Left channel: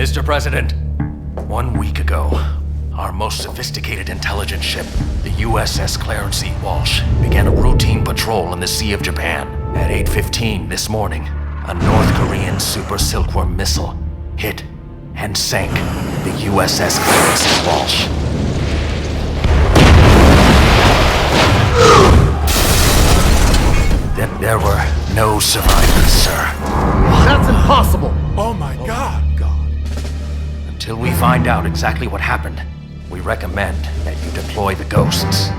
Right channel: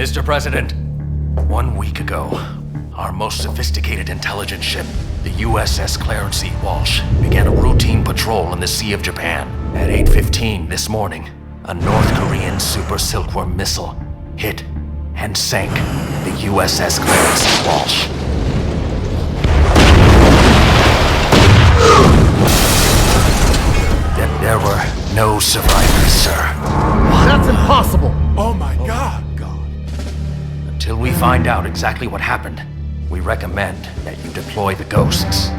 Mr. President, 1 week ago, our most sophisticated intelligence ship, the USS Clarence E. Walsh, began a routine patrol in the Sea of Japan. At 8:15 this morning, a North Korean Super Silkworm missile hit and sank the USS Clarence E. Walsh. There were no survivors, sir. That's impossible! Oh my God! Until we find out exactly what happened, we recommend that you deploy the ghosts.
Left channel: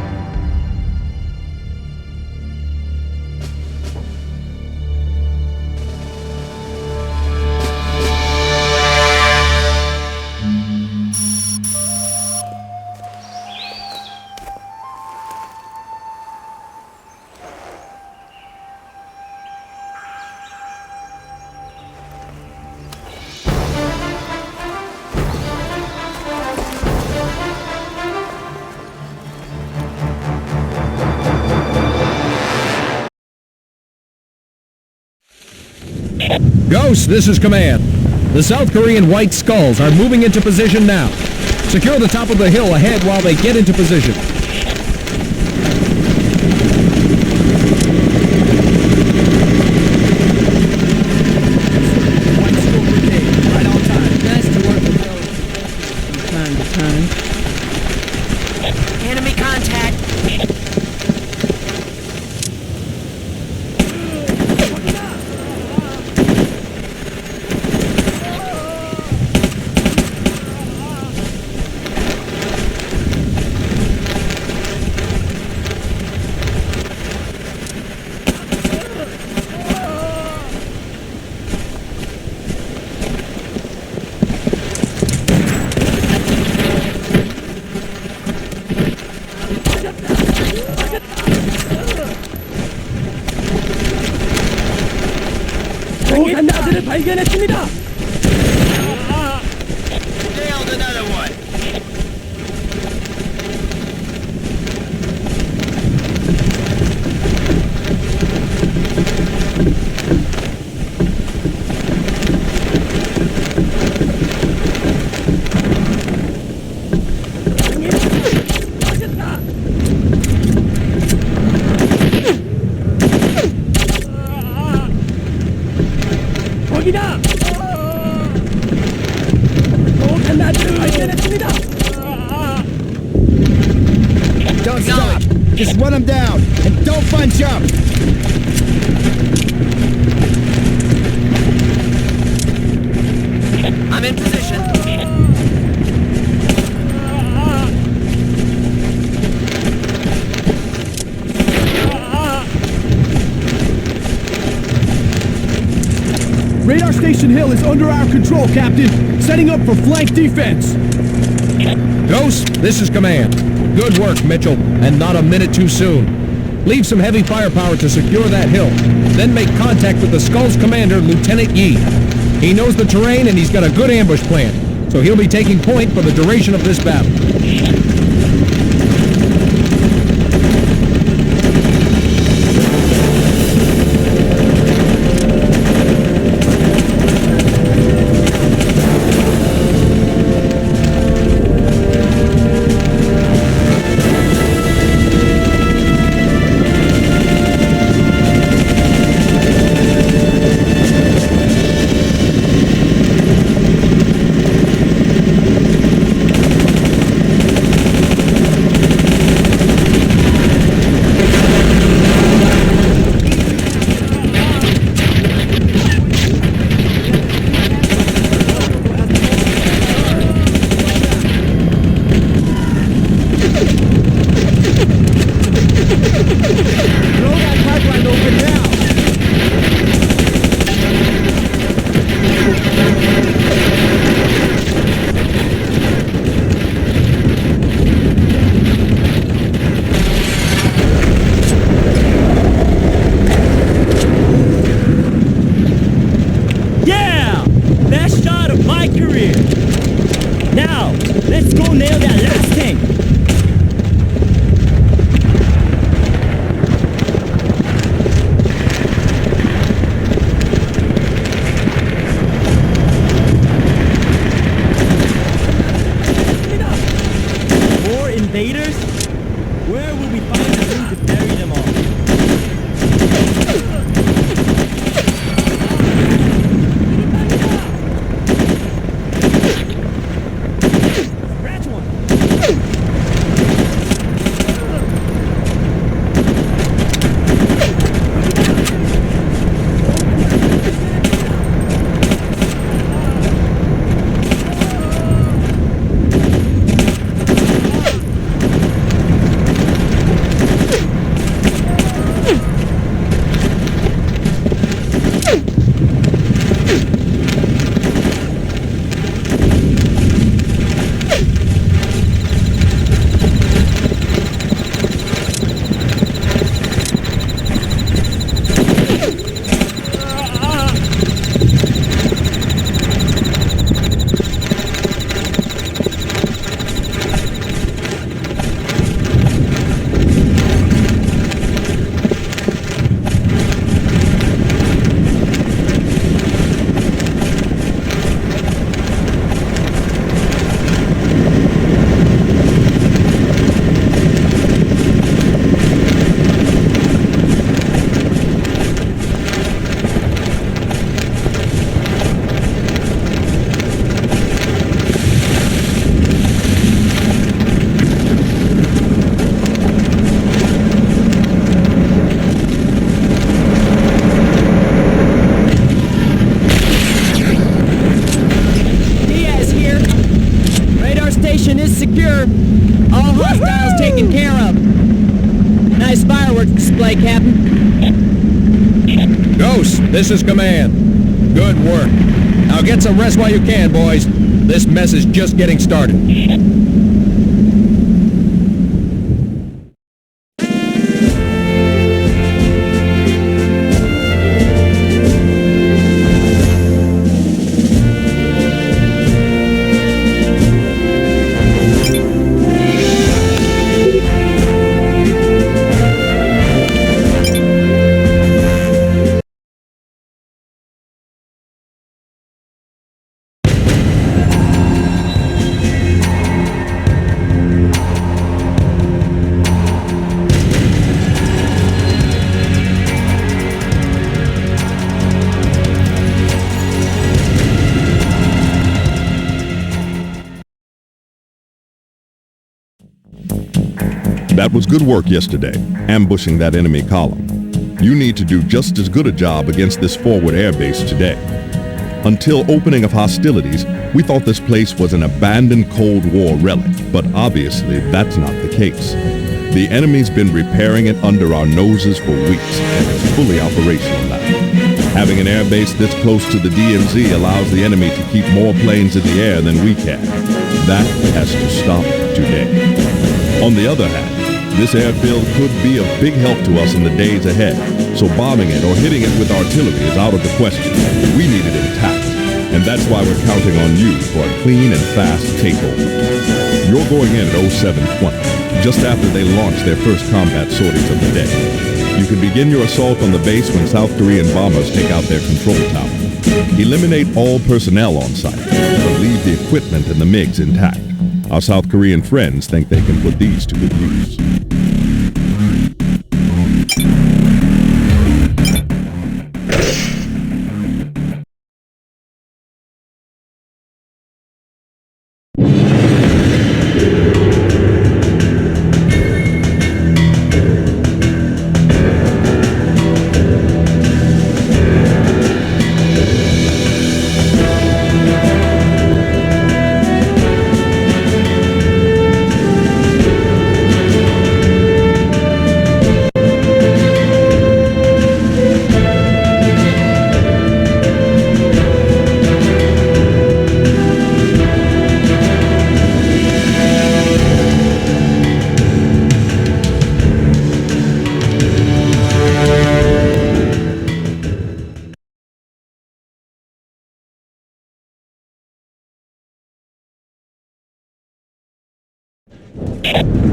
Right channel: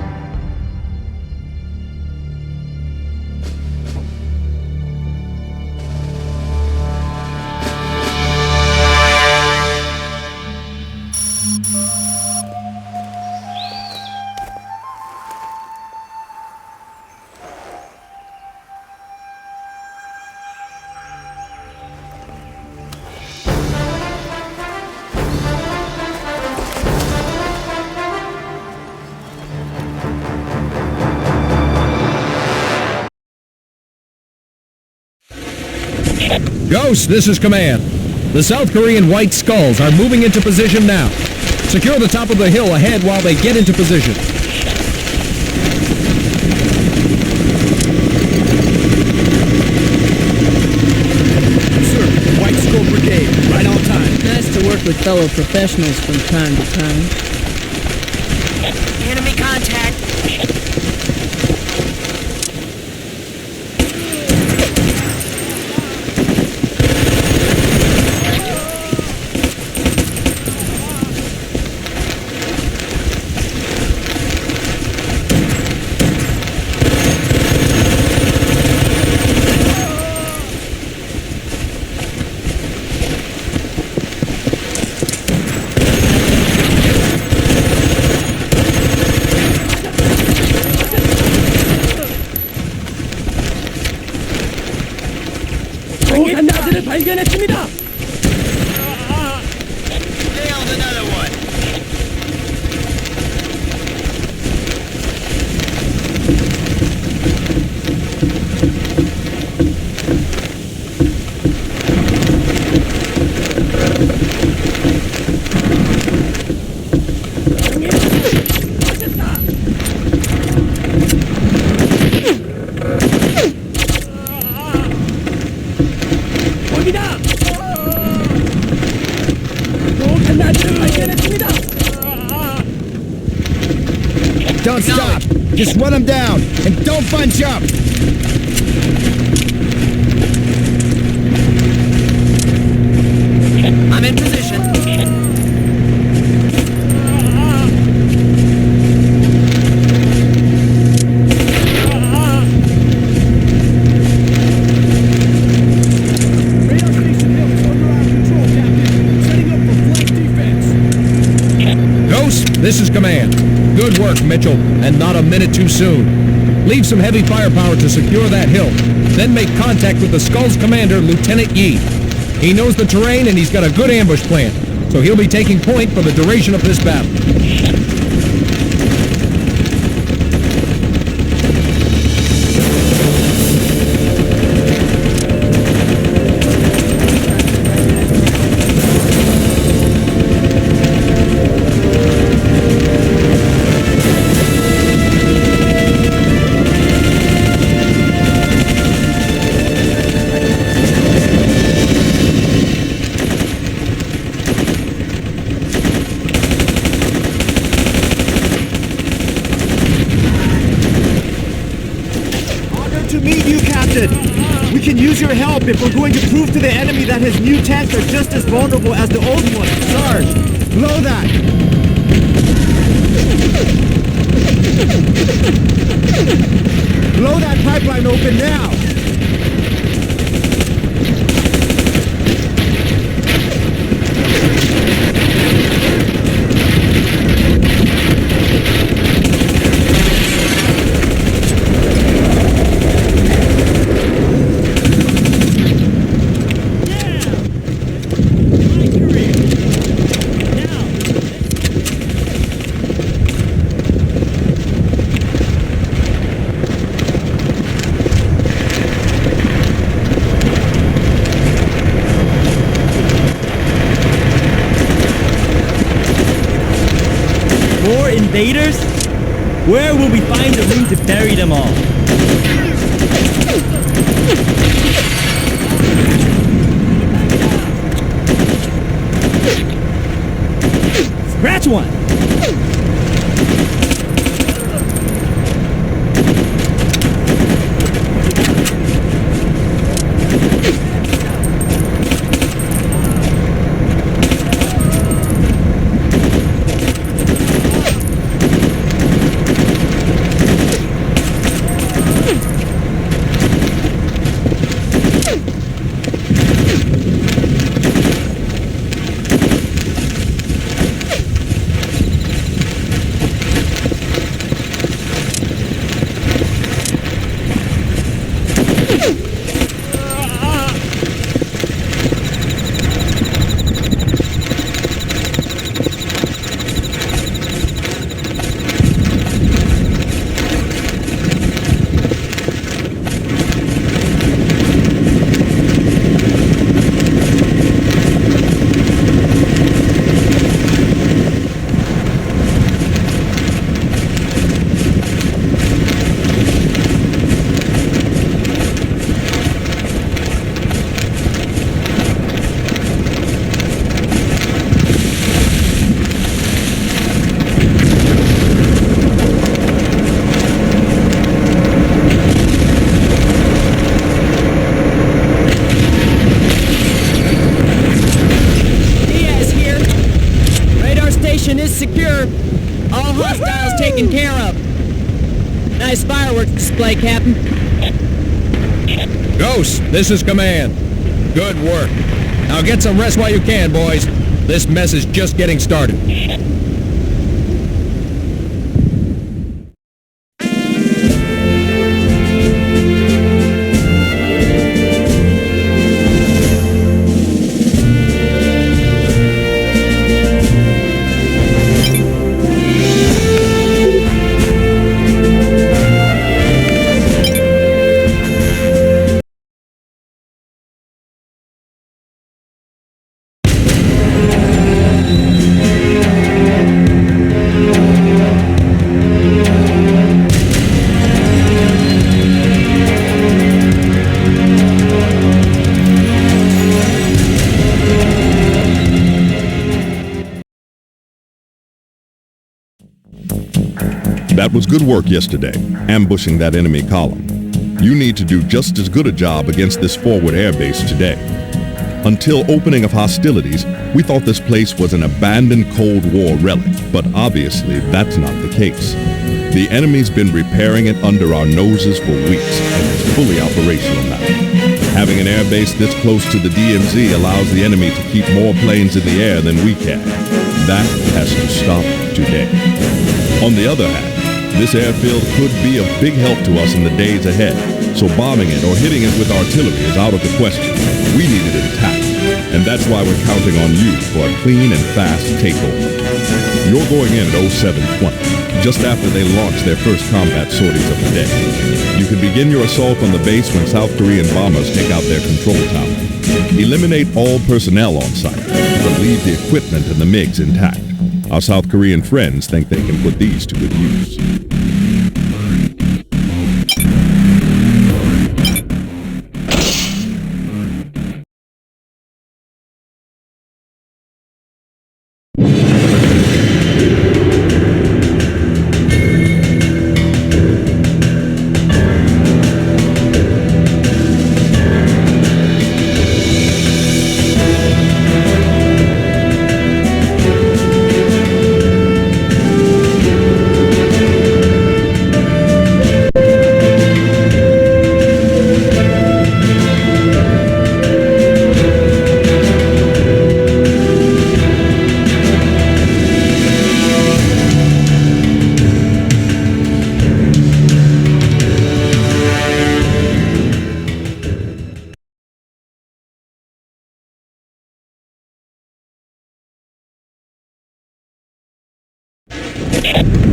Ghost, this is Command. The South Korean White Skulls are moving into position now. Secure the top of the hill ahead while they get into position. Fellow professionals from time. Enemy contact! 발견했습니다! Nailed another one! 거기다! 또 간나들을 발견했습니다! Acknowledge! I'm in position. Radar Station Hill is under our control, Captain. Setting up for flank defense. Ghost, this is Command. Good work, Mitchell, and not a minute too soon. Leave some heavy firepower to secure that hill. Then make contact with the Skull's commander, Lieutenant Yi. He knows the terrain and he's got a good ambush plan, so he'll be taking point for the duration of this battle. invaders? Where will we find the room to bury them all? Scratch one! Secure. All hostiles taken care of. Nice fireworks display, Captain. Ghost, this is Command. Good work. Now get some rest while you can, boys. This mess is just getting started. That was good work yesterday, ambushing that enemy column. You need to do just as good a job against this forward airbase today. Until opening of hostilities, we thought this place was an abandoned Cold War relic, but obviously that's not the case. The enemy's been repairing it under our noses for weeks, and it's fully operational now. Having an airbase this close to the DMZ allows the enemy to keep more planes in the air than we can. That has to stop today. On the other hand, this airfield could be of big help to us in the days ahead, so bombing it or hitting it with artillery is out of the question. We need it intact, and that's why we're counting on you for a clean and fast takeover. You're going in at 0720, just after they launch their first combat sorties of the day. You can begin your assault on the base when South Korean bombers take out their control tower. Eliminate all personnel on site, but leave the equipment and the MiGs intact. Our South Korean friends think they can put these to good use.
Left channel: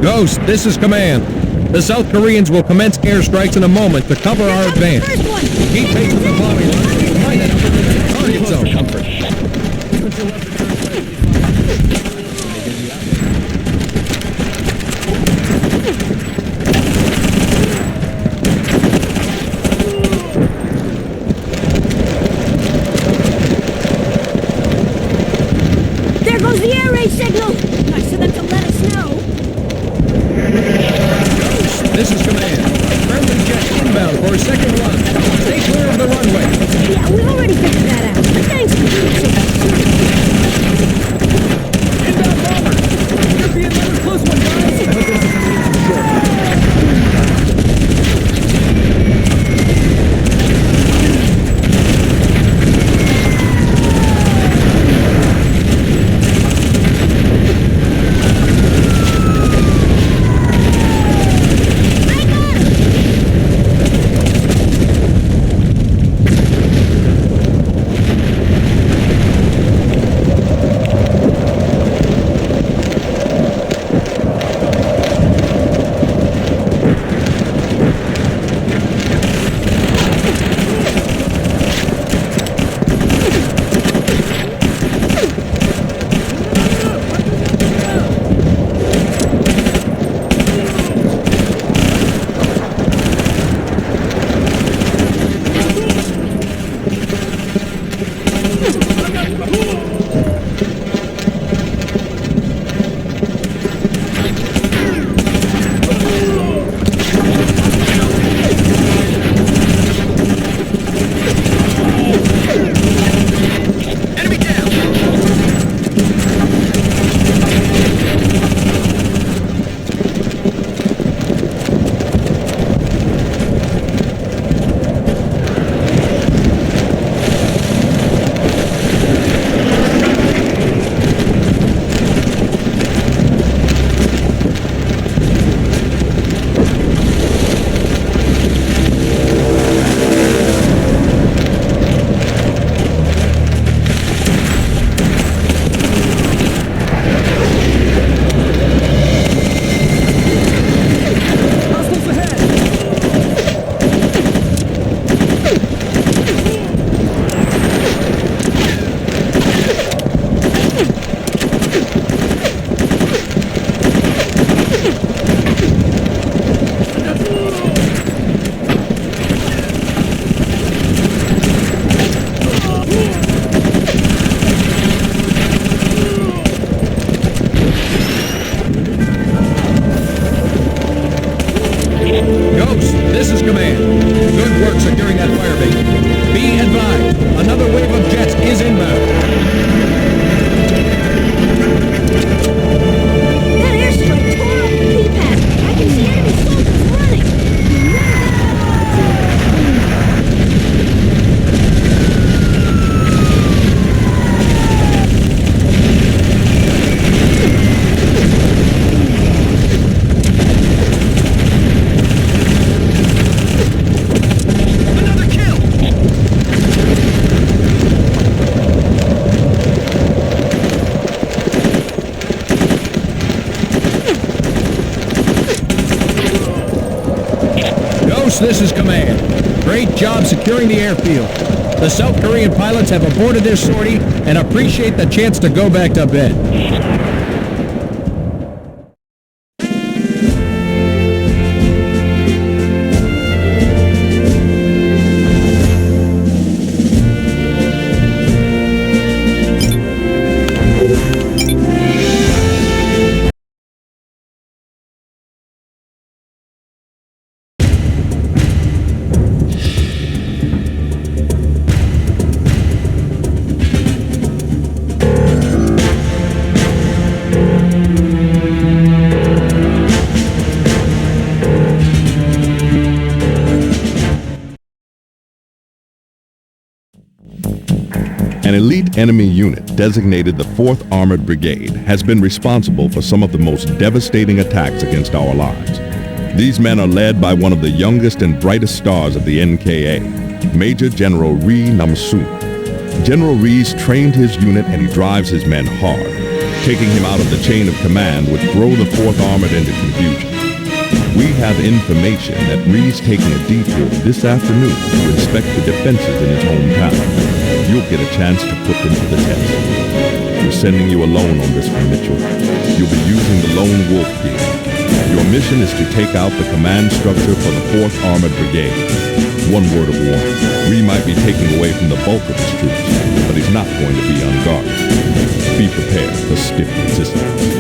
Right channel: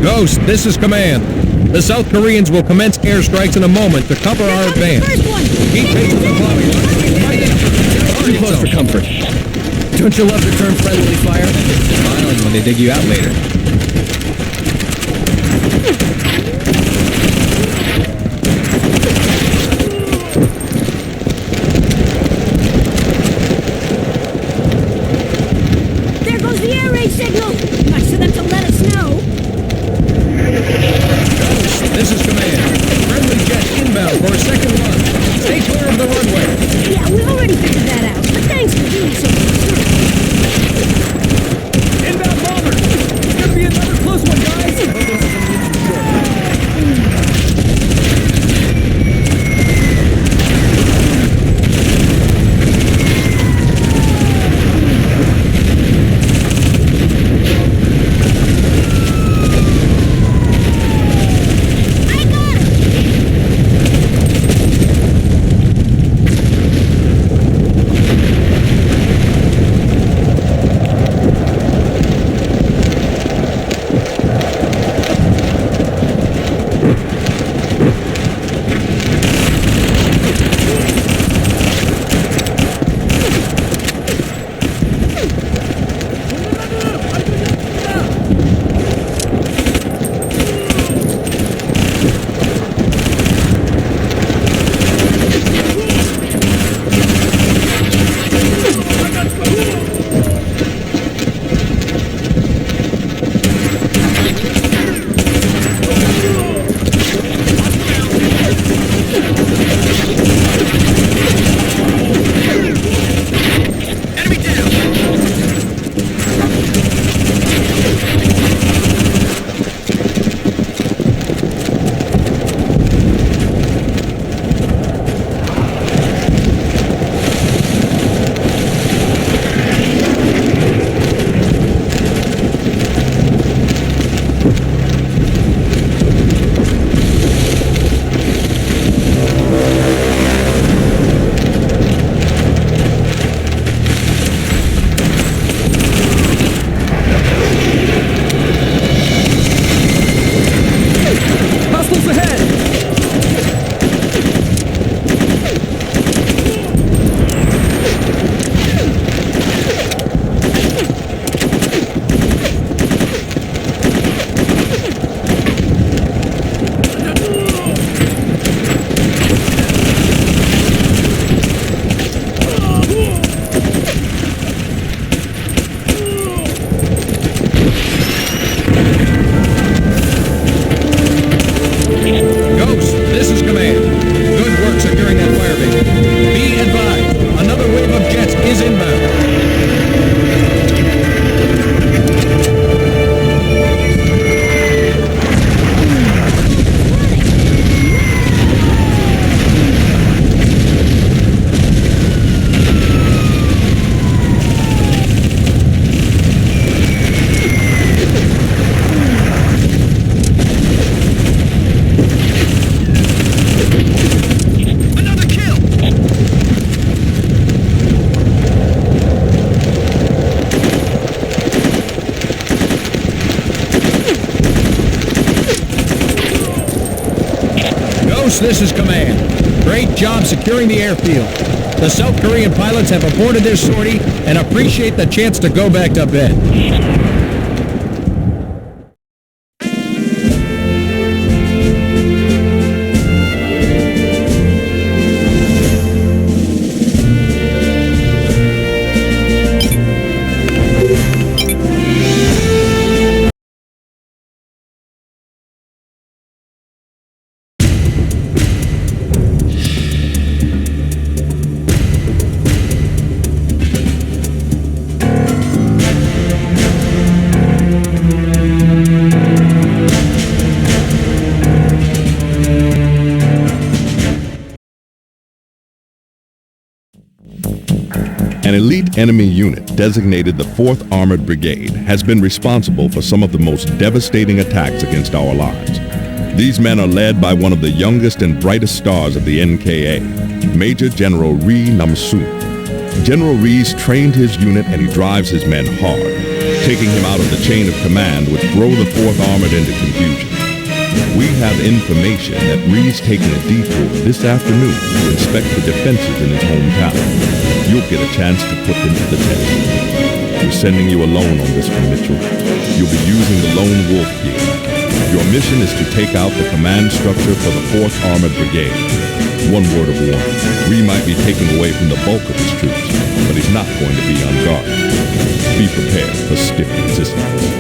Ghost, this is Command. The South Koreans will commence airstrikes in a moment to cover our advance. Keep pace with the bombing runs or you might end up in the target zone. Don't you love to turn friendly fire? When they dig you out later. Command. Friendly jets inbound for a second run. Stay clear of the runway. This is Command. Good work securing that firebase. Be advised, another wave of jets is inbound. This is Command. Great job securing the airfield. The South Korean pilots have aborted their sortie and appreciate the chance to go back to bed. An elite enemy unit designated the 4th Armored Brigade has been responsible for some of the most devastating attacks against our lives. These men are led by one of the youngest and brightest stars of the NKA, Major General Rhee Nam-soon. General Rhee's trained his unit and he drives his men hard. Taking him out of the chain of command would throw the 4th Armored into confusion. We have information that Rhee's taking a detour this afternoon to inspect the defenses in his hometown. You'll get a chance to put them to the test. We're sending you alone on this one, Mitchell. You'll be using the Lone Wolf gear. Your mission is to take out the command structure for the 4th Armored Brigade. One word of warning, Rhee might be taking away from the bulk of his troops, but he's not going to be unguarded. Be prepared for stiff resistance.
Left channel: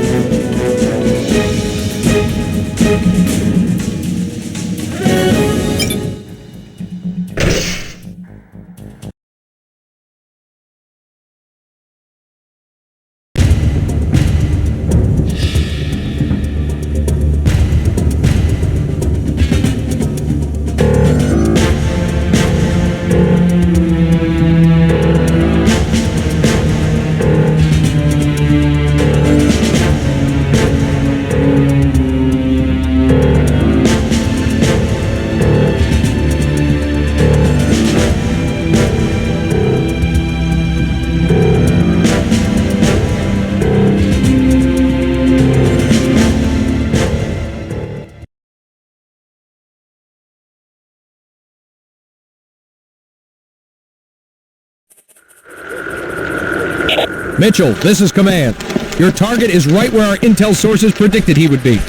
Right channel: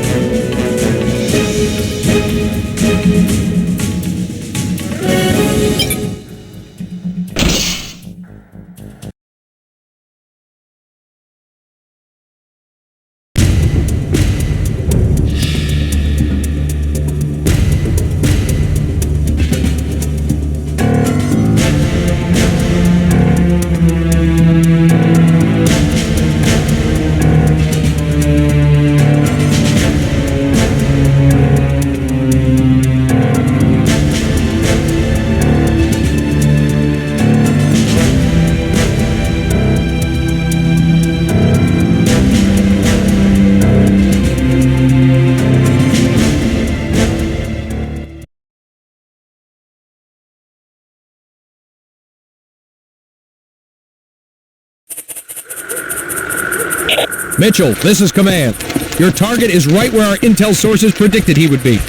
Mitchell, this is command. Your target is right where our intel sources predicted he would be.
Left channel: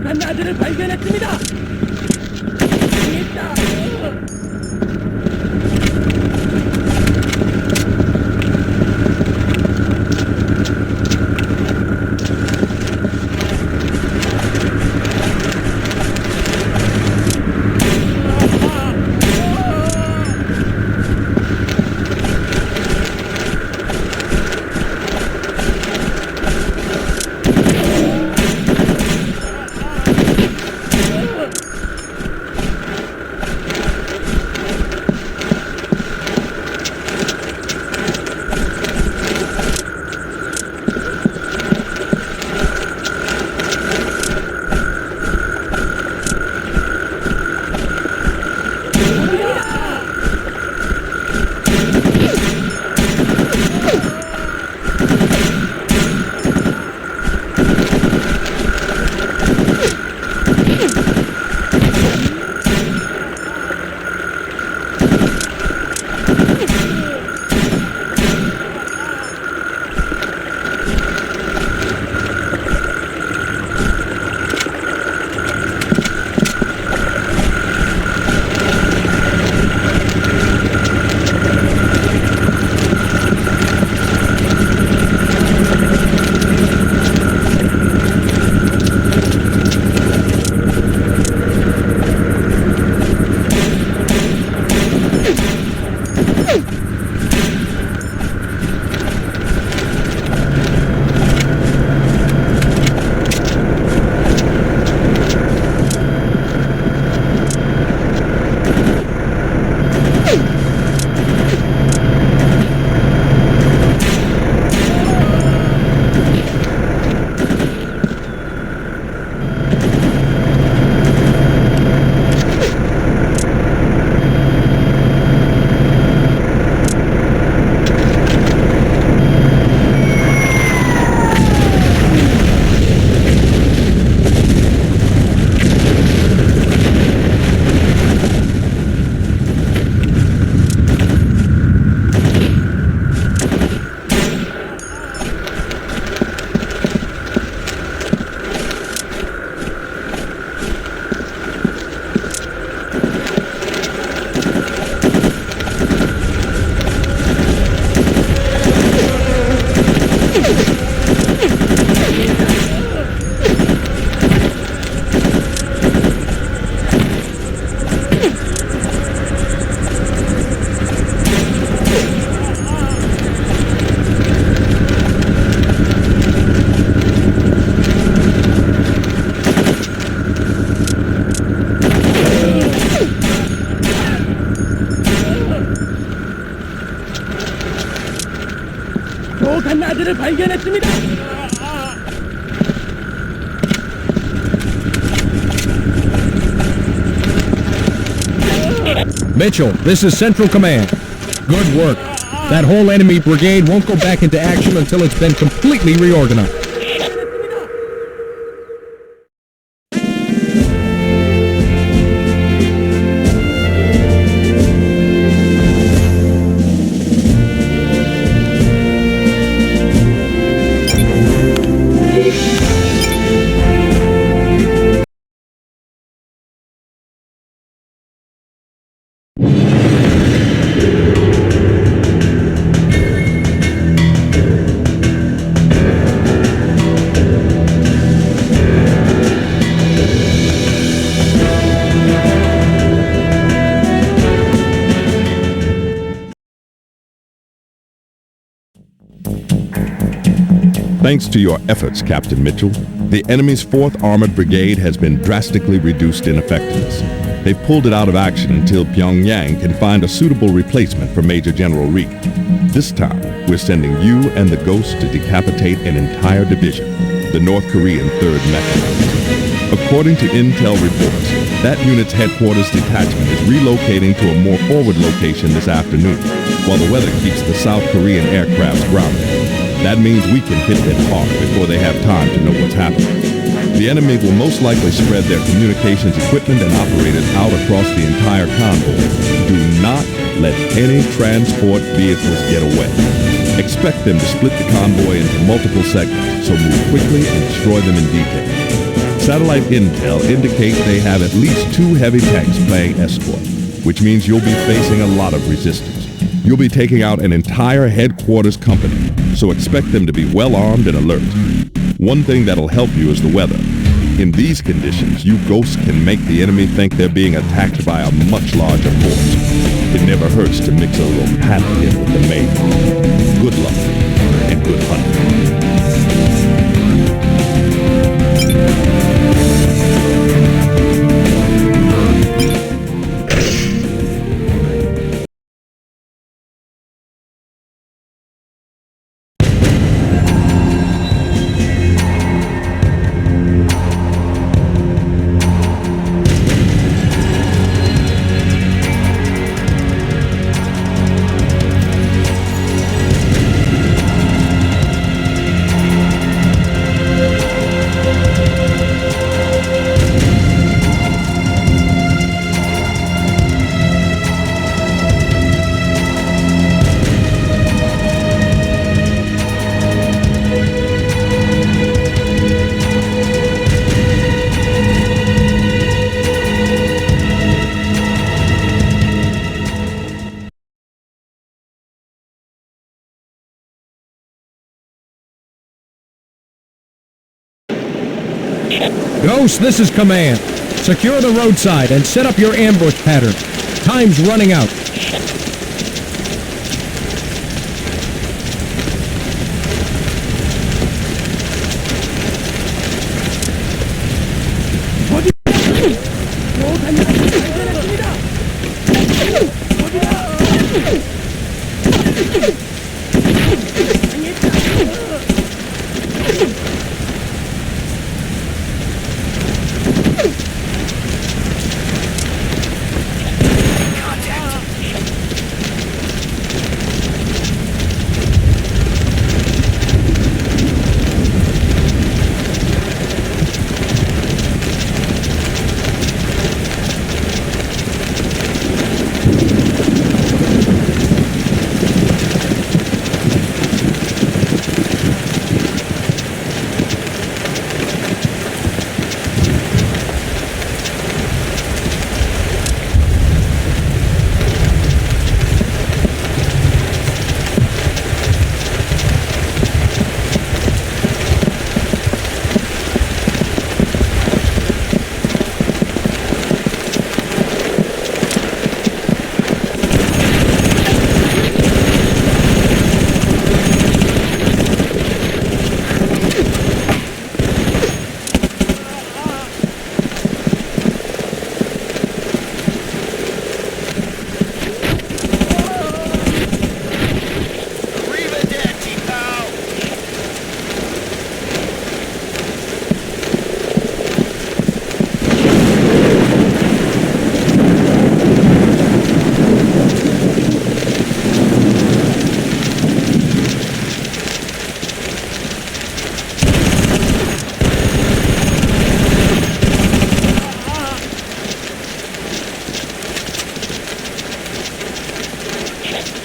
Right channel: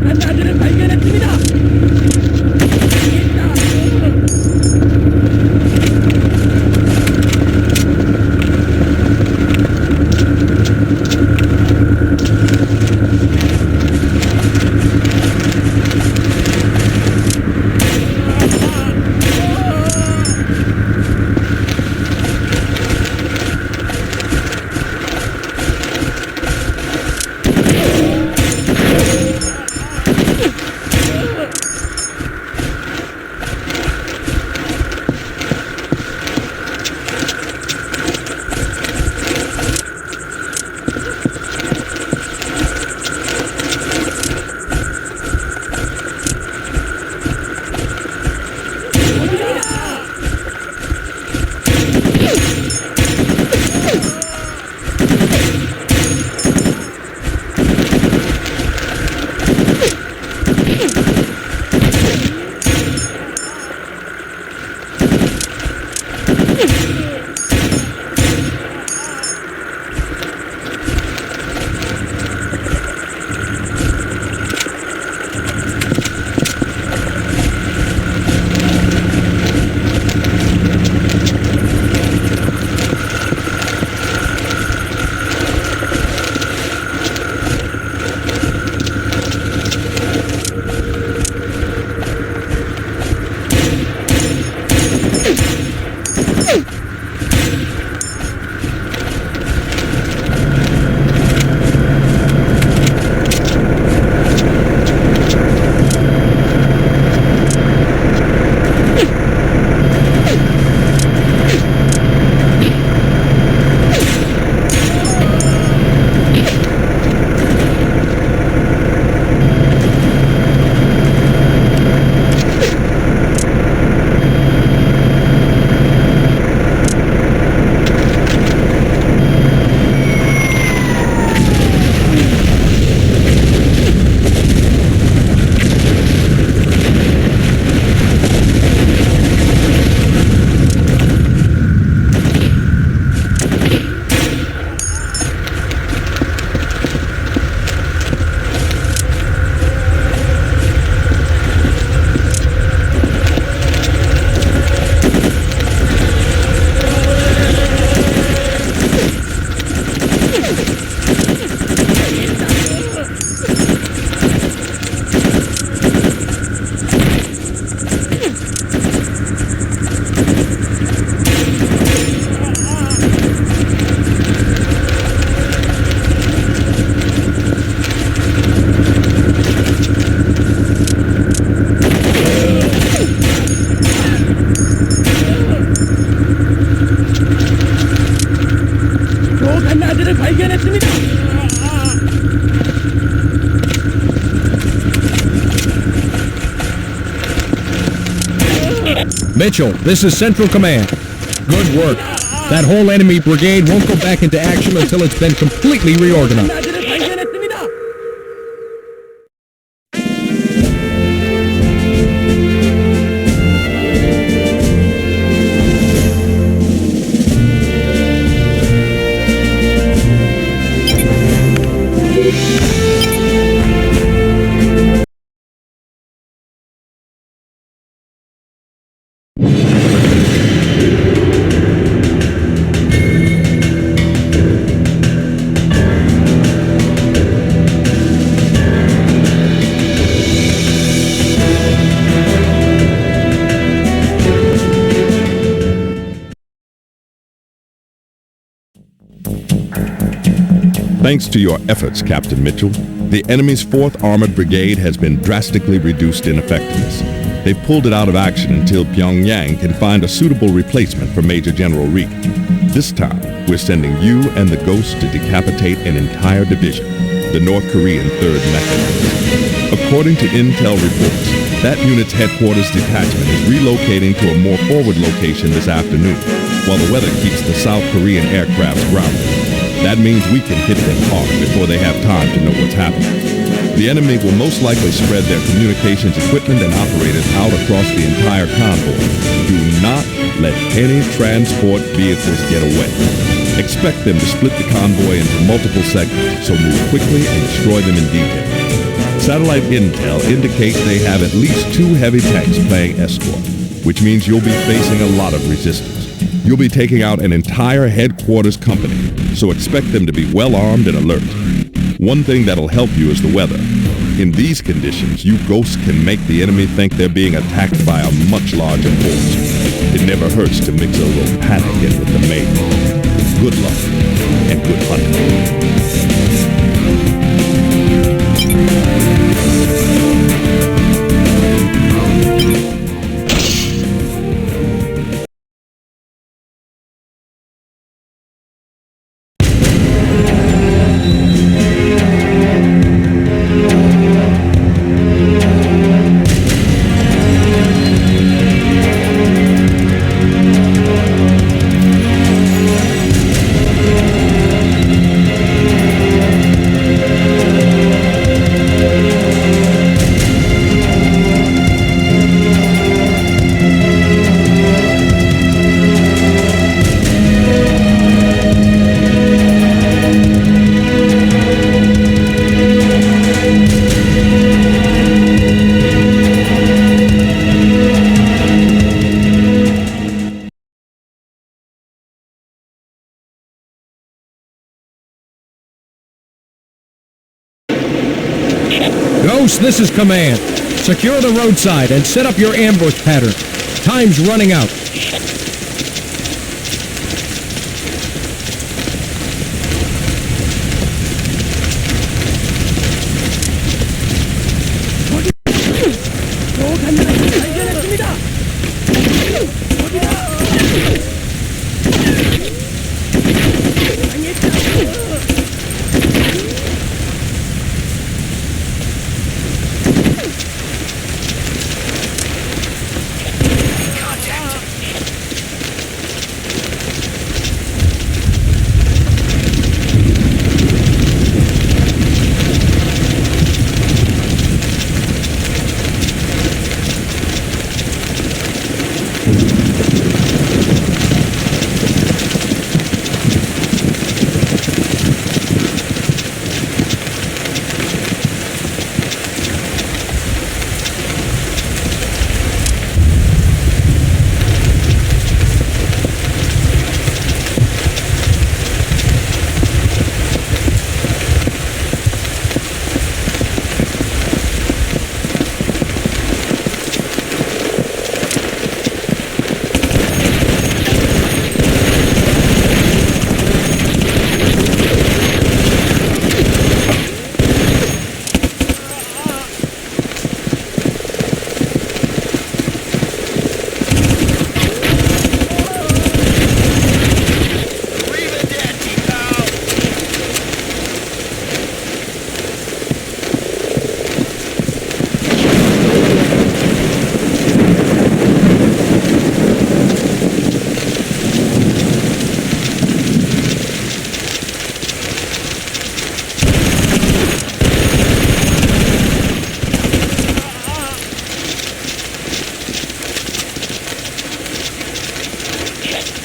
간다들을 발견했습니다. 당했다. 간나들을 발견했습니다. Mitchell, this is Central Command. Good work. That whole enemy brigade won't go back into action until it's been completely reorganized. 간나들을 발견했습니다. Thanks to your efforts, Captain Mitchell, the enemy's 4th Armored Brigade has been drastically reduced in effectiveness. They've pulled it out of action until Pyongyang can find a suitable replacement for Major General Reed. This time, we're sending you and the Ghost to decapitate an entire division, the North Korean 3rd Mechanized. According to intel reports, that unit's headquarters detachment is relocating to a more forward location this afternoon, while the weather keeps the South Korean aircrafts grounded. That means we can hit them hard before they have time to know what's happening. The enemy will most likely spread their communications equipment and operators out across the entire convoy. Do not let any transport vehicles get away. Expect them to split the convoy into multiple segments, so move quickly and destroy them in detail. Satellite intel indicates they have at least 2 heavy tanks playing escort, which means you'll be facing a lot of resistance. You'll be taking out an entire headquarters company, so expect them to be well armed and alert. One thing that'll help you is the weather. In these conditions, you Ghosts can make the enemy think they're being attacked by a much larger force. It never hurts to mix a little panic in with the main. Good luck and good hunting. Ghost, this is Command. Secure the roadside and set up your ambush pattern. Time's running out.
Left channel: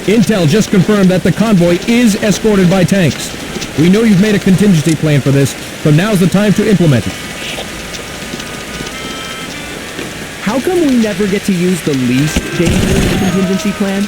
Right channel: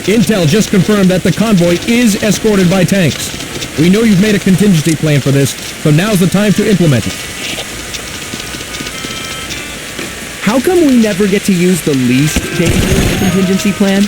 Intel just confirmed that the convoy is escorted by tanks. We know you've made a contingency plan for this, so now's the time to implement it. How come we never get to use the contingency plan?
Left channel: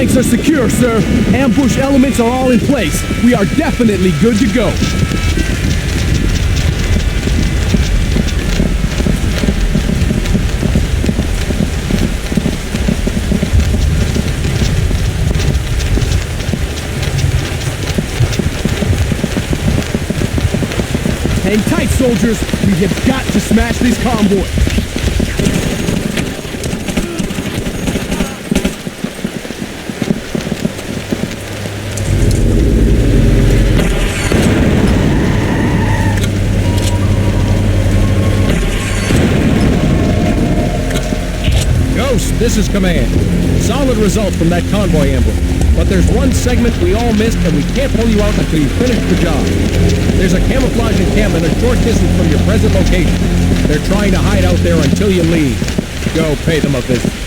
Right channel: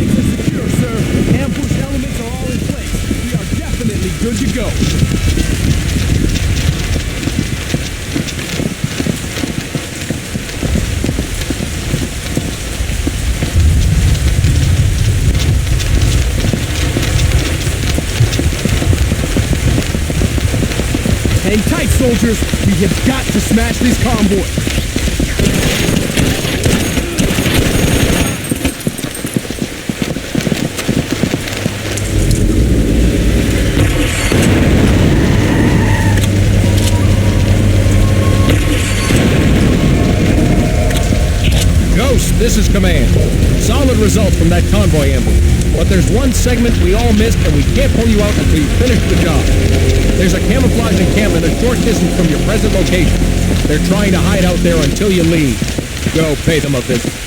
flanks are secure, sir. Ambush elements are all in place. We are definitely good to go. Ghost, this is Command. Solid results from that convoy ambush. But there's one segment we all missed, and we can't pull you out until you finish the job. There's a camouflage encampment a short distance from your present location. They're trying to hide out there until you leave. Go pay them a visit.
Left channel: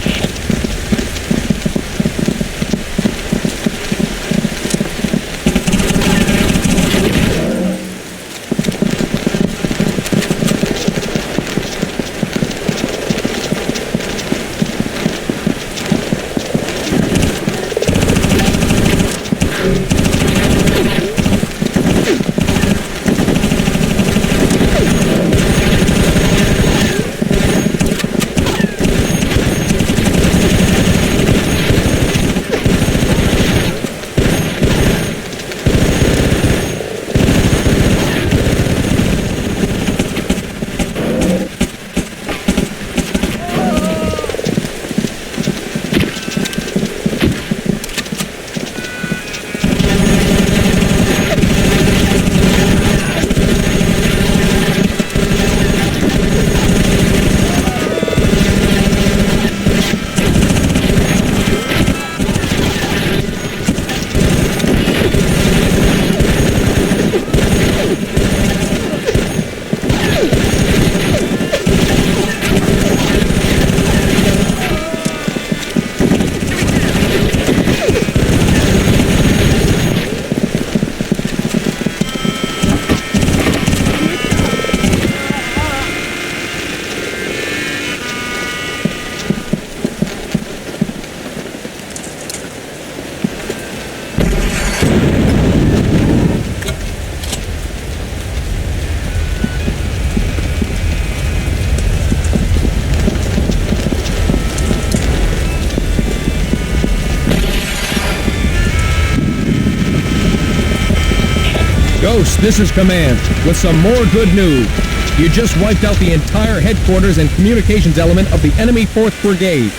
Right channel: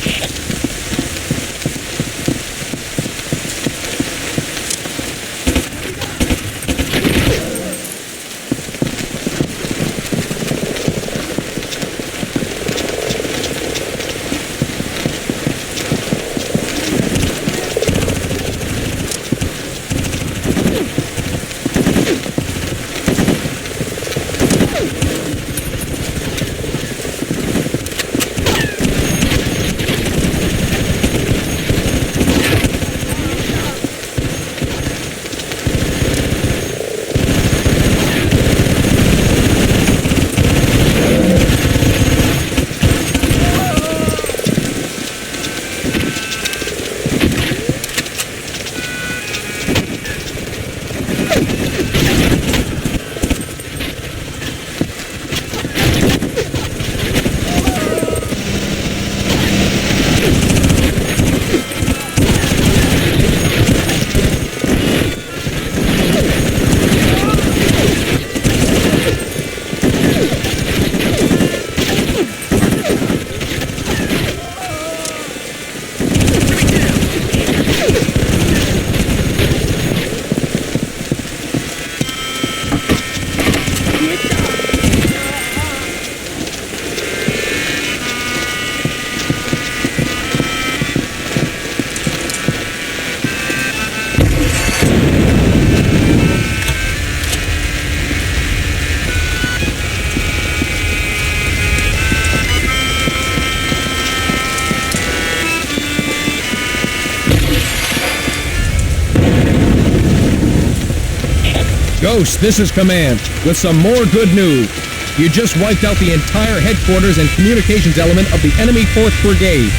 Ghost, this is Command, with some more good news. You just wiped out the entire headquarters and communications element of the enemy 4th Brigade.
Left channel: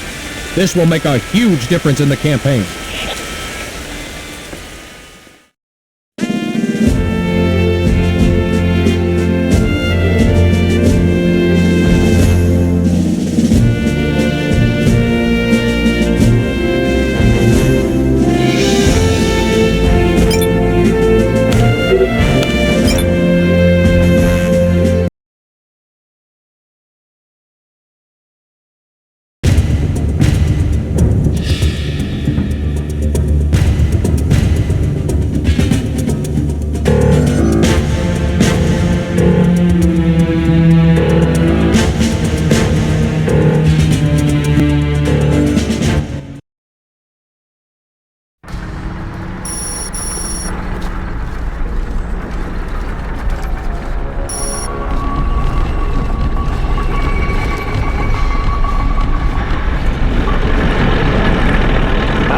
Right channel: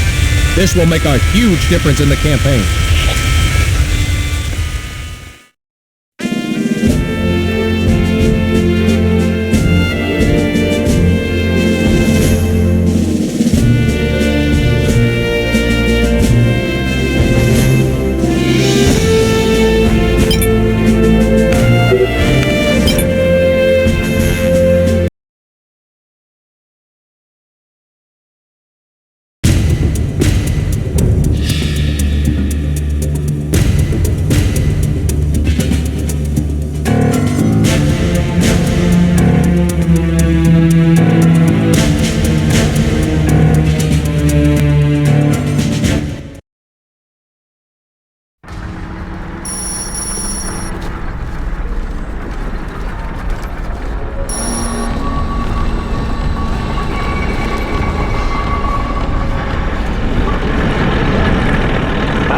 This will make a huge difference in the campaign.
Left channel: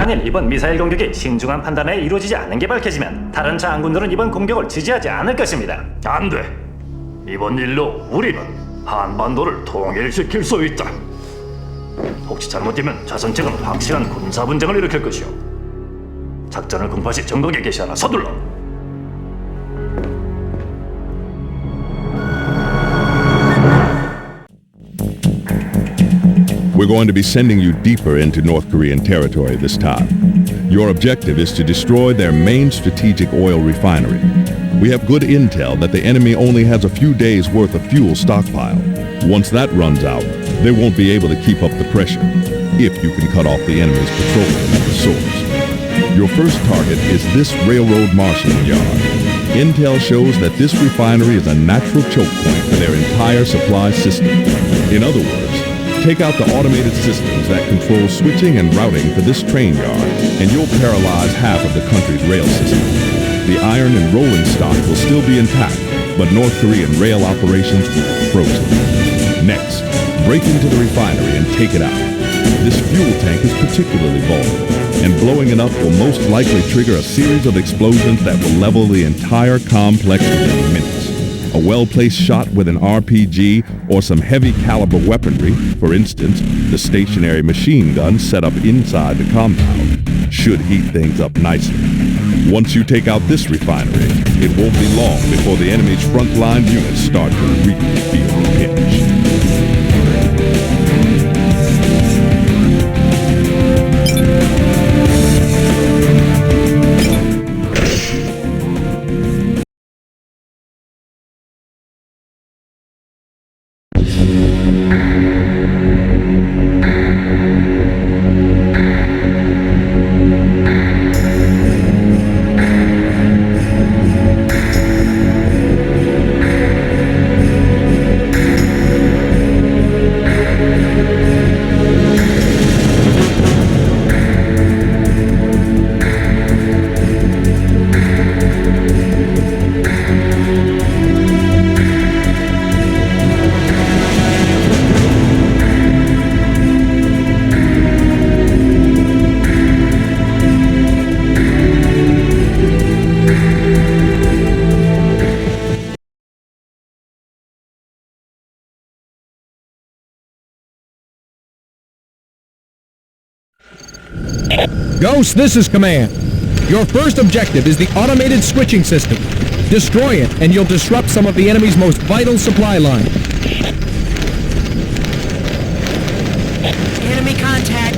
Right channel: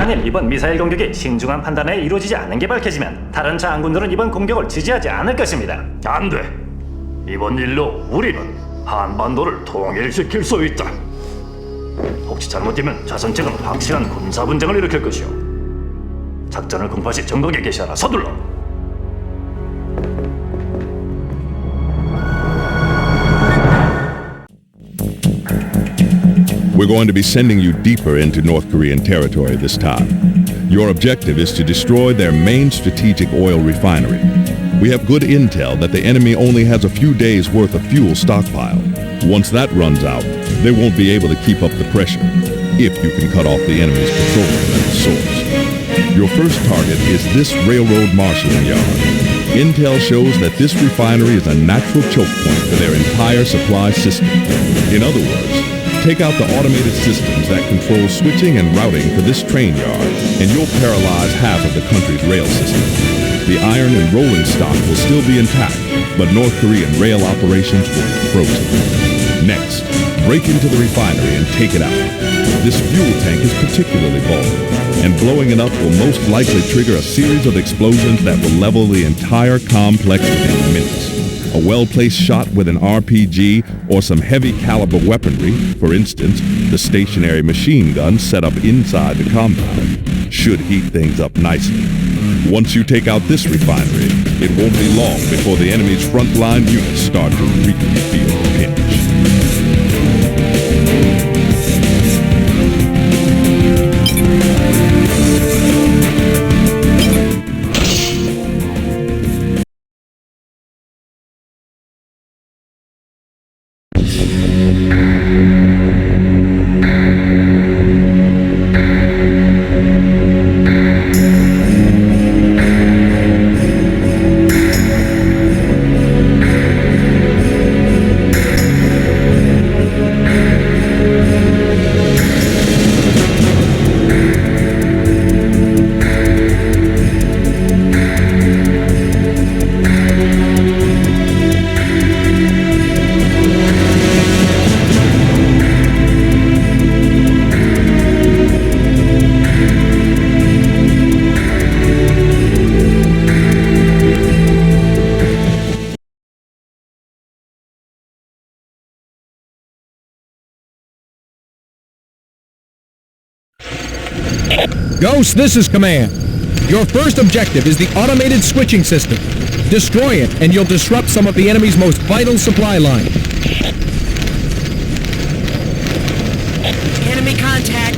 만일 이번 미사일 공격이 신중한 판단에 이루어지지 않는 게 밝혀지면 다른 장군들은 이번 공격을 지지하지 않을 것입니다. 안 돼. 이번 일로 우리는 한반도를 통일시킬 수 있다. 혹시 잘못되면 자선 측은 확실한 군사 분쟁을 일으킬 것이오. 작전을 공파시 전국에 개시하라. 서둘러. We're going to be sending you deeper into North Korean territory this time. Your objective is to destroy their main strategic oil refinery. We have good intel that the enemy only has a few days' worth of fuel stockpile. Once that runs out, they won't be able to keep up the pressure, if you can cut off the enemy's petroleum at the source. Your first target is this railroad marshalling yard. Intel shows that this refinery is a natural choke point for their entire supply system. In other words, Take out the automated systems that control switching and routing for this train yard, and you'll paralyze half of the country's rail system. The iron and rolling stock will still be intact, but North Korean rail operations will be frozen. Next, break into the refinery and take it out. This fuel tank is particularly vulnerable, and blowing it up will most likely trigger a series of explosions that will level the entire complex within minutes. A well-placed shot with an RPG or some heavy caliber weaponry, for instance, the stationary machine gun set up inside the compound, should heat things up nicely. Once you take out this refinery, it won't be long before the enemy's frontline units start to really feel the pinch. Ghost, this is Command. Your first objective is the automated switching system. Destroy it, and you'll disrupt some of the enemy's most vital supply lines. Enemy contact.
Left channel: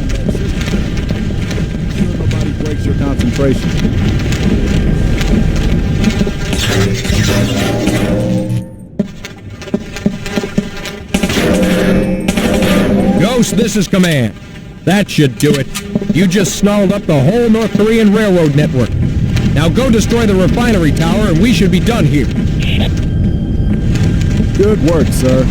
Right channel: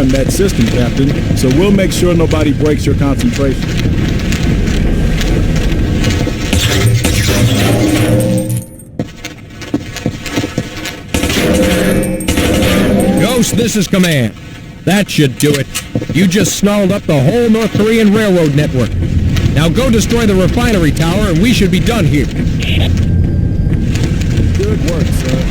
In that system, Captain, so we'll make sure nobody breaks your concentration. Ghost, this is Command. That should do it. You just snarled up the whole North Korean railroad network. Now go destroy the refinery tower and we should be done here. Good work, sir.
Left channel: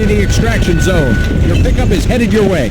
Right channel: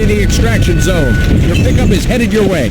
located the extraction zone. Your pickup is headed your way.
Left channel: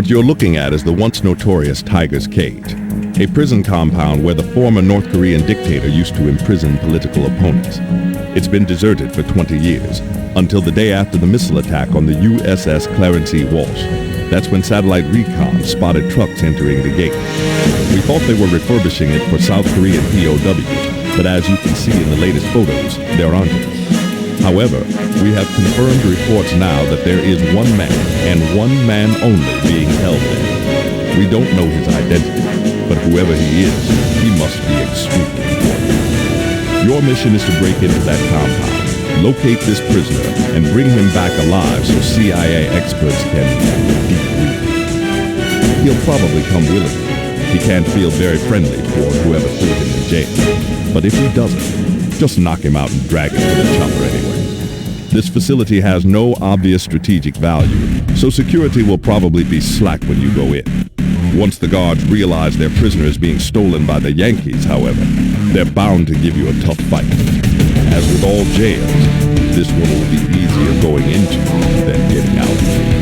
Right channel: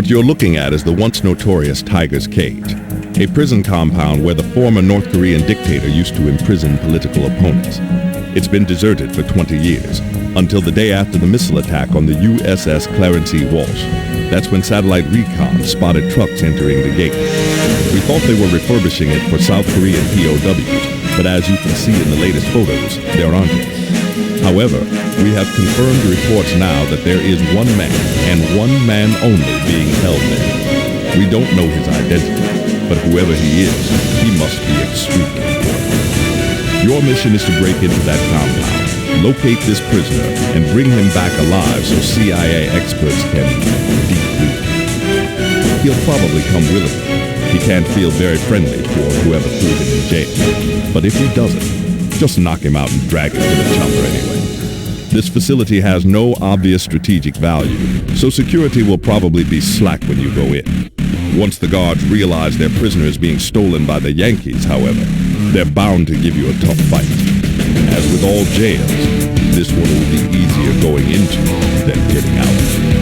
What you're looking at is the once notorious Tiger's Cage, a prison compound where the former North Korean dictator used to imprison political opponents. It's been deserted for 20 years, until the day after the missile attack on the USS Clarence E. Walsh. That's when satellite recon spotted trucks entering the gate. We thought they were refurbishing it for South Korean POWs, but as you can see in the latest photos, there aren't any. However, we have confirmed reports now that there is one man, and one man only, being held there. We don't know his identity, but whoever he is, he must be extremely important. Your mission is to break into that compound, locate this prisoner, and bring him back alive so CIA experts can debrief him. He'll probably come willingly. He can't feel very friendly toward whoever threw him in jail. But if he doesn't, just knock him out and drag him to the chopper anyway. This facility has no obvious strategic value, so security will probably be slack when you go in. Once the guards realize their prisoner is being stolen by the Yankees, however, they're bound to give you a tough fight. As with all jails, this one will be easier going into than getting out.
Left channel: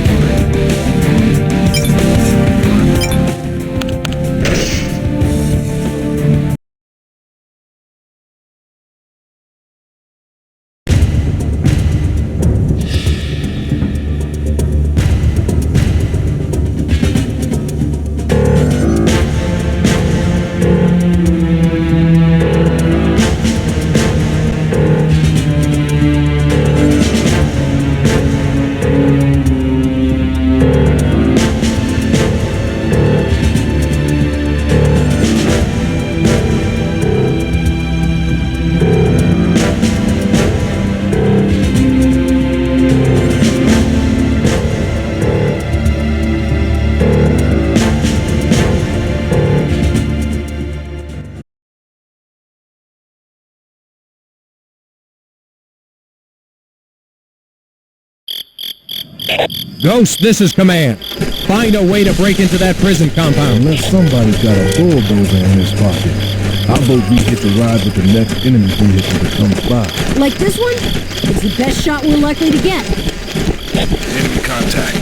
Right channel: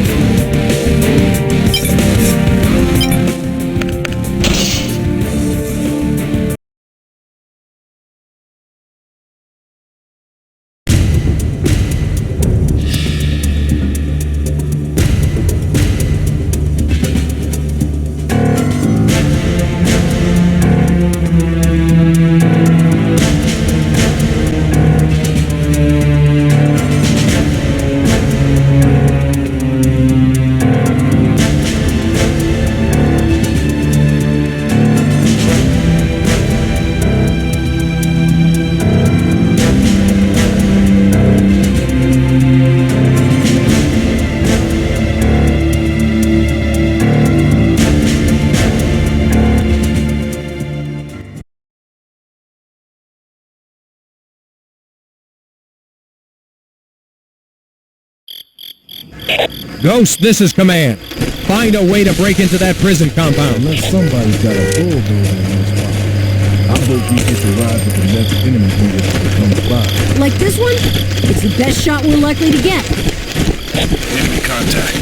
Ghost, this is Command. Find a way to break into that prison compound. Enemy contact.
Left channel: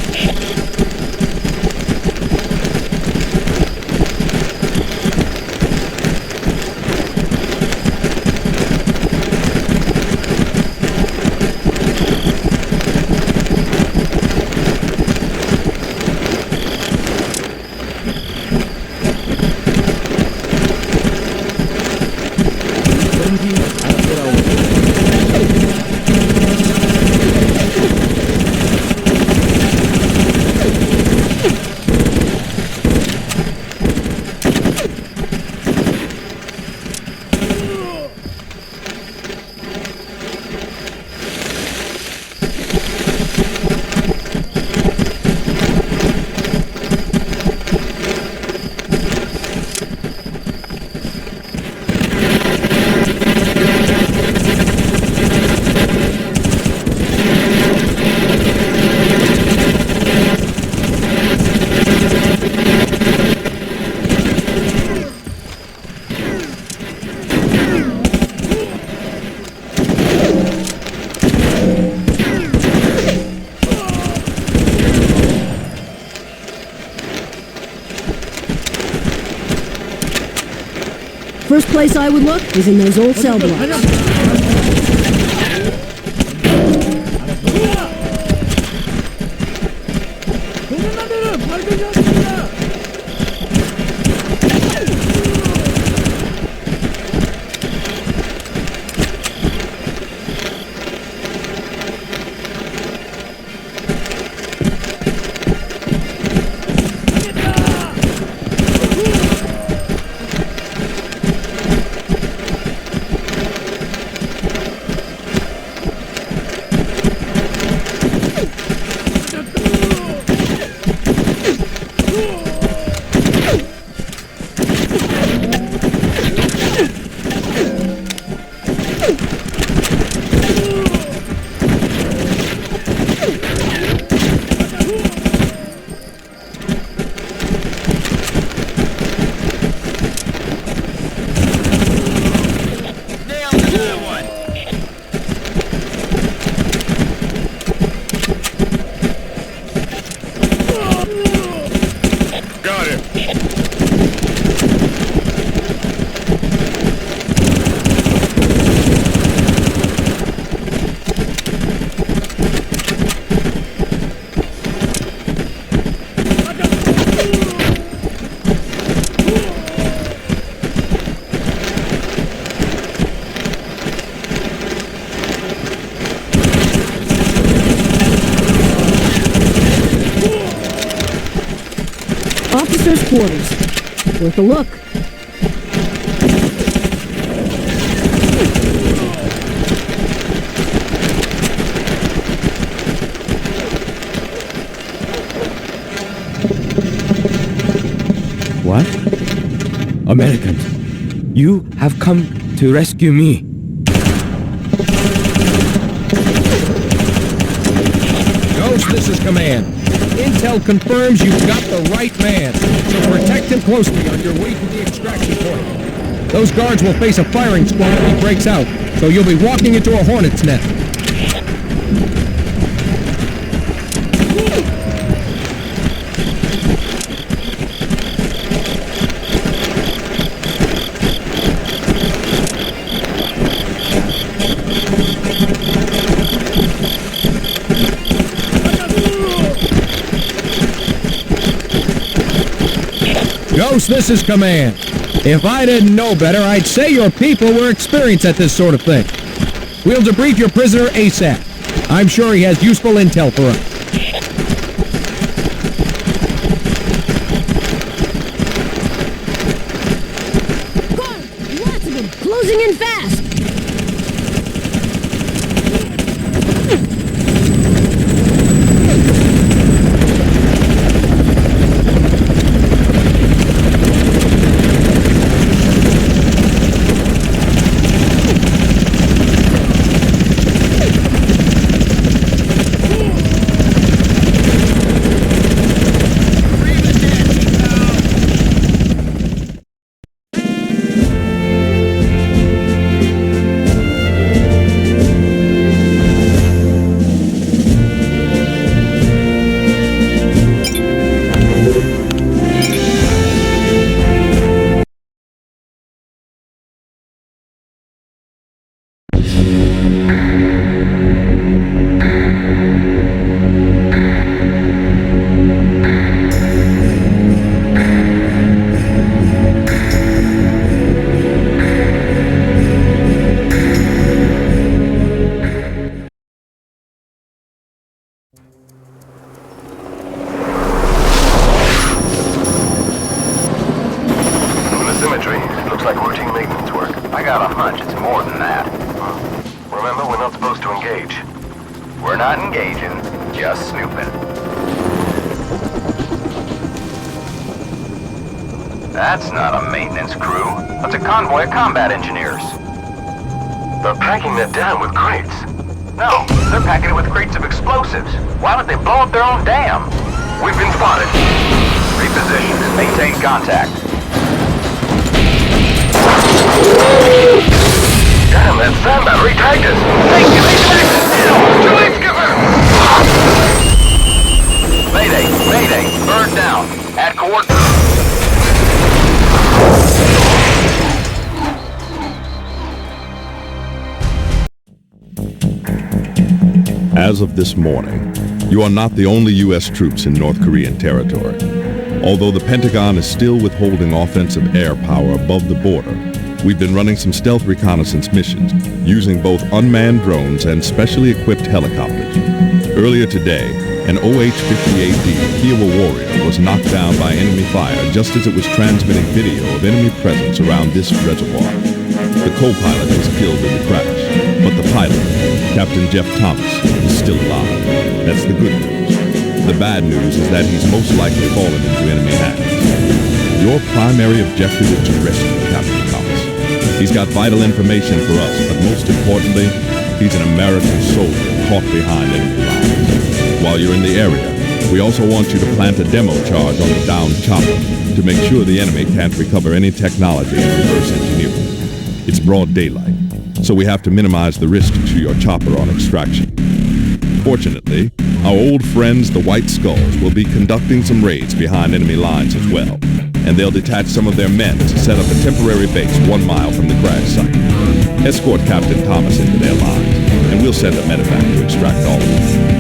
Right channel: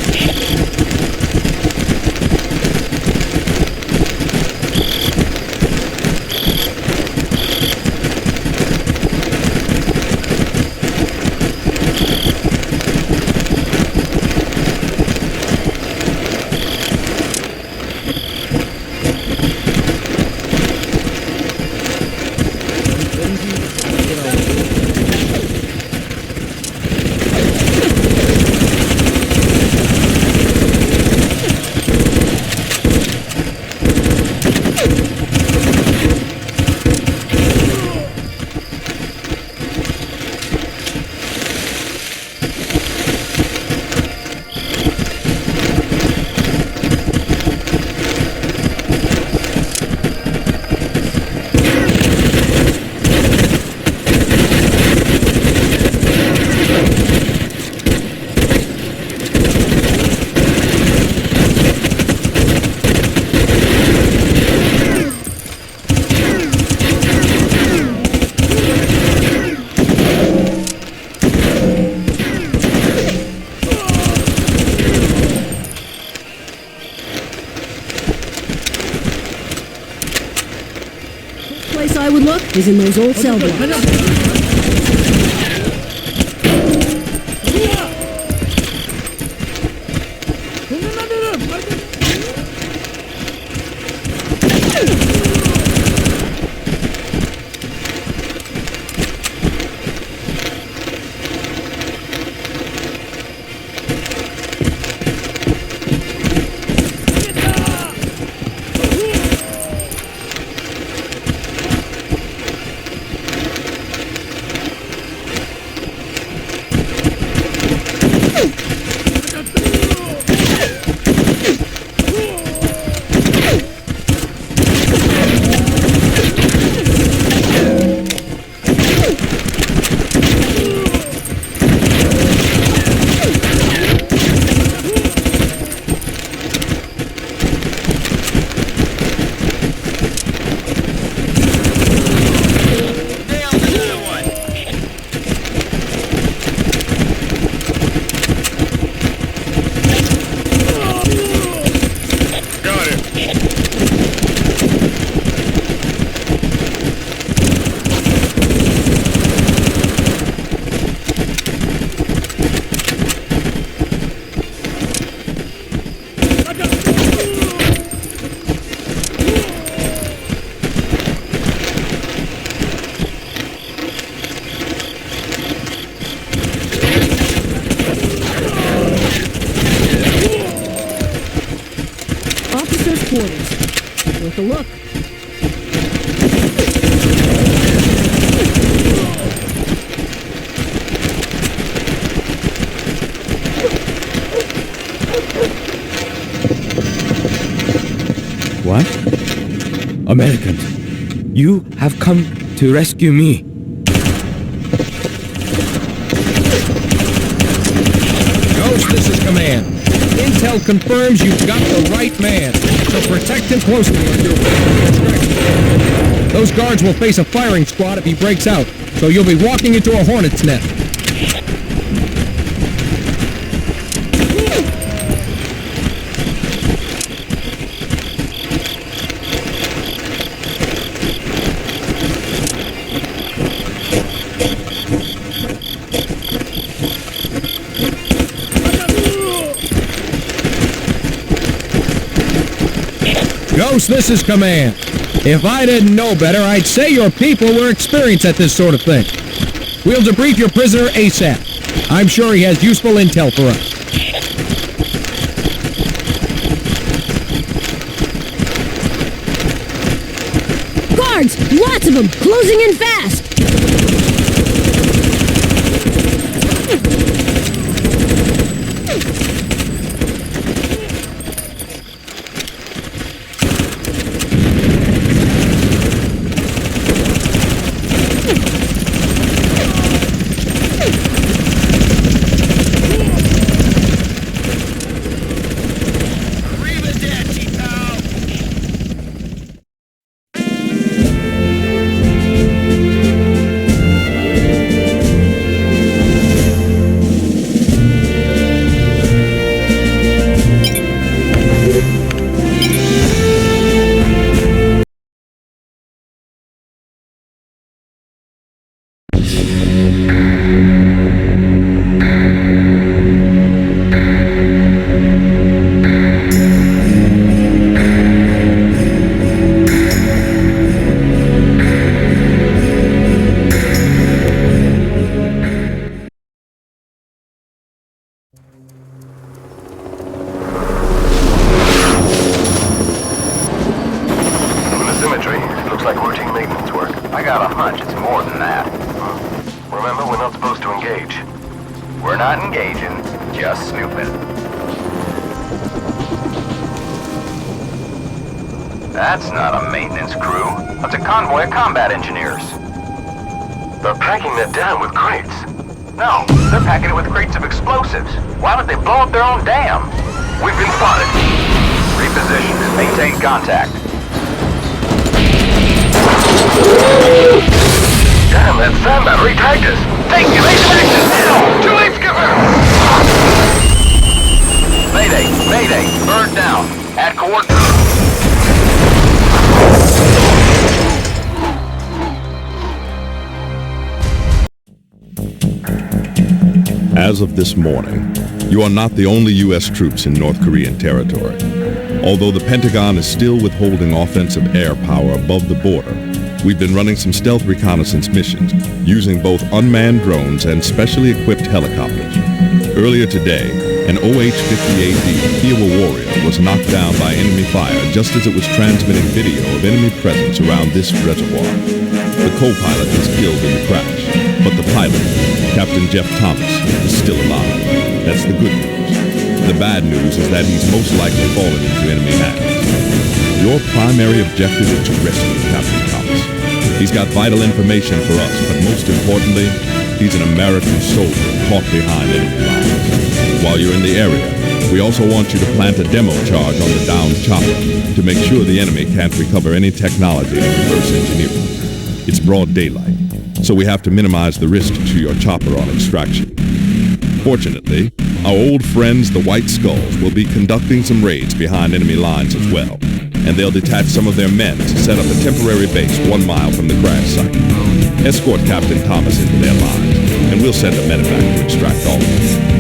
Take a look. What? Americans, you have come to rescue me. Ghost, this is Command. Intel confirms you've got the right man, so protect him closely on your way to the extraction point. Those guards will face a firing squad if he breaks out, so you'll be walking into a hornet's nest. Ghost, this is Command. If I didn't know better, I'd say your people were experienced at this sort of thing. We'll debrief your prisoner ASAP. I'm sure he has useful intel for us. Guards! Lots of them! Closing in fast! Looks like routine maintenance work. I got a hunch it's more than that. Remember, we're not supposed to engage. We're not engaging, just snooping. That's not a maintenance crew. That's a convoy of combat engineers. They're packing that down with crates. No, they're packing it with crates of explosives. Why would they blow up their own dam? We've been spotted. Reposition and maintain contact. Damn, that sand battery tagged us. Take evasive action now! Too late, Skipper! Mayday, mayday, bird down. Add coordinates. As of this morning, you are not the only U.S. troops in North Korean territory. Although the Pentagon is still withholding offensive air power above the border, we've been running some stealth reconnaissance missions using both unmanned drones and specially equipped helicopters. Earlier today, an OH-58D Kiowa Warrior was knocked down by enemy fire just as it was transmitting video of enemy presence around this reservoir. The co-pilot was killed in the crash, but the pilot, Captain Jeff Thomas, is still alive. That's the good news. The bad news is that he's most likely fallen into enemy hands. Your primary objective is to rescue Captain Thomas. He's got vital information for us, but most importantly, he's an American soldier caught behind enemy lines. While you're in the area, we also want you to plant a demo charge on the downed chopper to make sure the enemy can't recover any technology and reverse engineering. It's broad daylight, so we have to minimize the risk to your chopper on extraction. Fortunately, our old friends the White Skulls will be conducting some raids behind enemy lines as well, and they'll detach some of their men to set up a temporary base 1 mile from the crash site. Escort Captain Thomas into their lines, and we'll send a medevac to extract all of them.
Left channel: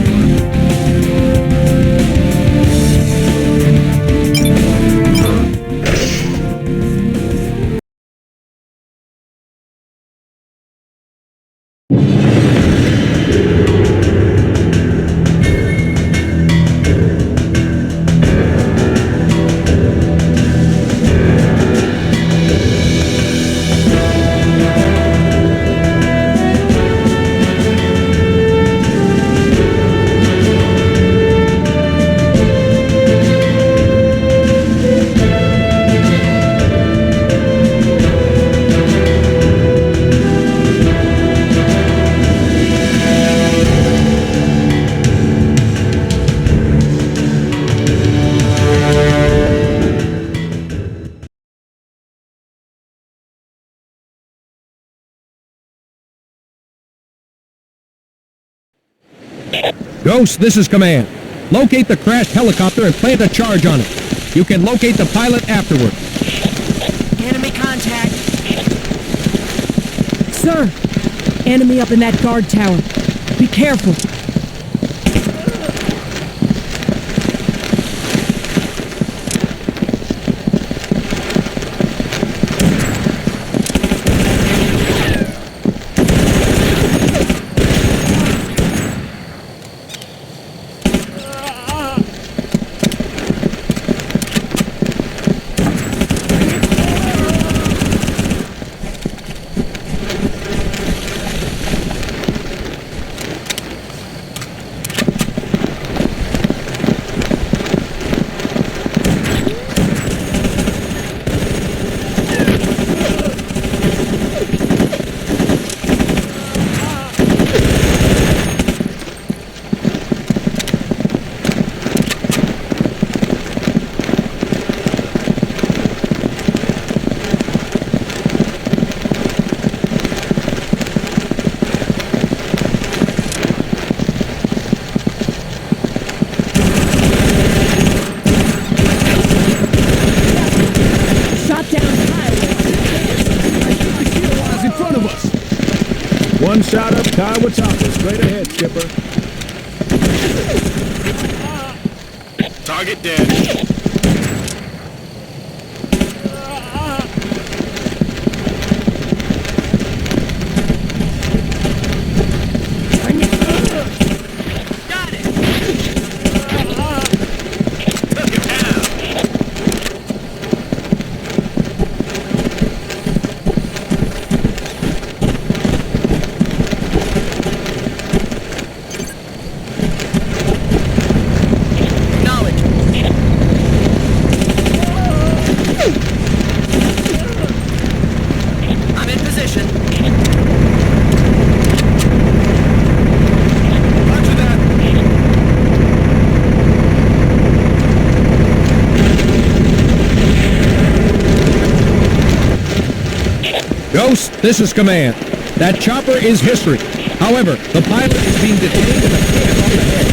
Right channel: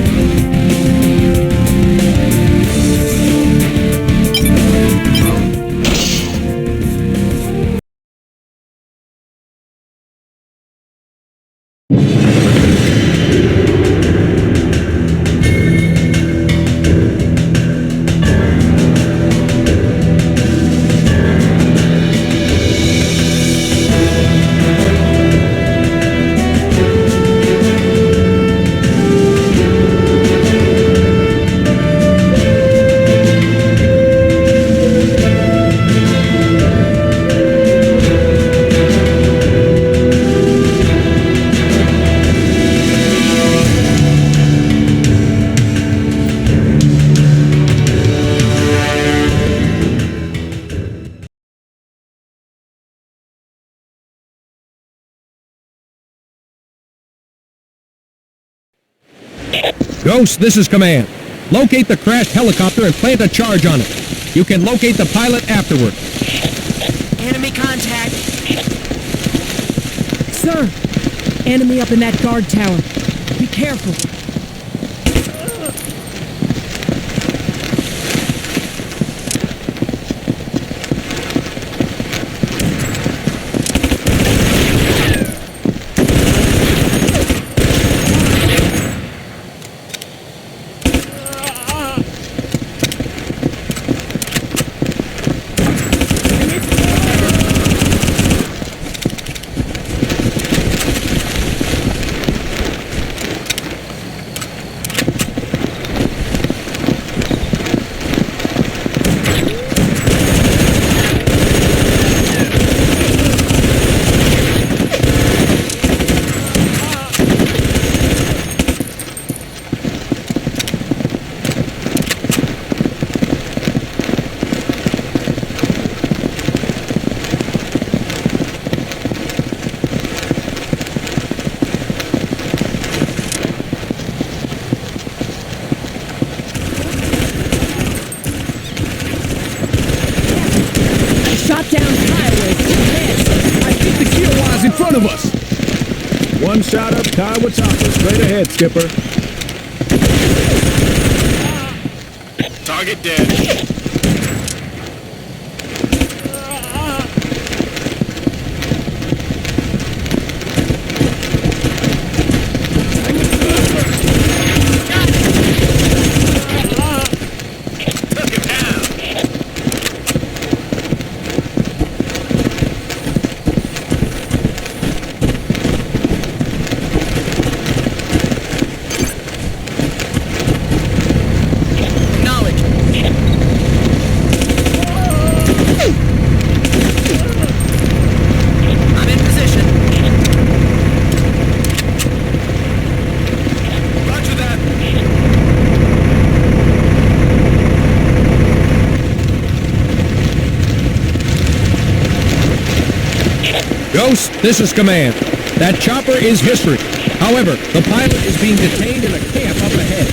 Ghost, this is Command. Locate the crashed helicopter and plant a charge on it. You can locate the pilot afterward. Enemy contact. Sir, enemy up in that guard tower. Be careful. Target dead. Ghost, this is Command. That chopper is history. However, the pilot is being detained in a camp up ahead.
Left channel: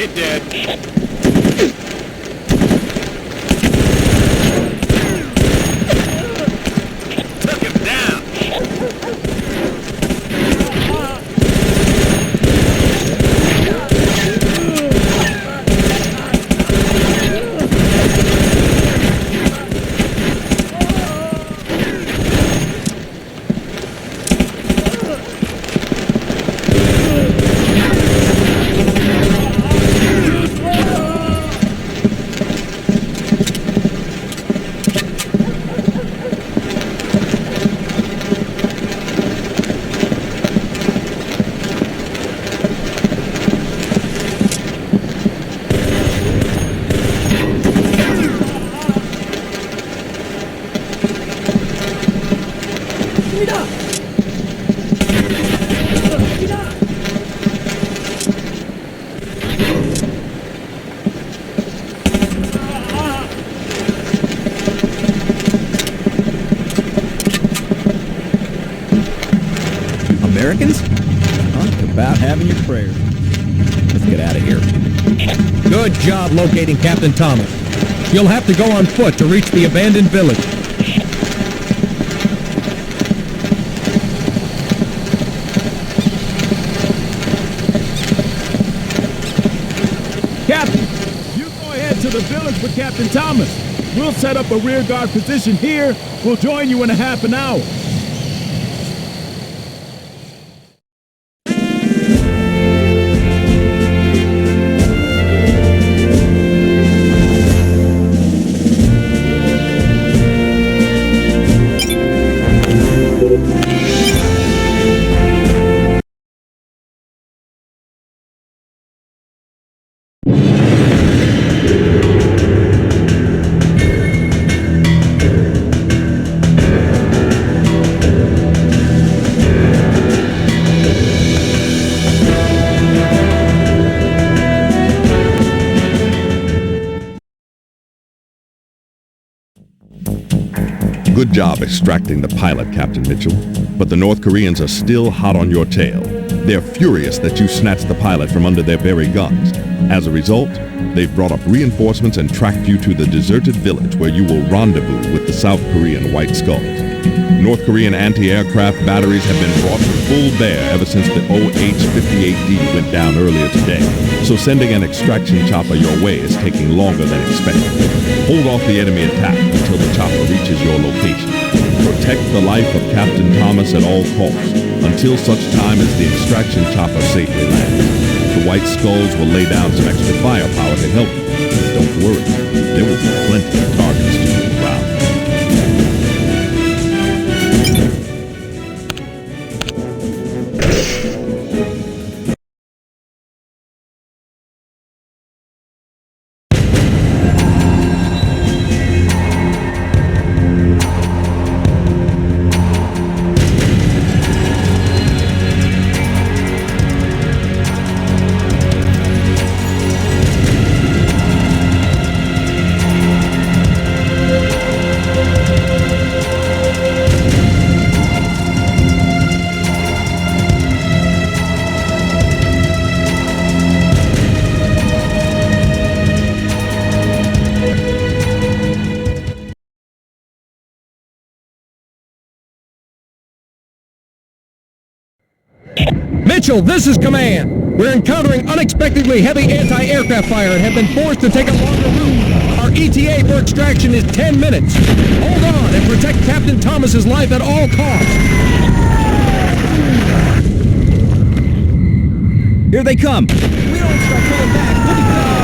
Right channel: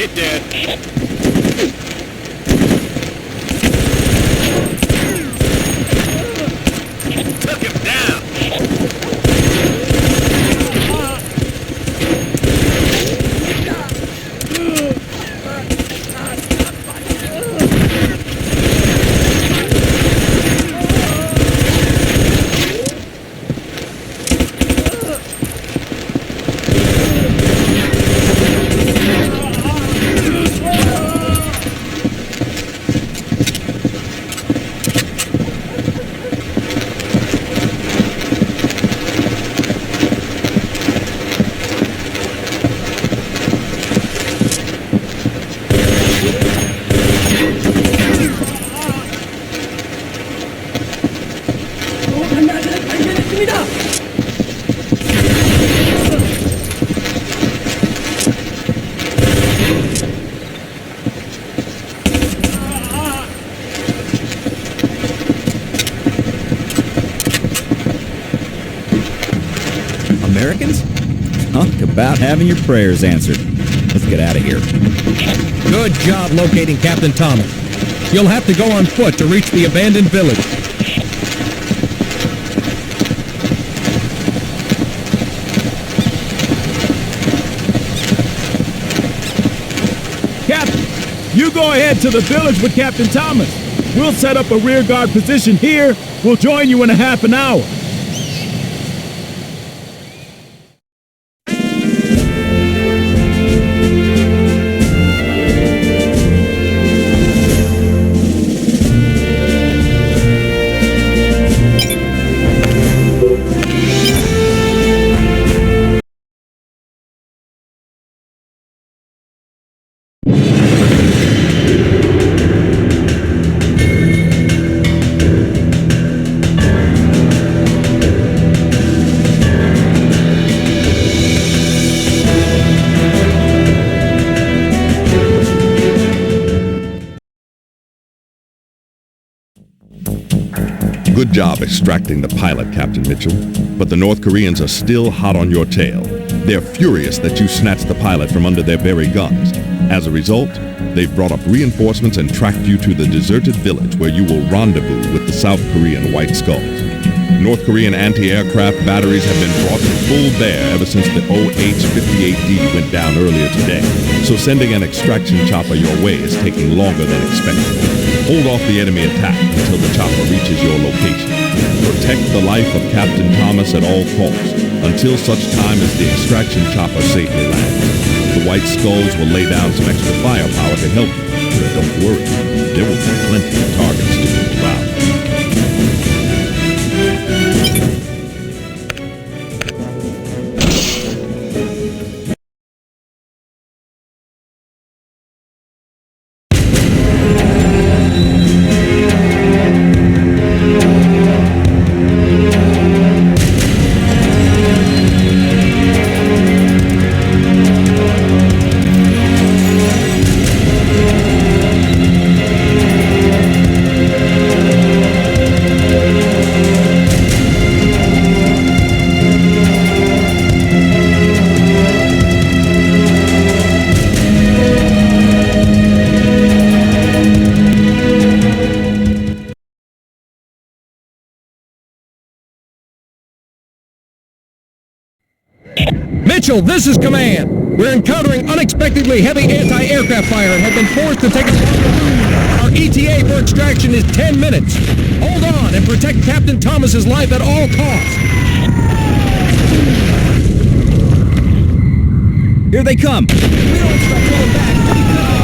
Target dead. Took him down. Americans? Talk about having your prayers answered. Good job locating Captain Thomas. You'll have to go on foot to reach the abandoned village. You go ahead to the village with Captain Thomas. We'll set up a rearguard position here. We'll join you in a half an hour. Good job extracting the pilot, Captain Mitchell. But the North Koreans are still hot on your tail. They're furious that you snatched the pilot from under their very guns. As a result, they've brought up reinforcements and tracked you to the deserted village where you will rendezvous with the South Korean White Skulls. North Korean anti-aircraft batteries have been brought to full bear ever since the OH-58D went down earlier today, so sending an extraction chopper your way is taking longer than expected. Hold off the enemy attack until the chopper reaches your location. Protect the life of Captain Thomas at all costs, until such time as the extraction chopper safely lands. The White Skulls will lay down some extra firepower to help you, but don't worry, there will be plenty of targets to move around. Mitchell, this is command. We're encountering unexpectedly heavy anti-aircraft fire and have been forced to take a longer route. Our ETA for extraction is 10 minutes. Hold on and protect Captain Thomas's life at all costs. Here they come. We don't start pulling back. We'll be cut off.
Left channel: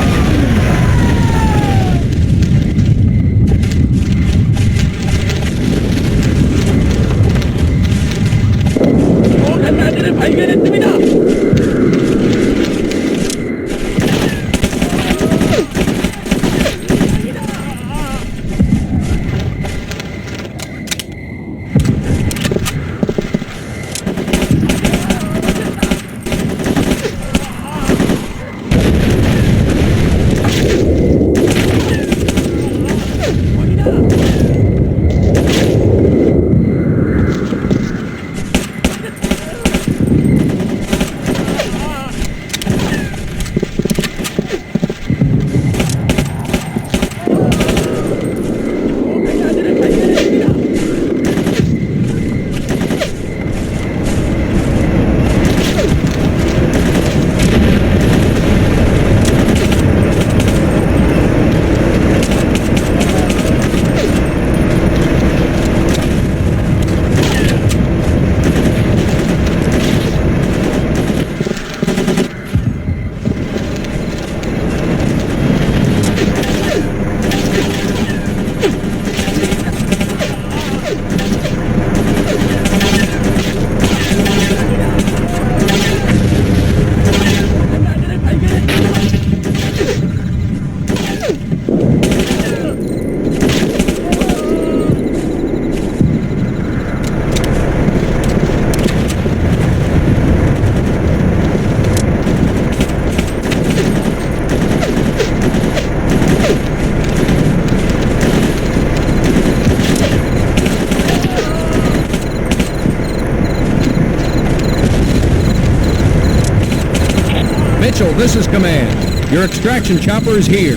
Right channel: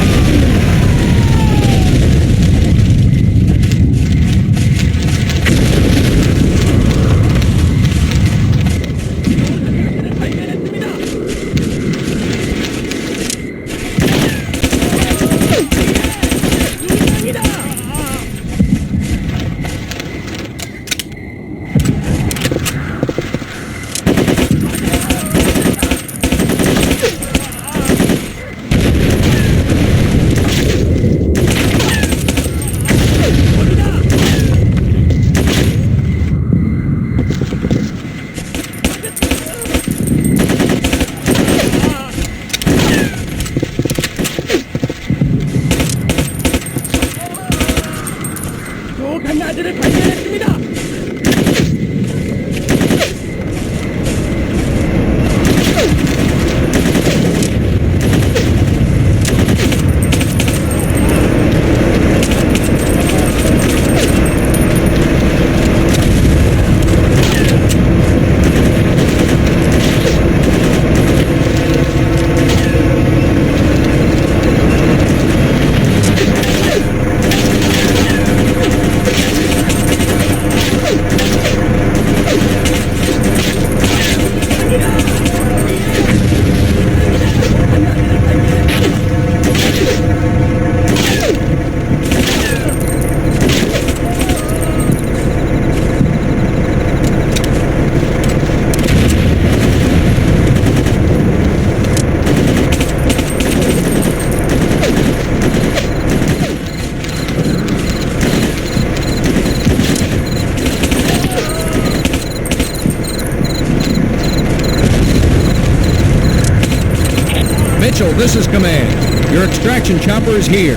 Mitchell, this is Command. Your extraction chopper is here.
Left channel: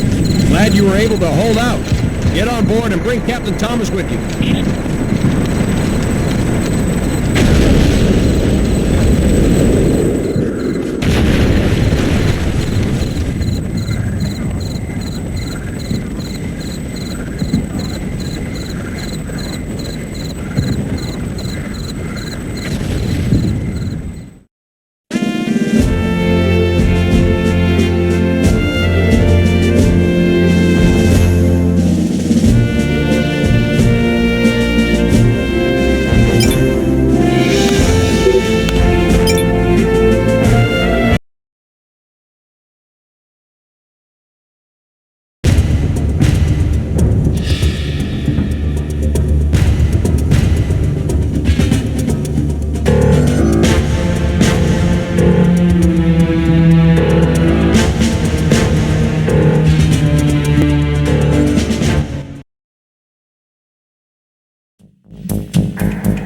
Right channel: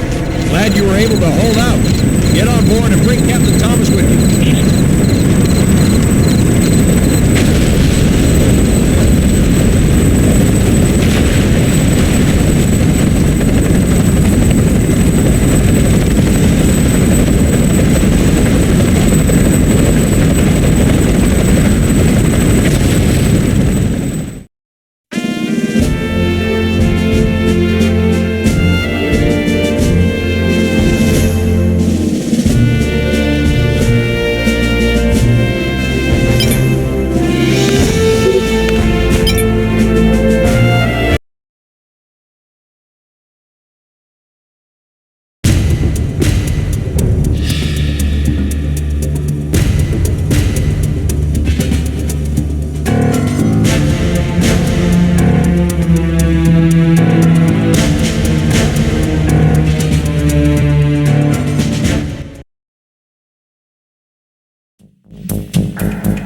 Glad you were able to hold out. Get on board and bring Captain Thomas with you.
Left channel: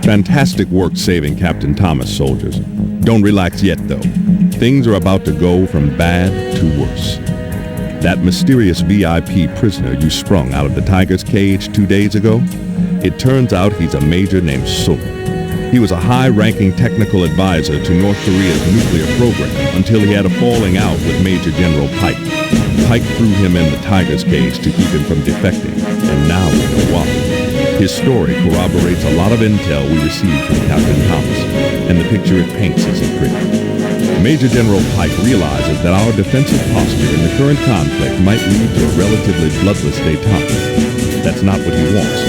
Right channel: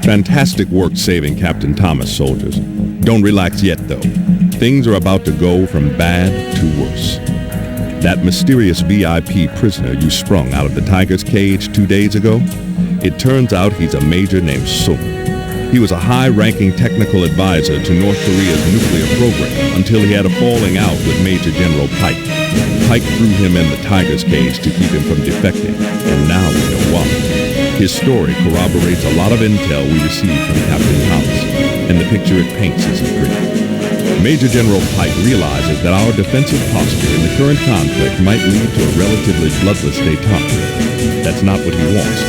Fantastic work saving Captain Thomas, soldiers. Don't relax yet, though. Things are about to go from bad to worse. That mysterious VIP prisoner you sprung out of the tiger's cage 2 days ago? It turns out he's a major named Sung. He was a high-ranking technical advisor to North Korea's nuclear program until he had a falling out with Major General Paik. Paik threw him in the tiger's cage to keep him from defecting, and now we know why. His story corroborates a lot of intel we received from Captain Thomas, and the picture it paints isn't pretty. Major General Paik realizes that our defensive posture in the current conflict might lead to a relatively bloodless détente. That's not what he wants.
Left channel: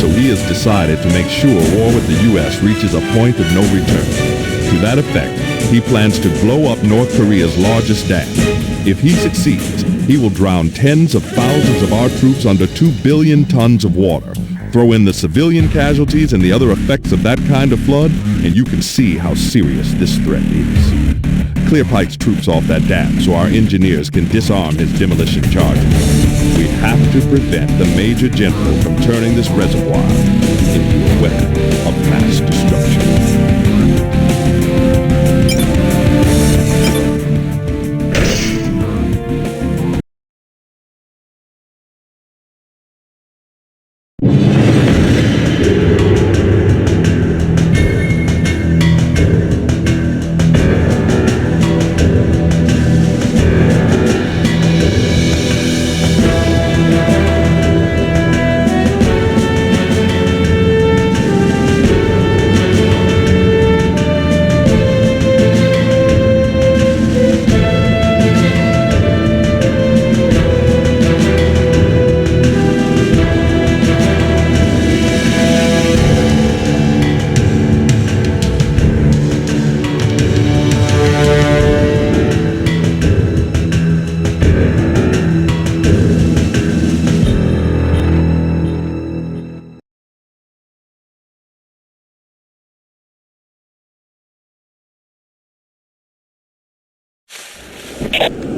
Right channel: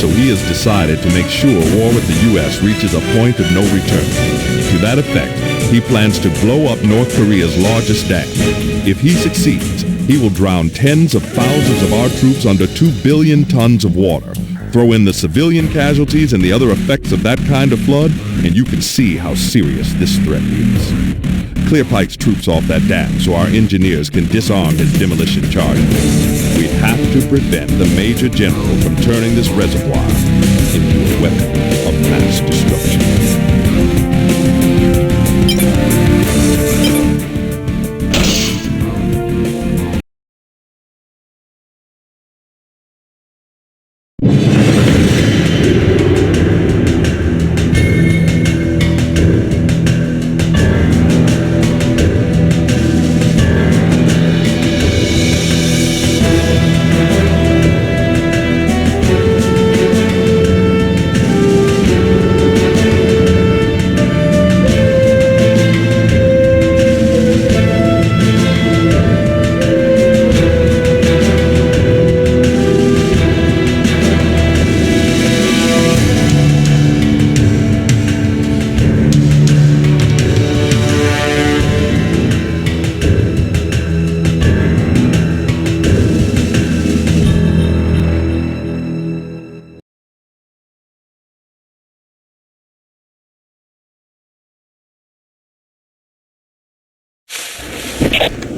So he has decided to make sure war with the U.S. reaches a point of no return. To that effect, he plans to blow up North Korea's largest dam. If he succeeds, he will drown tens of thousands of our troops under 2 billion tons of water. Throw in the civilian casualties and the other effects of that kind of flood, and you can see how serious this threat is. Clear Paik's troops off that dam so our engineers can disarm his demolition charges. We have to prevent the Major General from turning this reservoir into a weapon of mass destruction.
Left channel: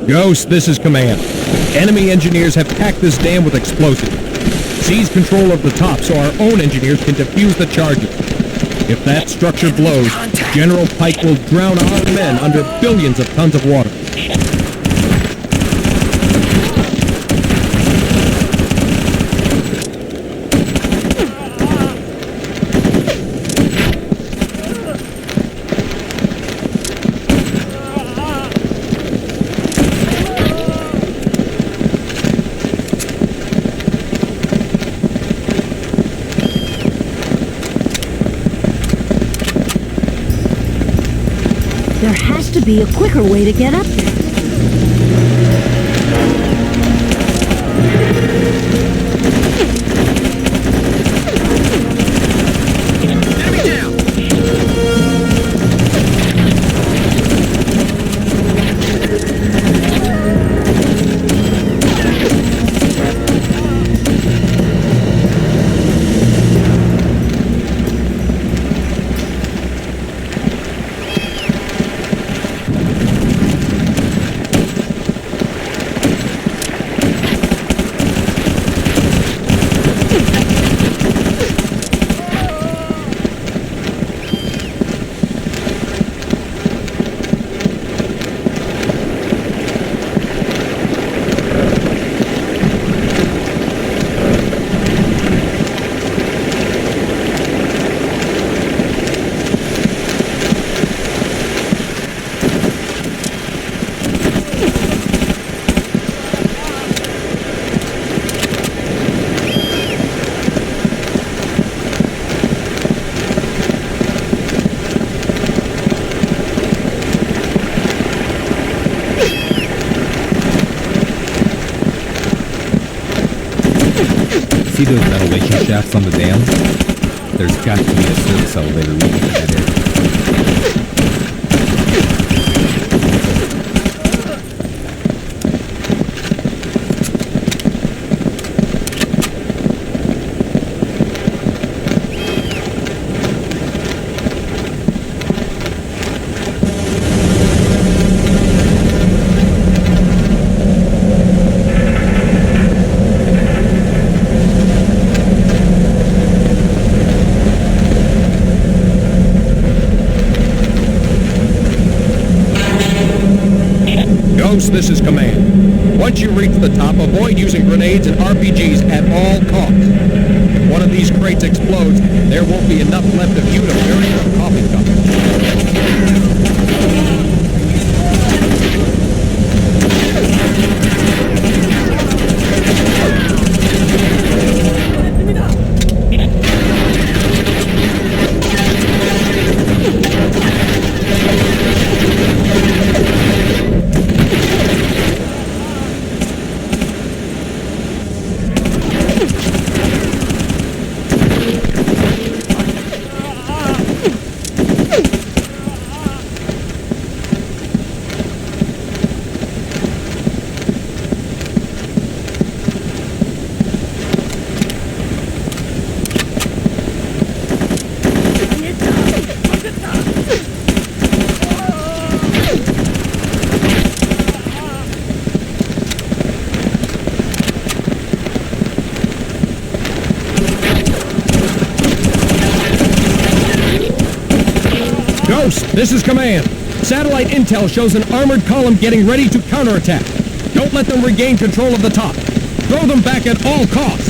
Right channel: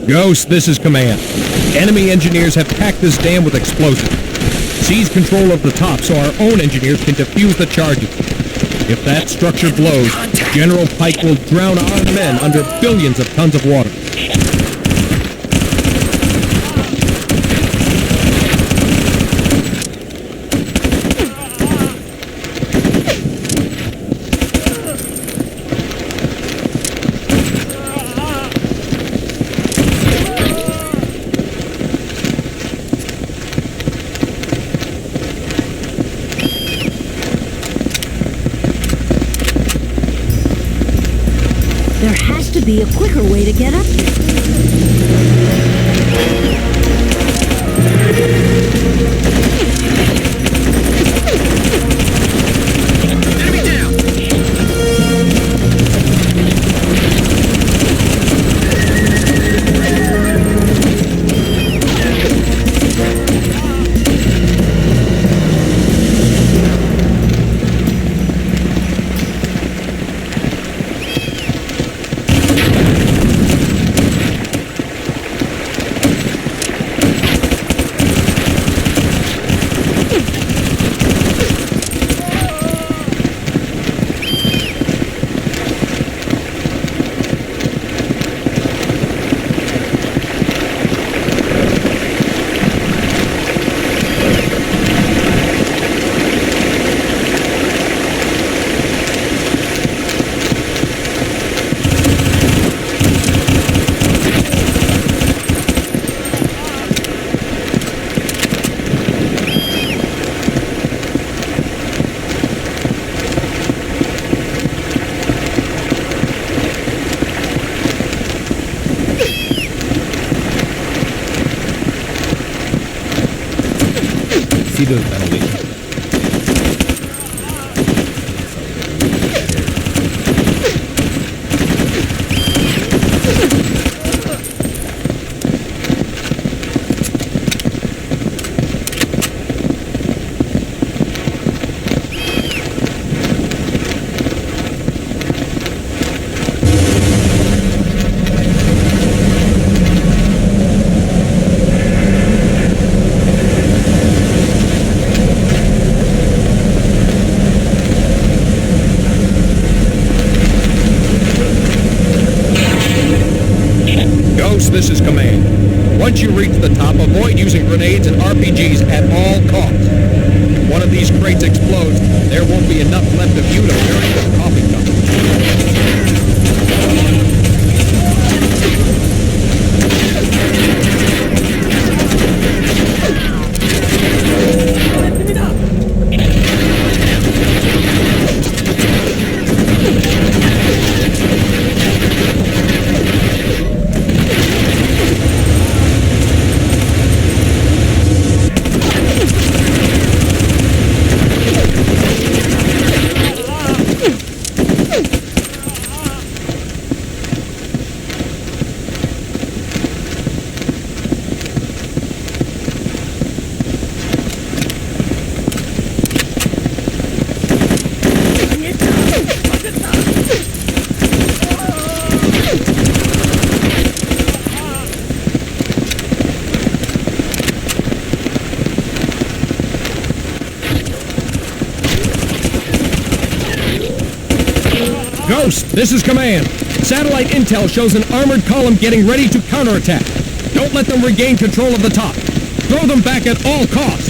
Ghost, this is Command. Enemy engineers have packed this dam with explosives. Seize control of the top so our own engineers can defuse the charges. If that structure blows, General Paik will drown our men under billions of tons of water. Gotta be doing something. Ghost, this is command. Once you reach the top, avoid using grenades and RPGs at all costs. If one of these crates explodes, there won't be enough left of you to bury a coffee cup. Ghost, this is command. Satellite intel shows an armored column getting ready to counterattack. Don't let them regain control of the top. Throw them back at all costs.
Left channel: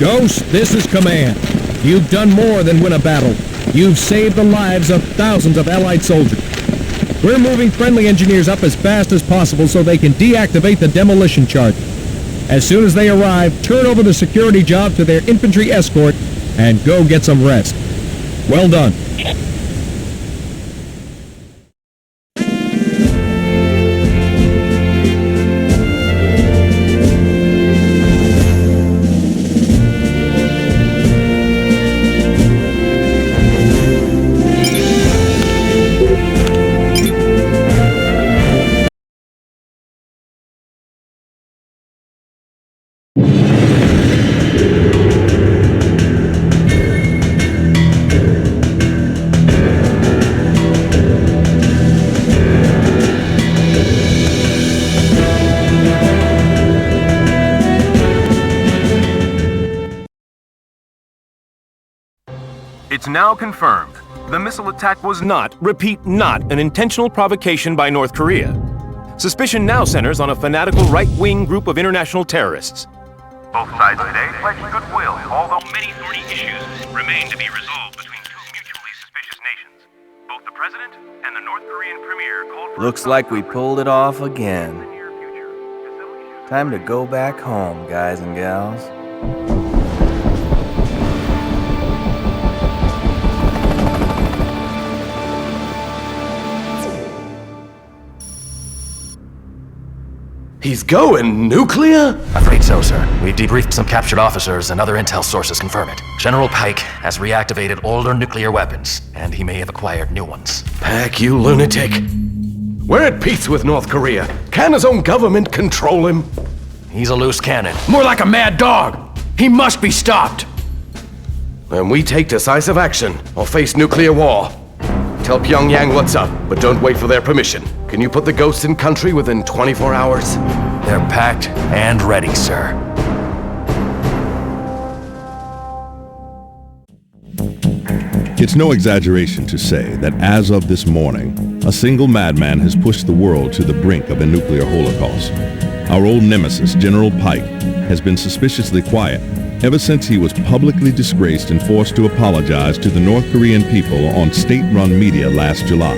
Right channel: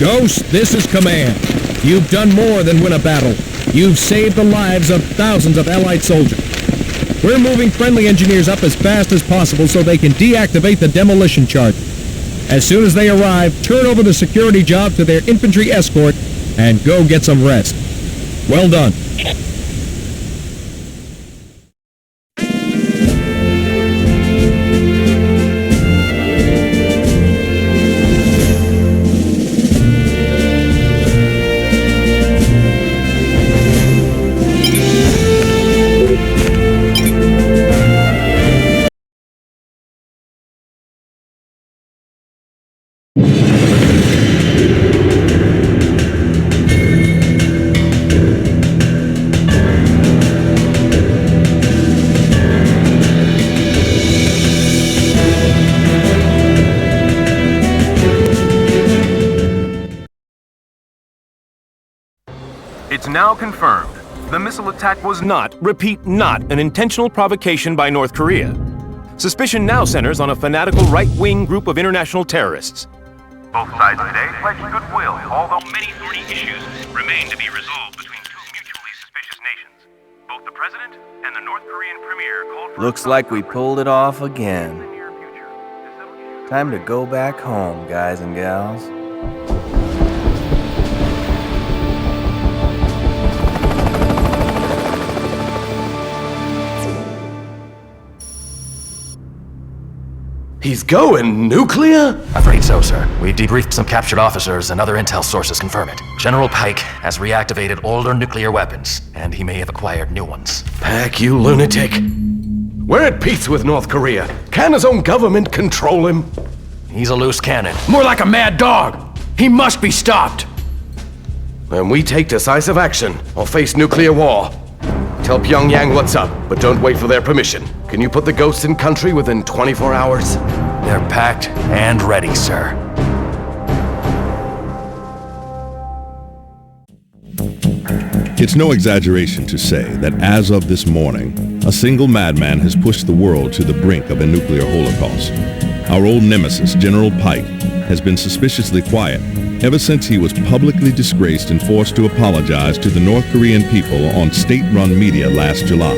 Ghost, this is command. You've done more than win a battle. You've saved the lives of thousands of Allied soldiers. We're moving friendly engineers up as fast as possible so they can deactivate the demolition charge. As soon as they arrive, turn over the security job to their infantry escort and go get some rest. Well done. It's now confirmed. The missile attack was not, repeat, not an intentional provocation by North Korea. Suspicion now centers on a fanatical right-wing group of international terrorists. Both sides today pledged goodwill, although many thorny issues remain to be resolved between two mutually suspicious nations. Both the president and the North Korean premier called for... Looks like we pulled it off again. Time to go back home, guys and gals. He's going nuclear? Afraid so, sir. We've debriefed some captured officers and other intel sources confirm it. General Paik has reactivated older nuclear weapons, and he may have acquired new ones. Paik, you lunatic. We're at peace with North Korea. Can his own government control him? He's a loose cannon. More like a mad dog. He must be stopped. When we take decisive action, or face nuclear war. Tell Pyongyang what's up, but don't wait for their permission. Can you put the ghosts in country within 24 hours? They're packed and ready, sir. It's no exaggeration to say that as of this morning, a single madman has pushed the world to the brink of a nuclear holocaust. Our old nemesis, General Paik, has been suspiciously quiet ever since he was publicly disgraced and forced to apologize to the North Korean people on state-run media last July.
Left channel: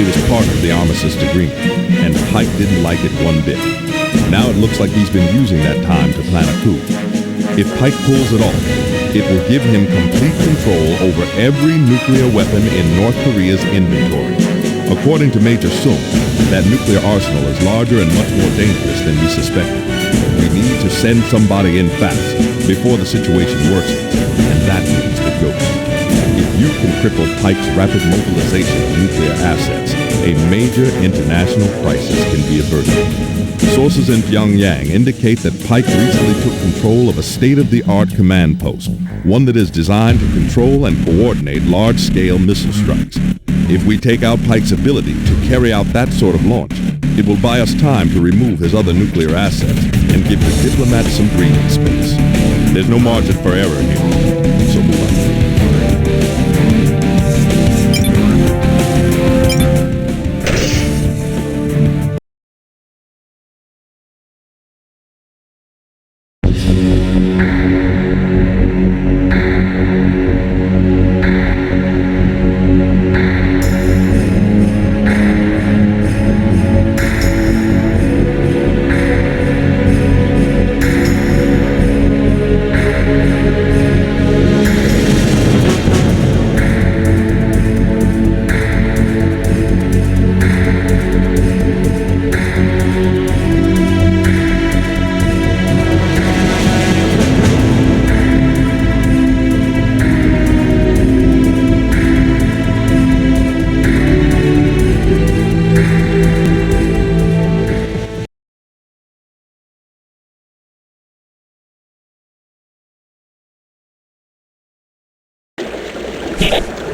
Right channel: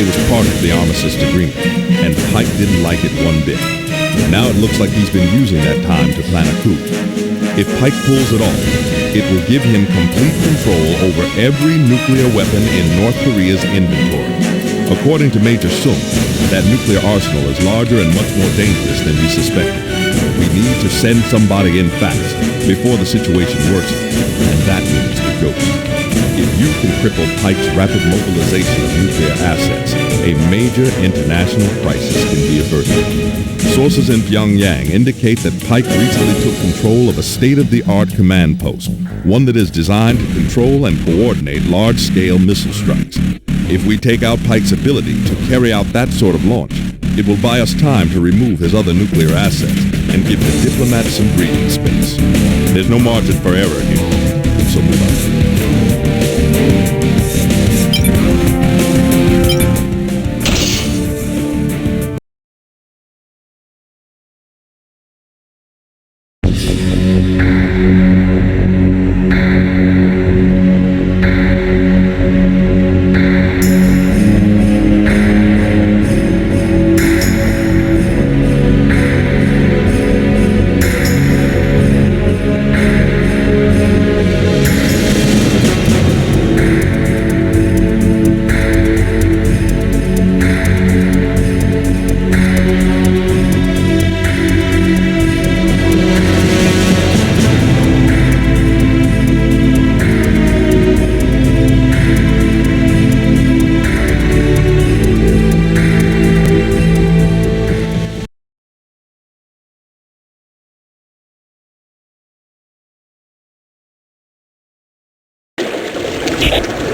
It was part of the armistice agreement, and Paik didn't like it one bit. Now it looks like he's been using that time to plan a coup. If Paik pulls it off, it will give him complete control over every nuclear weapon in North Korea's inventory. According to Major Sung, that nuclear arsenal is larger and much more dangerous than we suspected. We need to send somebody in fast before the situation worsens, and that means the ghost. If you can cripple Paik's rapid mobilization of nuclear assets, a major international crisis can be averted. Sources in Pyongyang indicate that Paik recently took control of a state-of-the-art command post, one that is designed to control and coordinate large-scale missile strikes. If we take out Paik's ability to carry out that sort of launch, it will buy us time to remove his other nuclear assets and give the diplomats some breathing space. There's no margin for error here, so move on.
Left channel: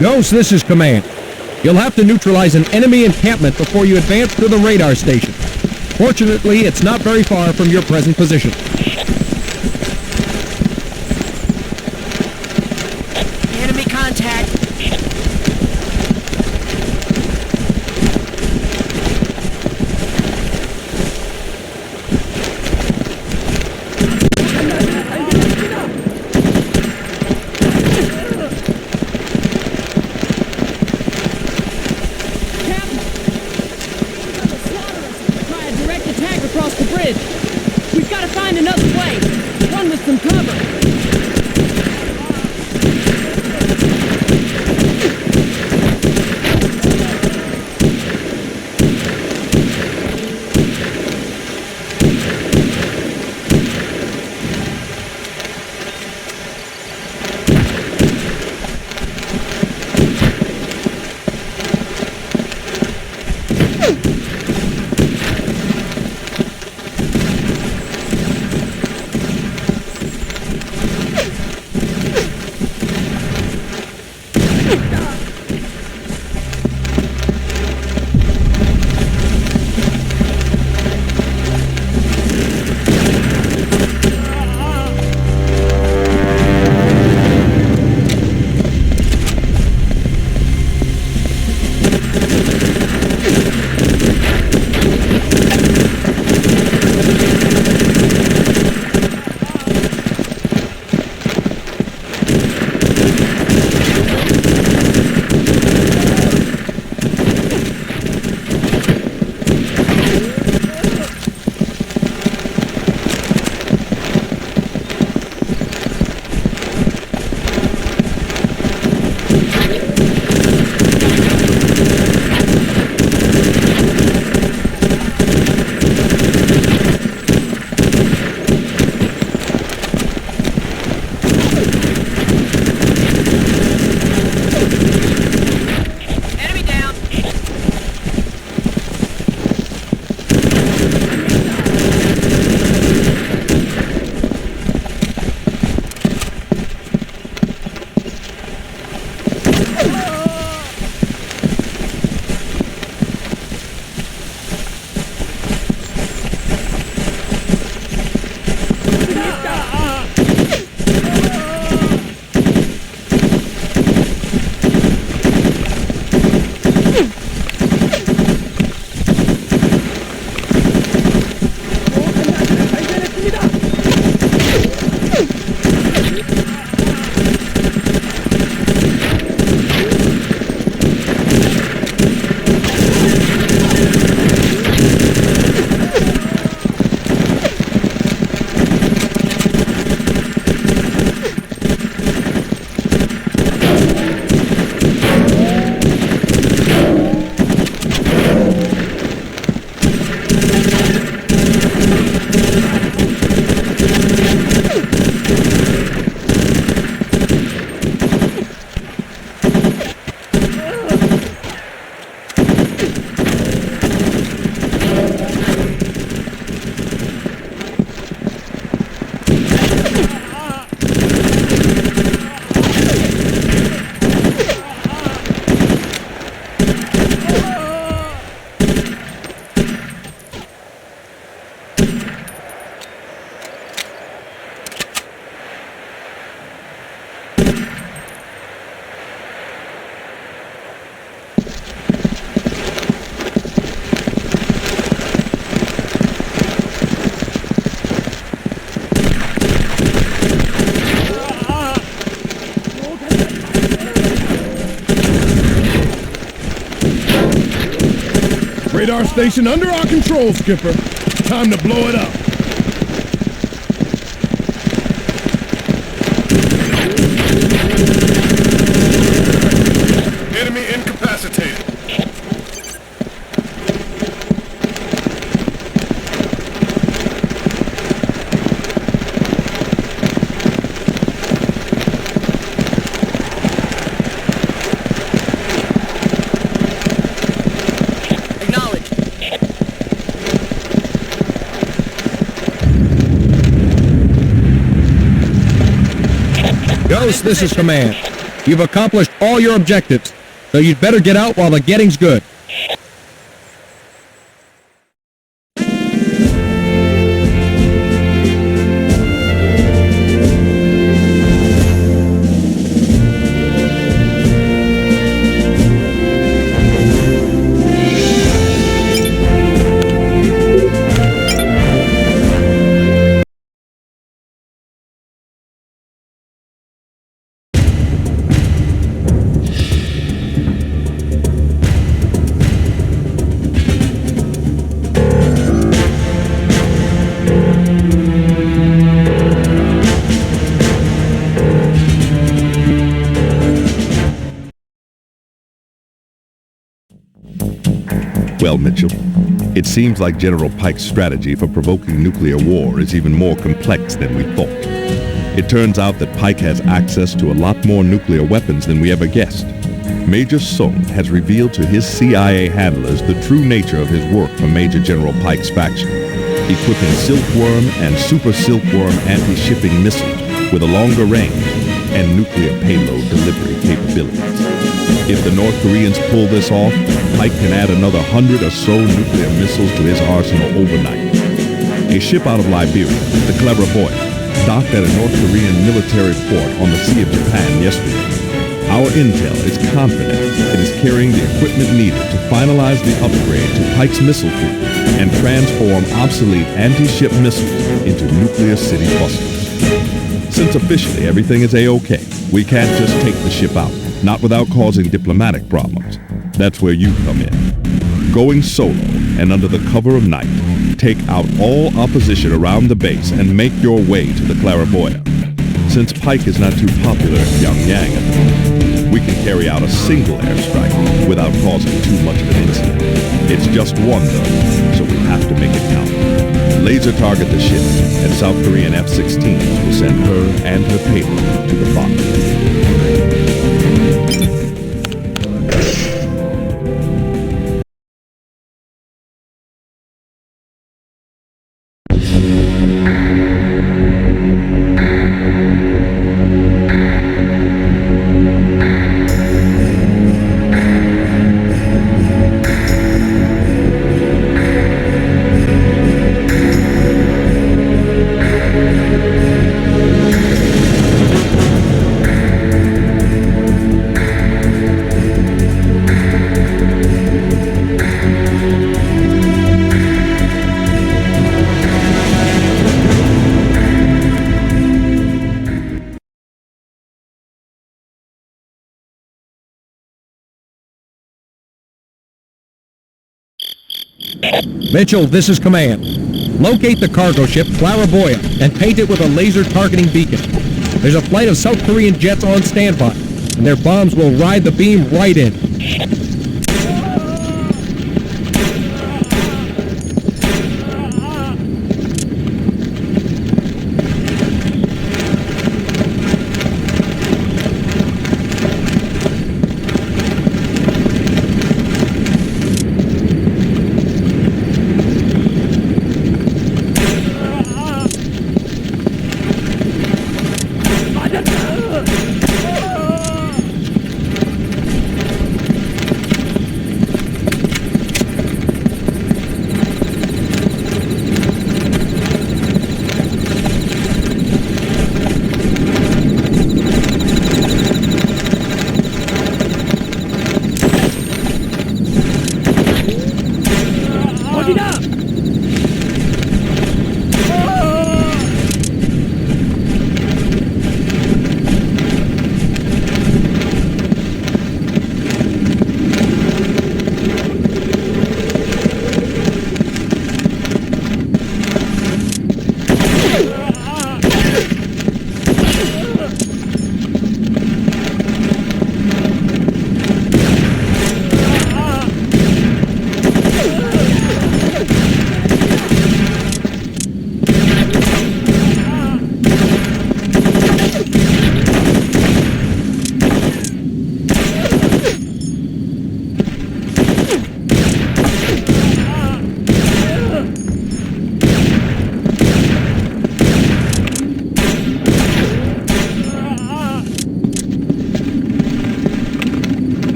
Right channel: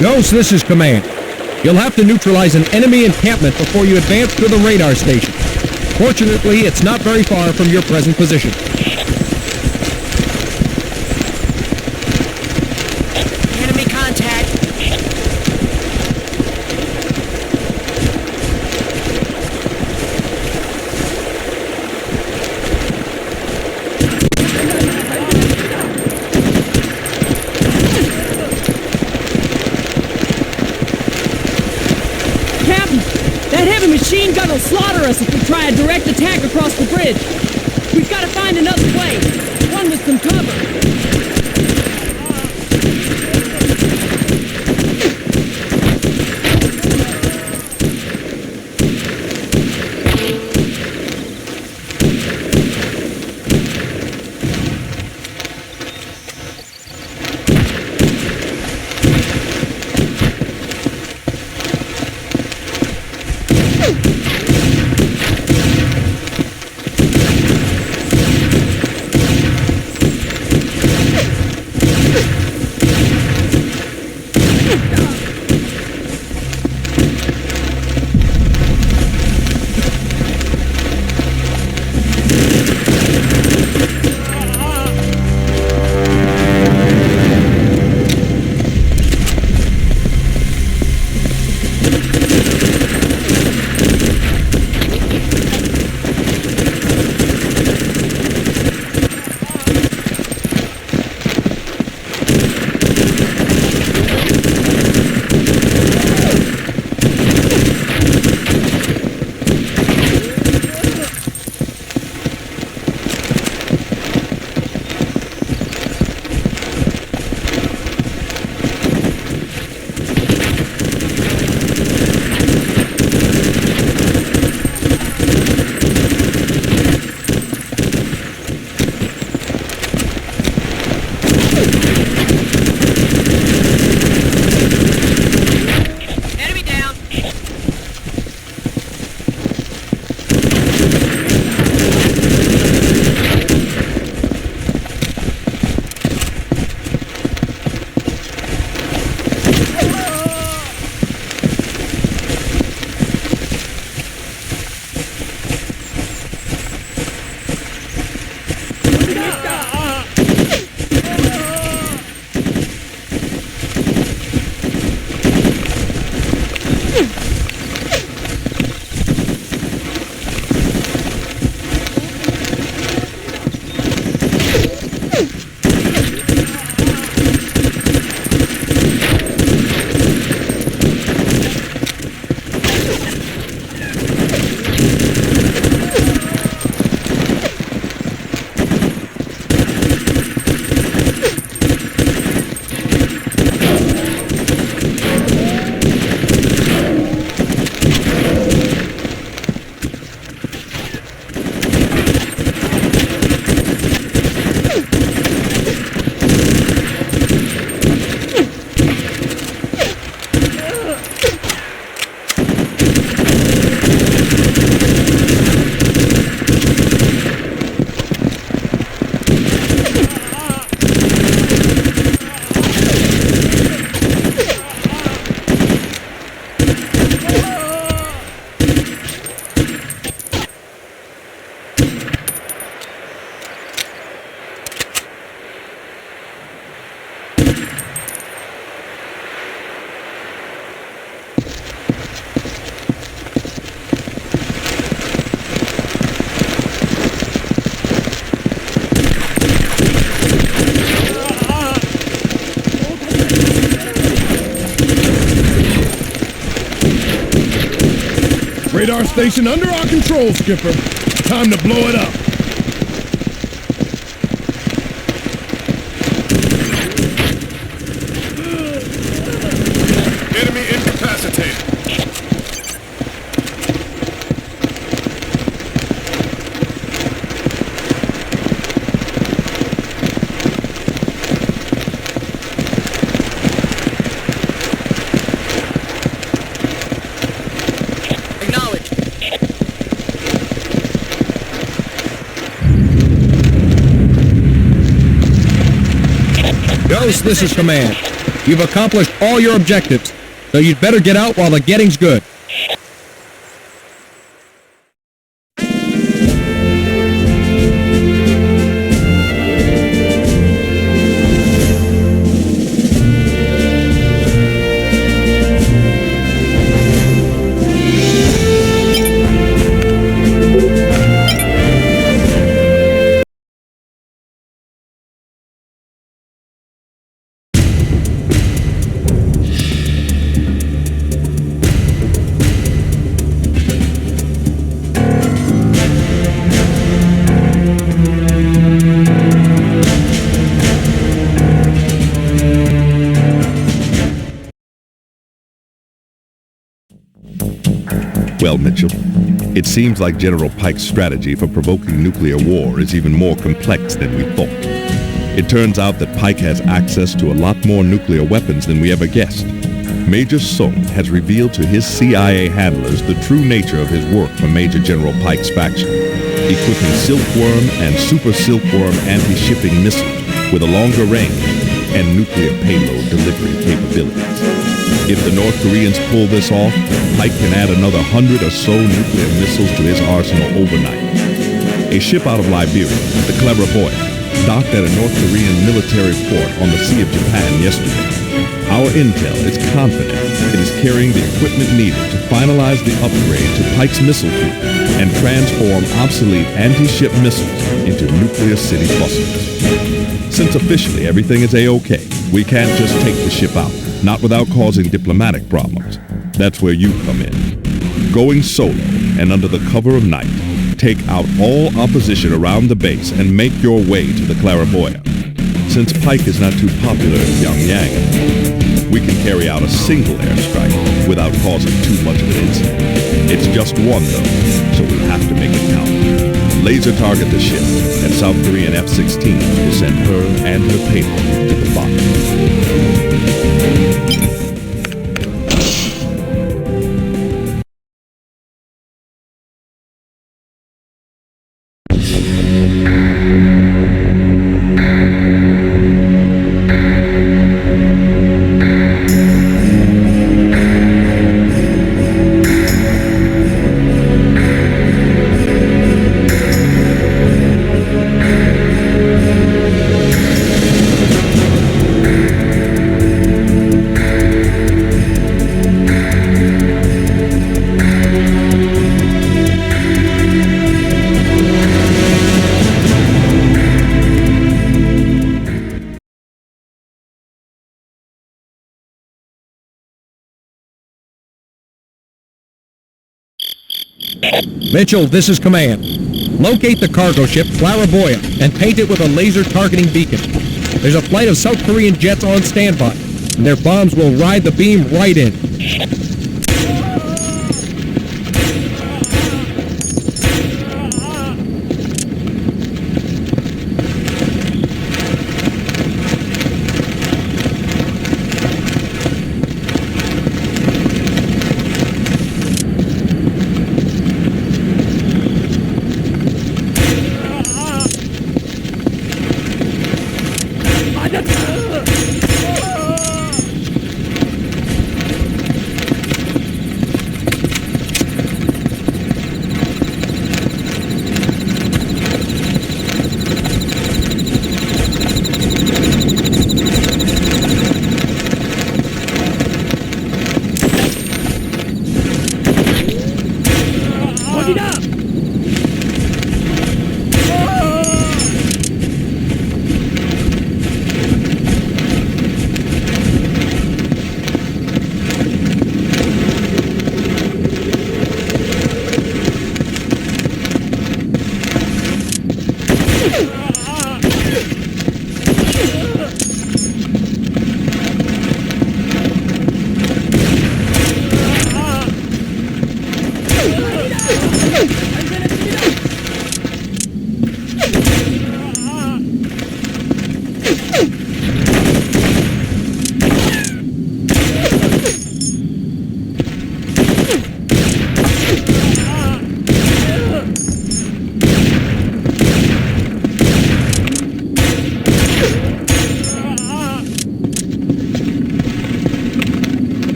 Ghost, this is Command. You'll have to neutralize an enemy encampment before you advance to the radar station. Fortunately, it's not very far from your present position. Enemy contact. incapacitated. Acknowledged. Ghost, this is Command. You've accomplished all your objectives, so you'd better get out while the getting's good. Well, Mitchell, it seems like General Paik's strategy for provoking nuclear war is even more complex than we thought. It turns out that Paik has access to a lot more nuclear weapons than we ever guessed. Major Sung has revealed to his CIA handlers the true nature of his work for Major General Paik's faction, equipping Silkworm and Super Silkworm anti-shipping missiles with a longer range and nuclear payload delivery capabilities. If the North Koreans pull this off, Paik can add another 100 or so nuclear missiles to his arsenal overnight. A ship out of Liberia, the Clairvoyant, docked at a North Korean military port on the Sea of Japan yesterday. Our intel is confident it is carrying the equipment needed to finalize the upgrade to Paik's missile fleet and transform obsolete anti-ship missiles into nuclear city busters. Since officially everything is A-OK, we can't just take the ship out, not without causing diplomatic problems. That's where you come in. Going solo and under the cover of night, take out all opposition around the base and make your way to the Clairvoyant. Since Paik is not too popular in Pyongyang at the moment, we can carry out a single airstrike without causing too much of an incident. It's just one, though, so we have to make it count. Laser target the ship, and South Korean F-16s will send her and her payload to the bottom. Mitchell, this is Command. Locate the cargo ship Clairvoyant and paint it with a laser targeting beacon. There's a flight of South Korean jets on standby, and their bombs will ride the beam right in.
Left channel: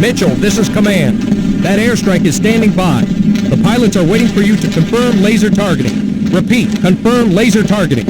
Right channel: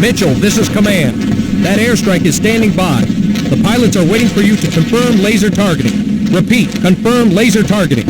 Mitchell, this is command. That airstrike is standing by. The pilots are waiting for you to confirm laser targeting. Repeat, confirm laser targeting.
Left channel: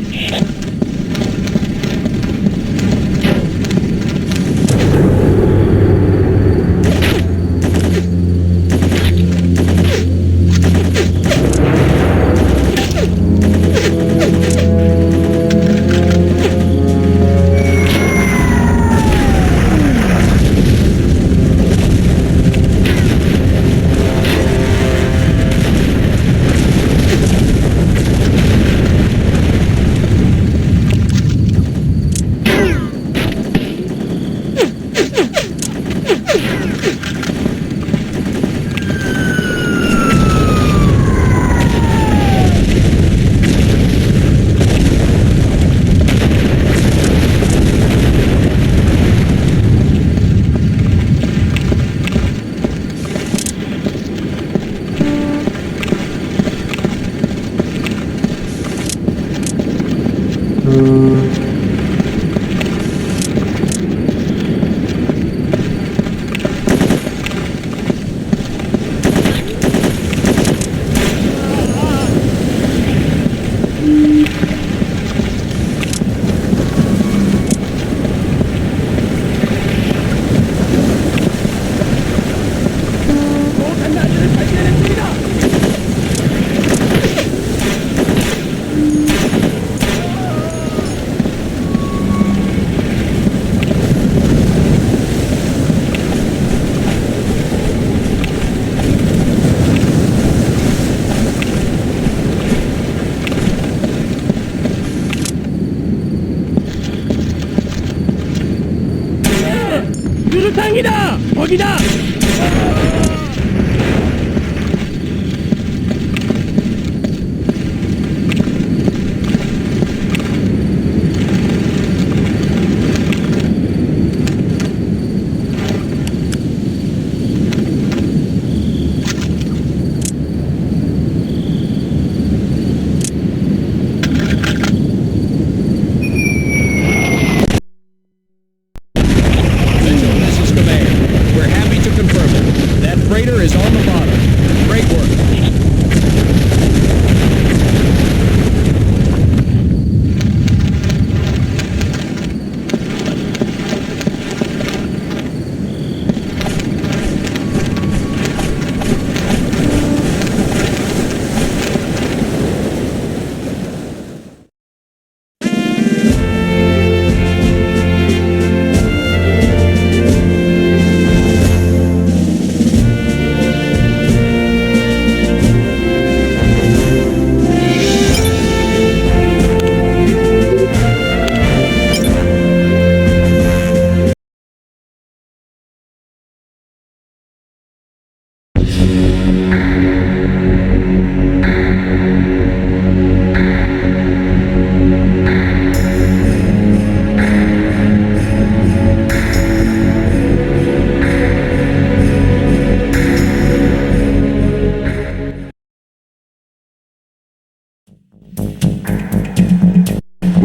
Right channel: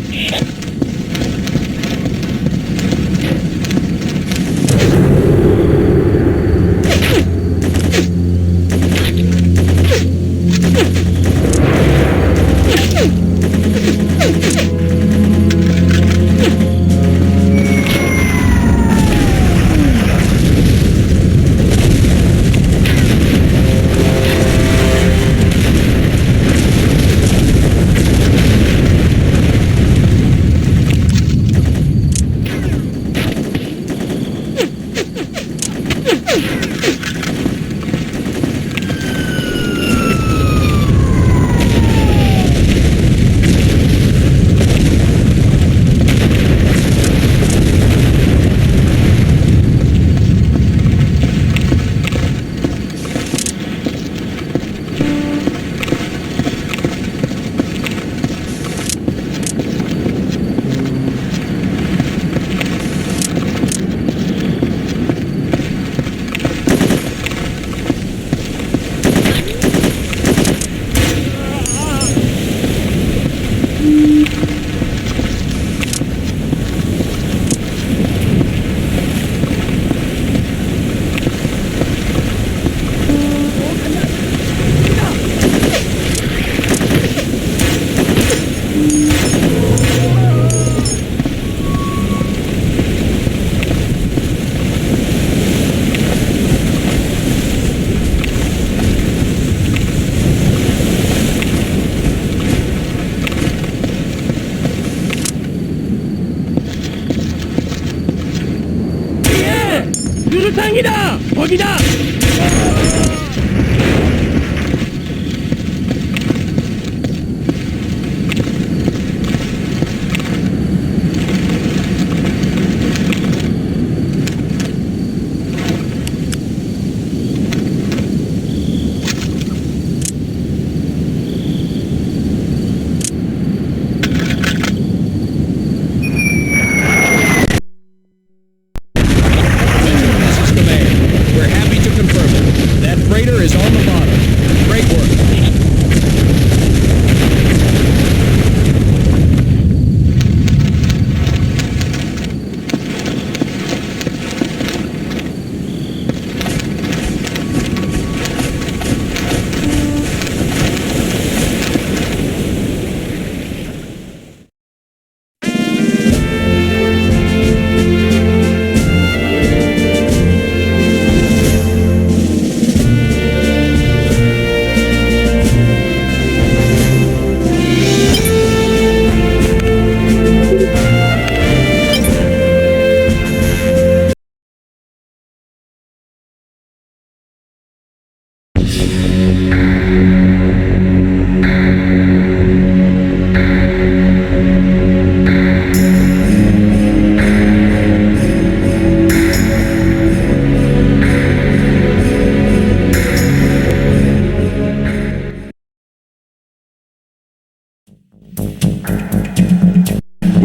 유류탄이다! 거기다!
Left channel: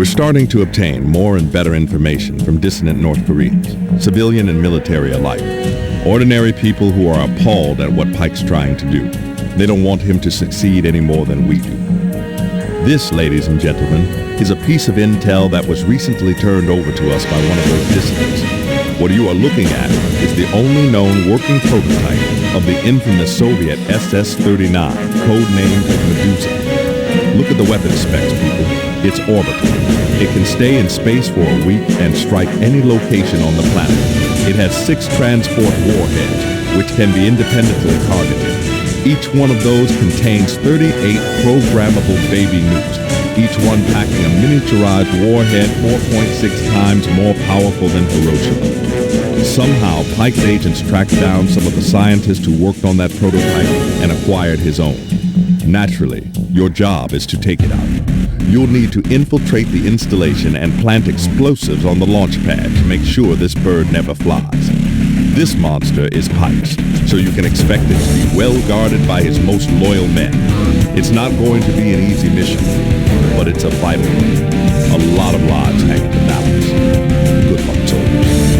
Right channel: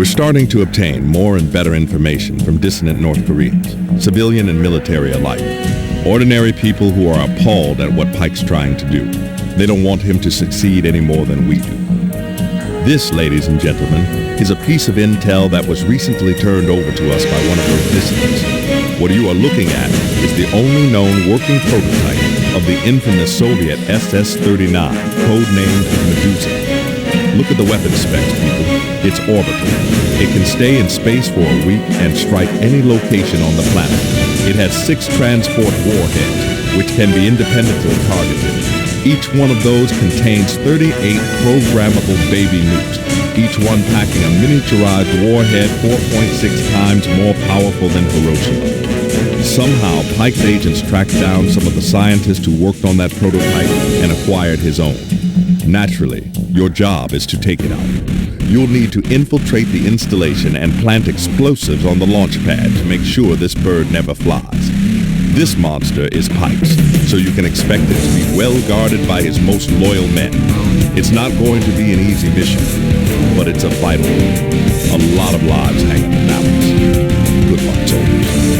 We're starting to obtain more and better information from dissident North Koreans, civilian and military alike. Ordinary people who are appalled at what Paik's trying to do. They don't want him to succeed any more than we do. This, ladies and gentlemen, is a piece of intel that was recently turned over to us by one of those dissidents. What you are looking at is the only known working prototype of the infamous Soviet SS-39, codenamed Medusa. Look at the weapon specs, people. It's orbital. It can stay in space for a week and strike any location on the planet. It has 6 transport warheads, which can be independently targeted. Each one of those contains 38 programmable baby nukes, each one packing a miniaturized warhead 4.6 times more powerful than Hiroshima. Somehow, Paik's agents tracked down some of the scientists who worked on that prototype and acquired his own. Naturally, your job is to take it out. You'll need to infiltrate the installation and plant explosives on the launch pad to make sure this bird never flies. This monster is Paik's, so you can expect it to be well guarded by his most loyal men. It's not going to be an easy mission, but it's a vital one. A lot of lives hang in the balance. Good luck, soldiers.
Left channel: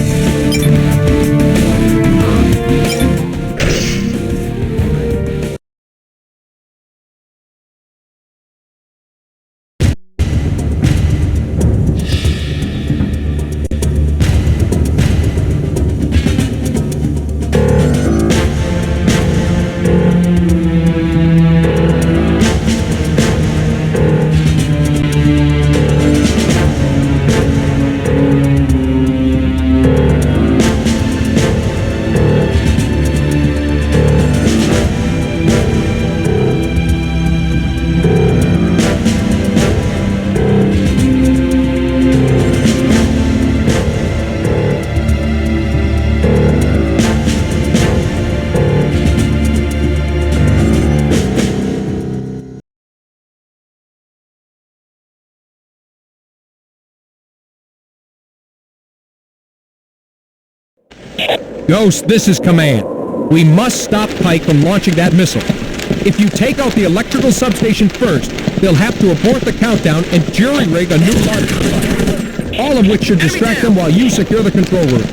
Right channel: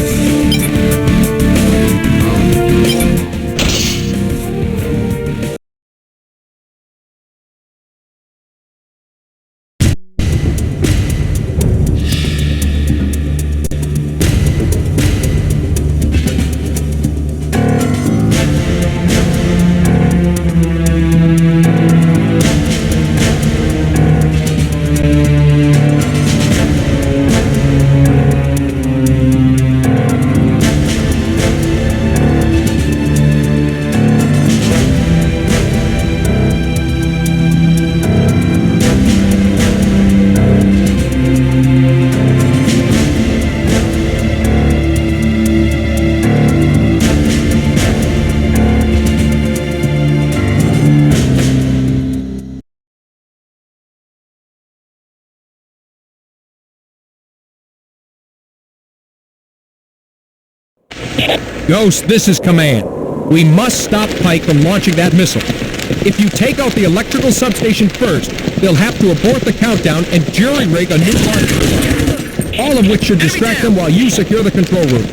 Ghost, this is Command. We must stop Paik from launching that missile. If you take out the electrical substation first, they'll have to abort the countdown and jury-rig a new launch device. All of which should distract them while you secure the control room.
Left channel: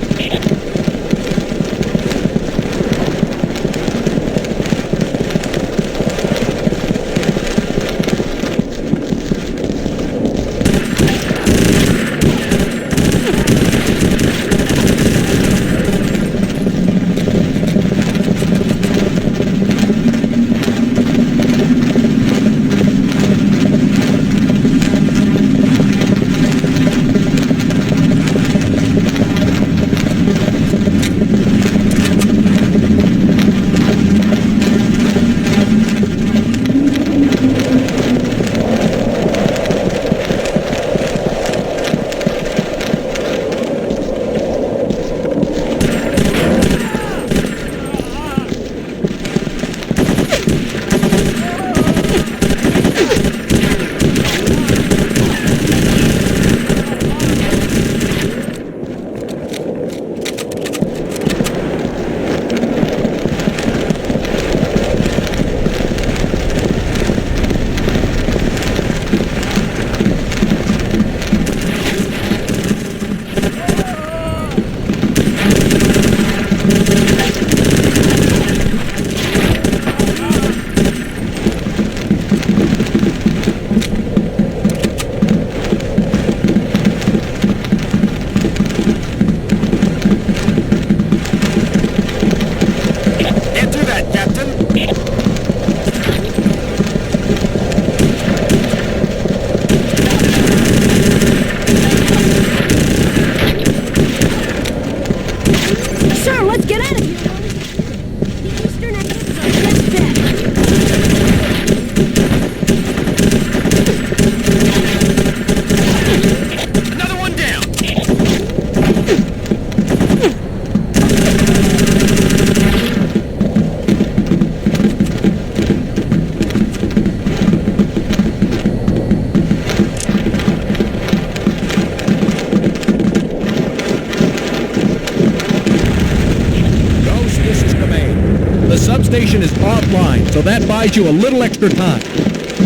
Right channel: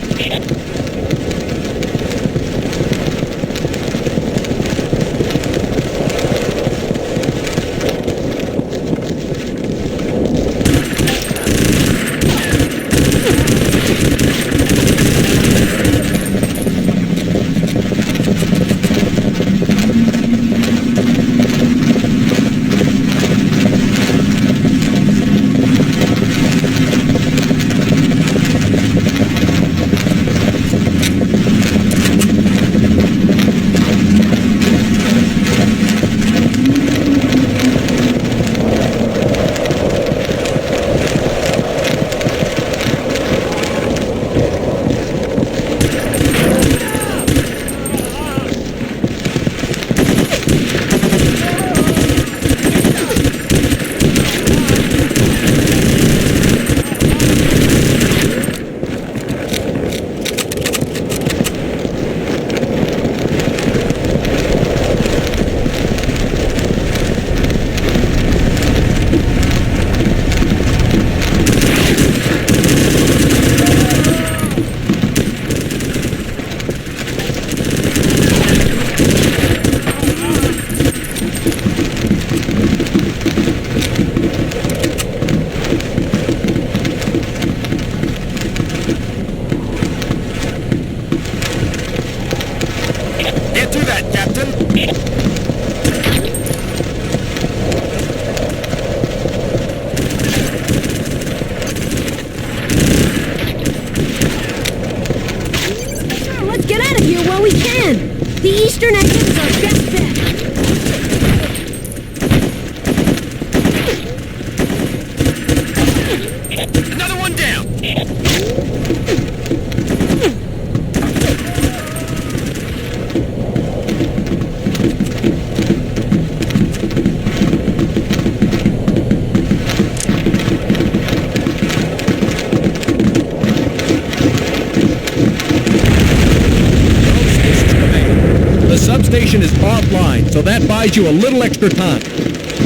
Substation is offline, so that buys you a little extra time.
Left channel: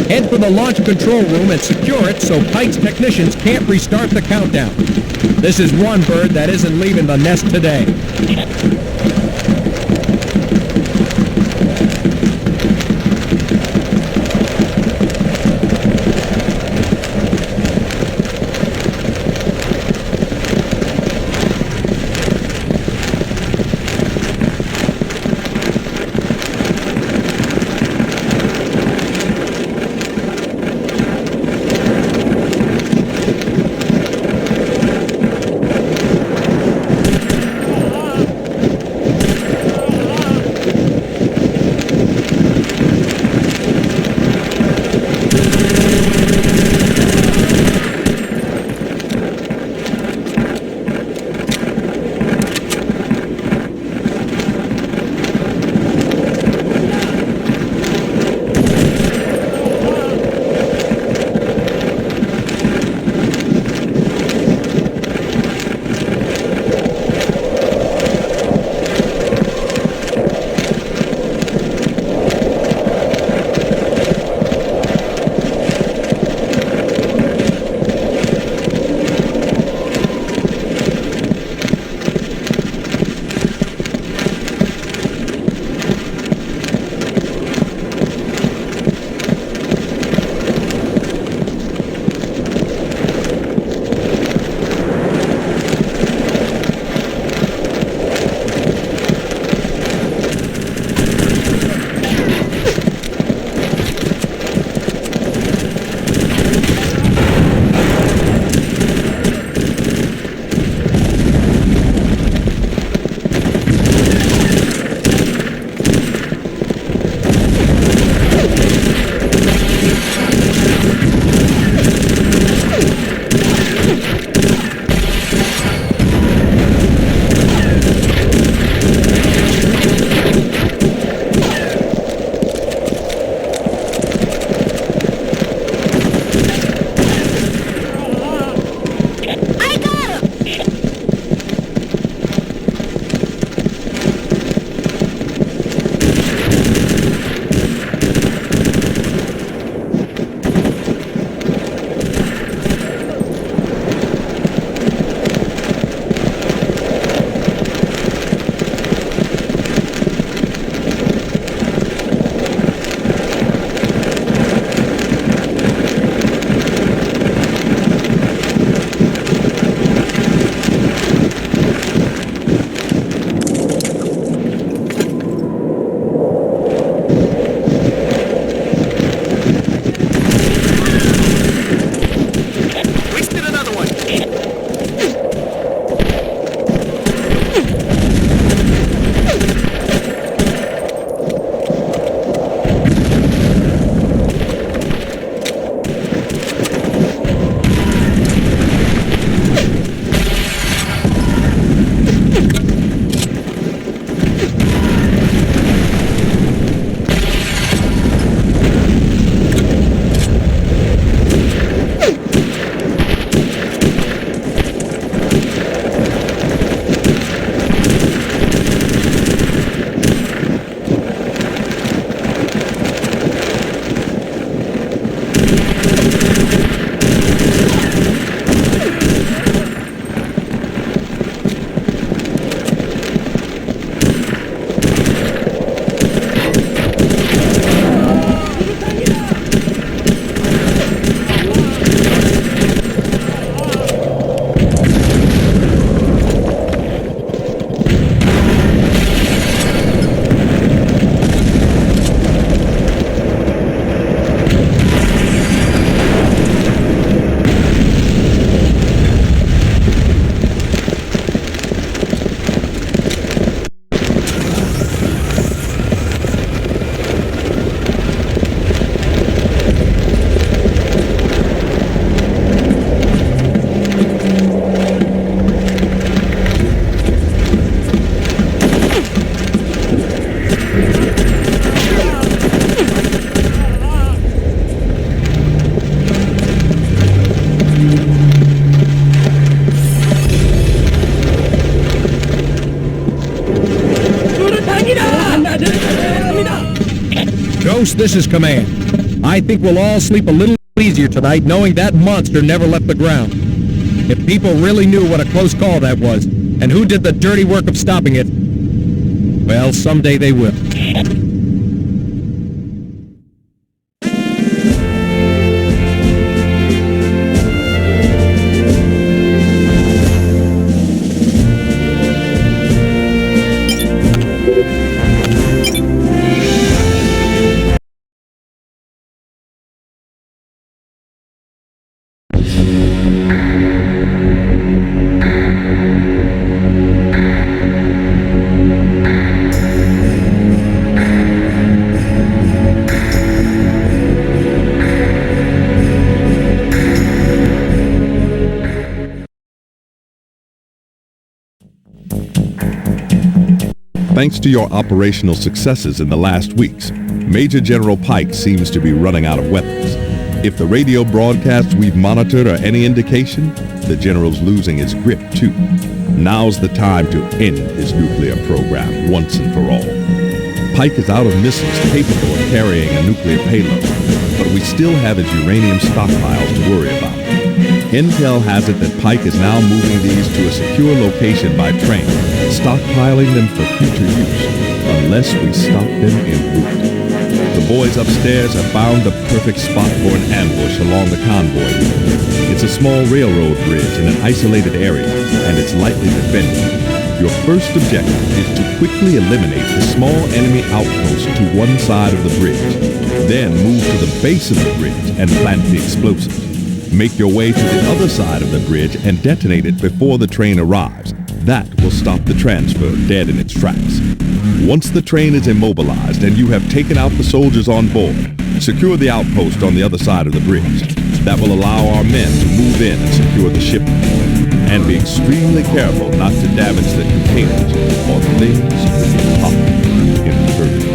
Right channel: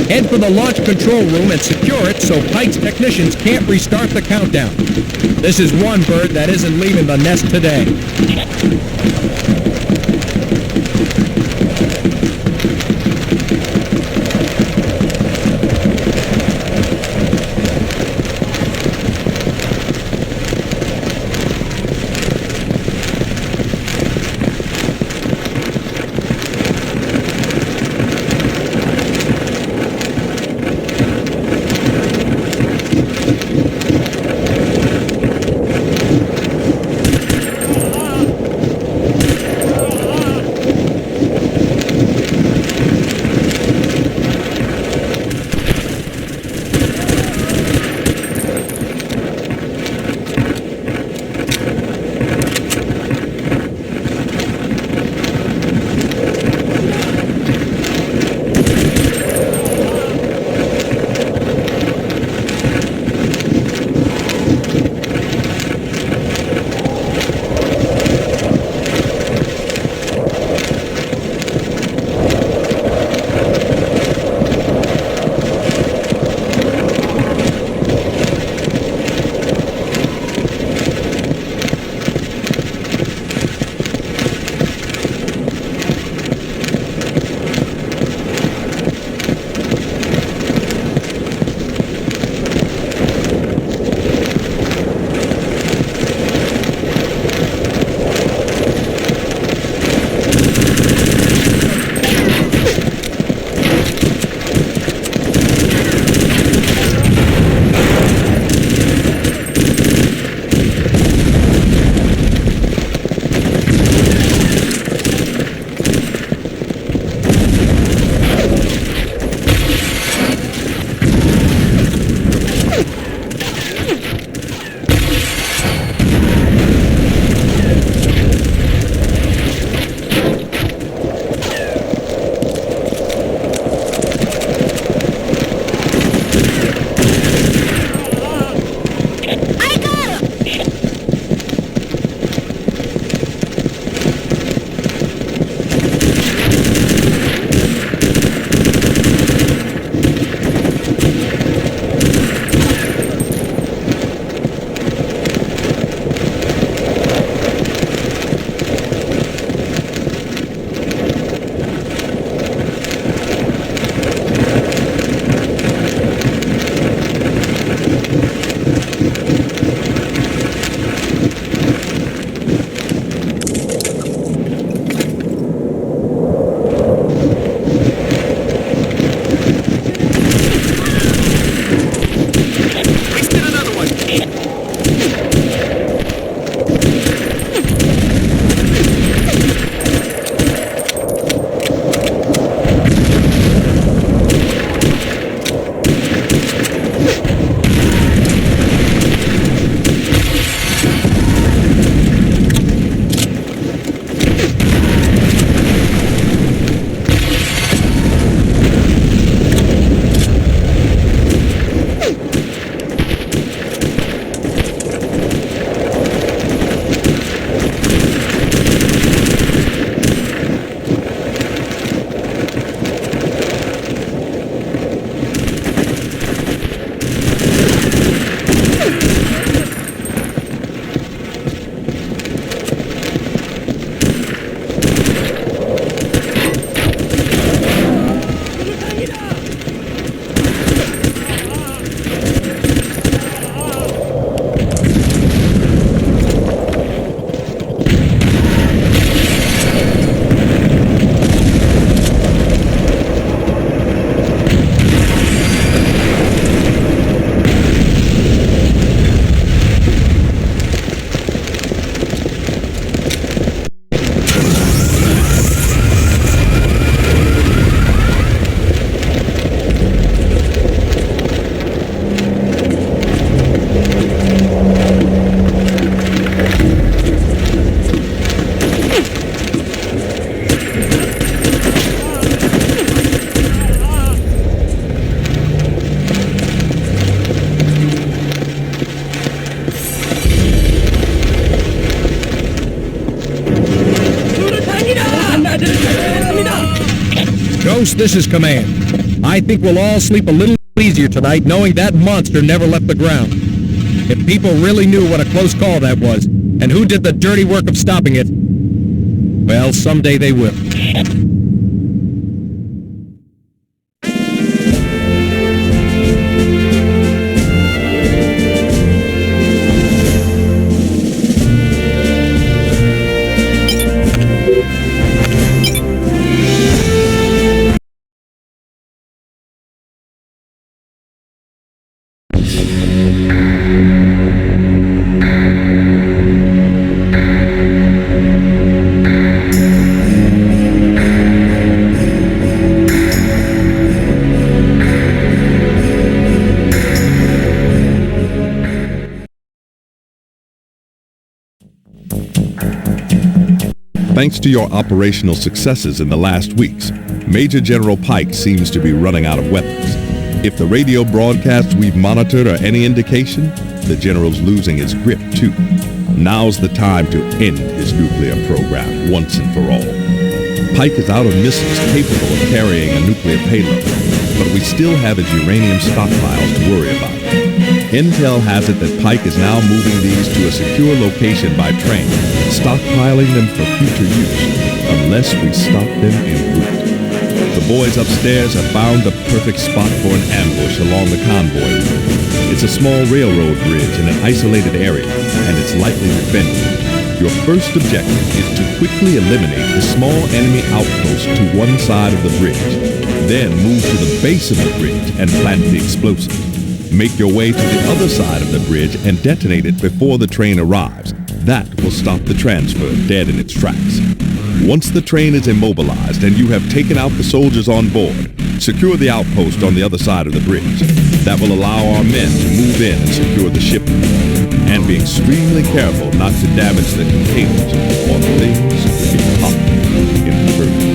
Head for the launch control room and secure it so Paik's technicians can't restart the countdown. This is one bird that isn't leaving the nest today. Ghost, this is Command. I think we'll all sleep a little easier tonight knowing that monster never left the ground. If people really knew what a close call that was, and who did the dirty work of stopping it, well, someday they will. Thanks to your operational successes in the last weeks, Major General Paik seems to be running out of weapons. If the radio broadcasts we've monitored are any indication, the General's losing his grip too. Now's the time to end his nuclear program once and for all. Paik is out of missiles capable of carrying a nuclear payload, but we still have his uranium stockpiles to worry about. Intel has it that Paik is now moving these to a secure location by train, stockpiling them for future use, unless we stop them en route. The boys upstairs have found the perfect spot for an ambush along the Convoy route. It's a small railroad bridge in an isolated area, and it's lightly defended. Your first objective is to quickly eliminate the small enemy outpost to one side of the bridge. Then move to the base of the bridge and plant the explosives. Make your way to the other side of the bridge and detonate it before the train arrives. That will stop the transfer dead in its tracks. Once the train is immobilized and you have taken out the soldiers on board, secure the outpost on the other side of the bridge. That will allow our men to move in and secure the shipment. And be extremely careful not to damage the containers or things could get hot in the hurry.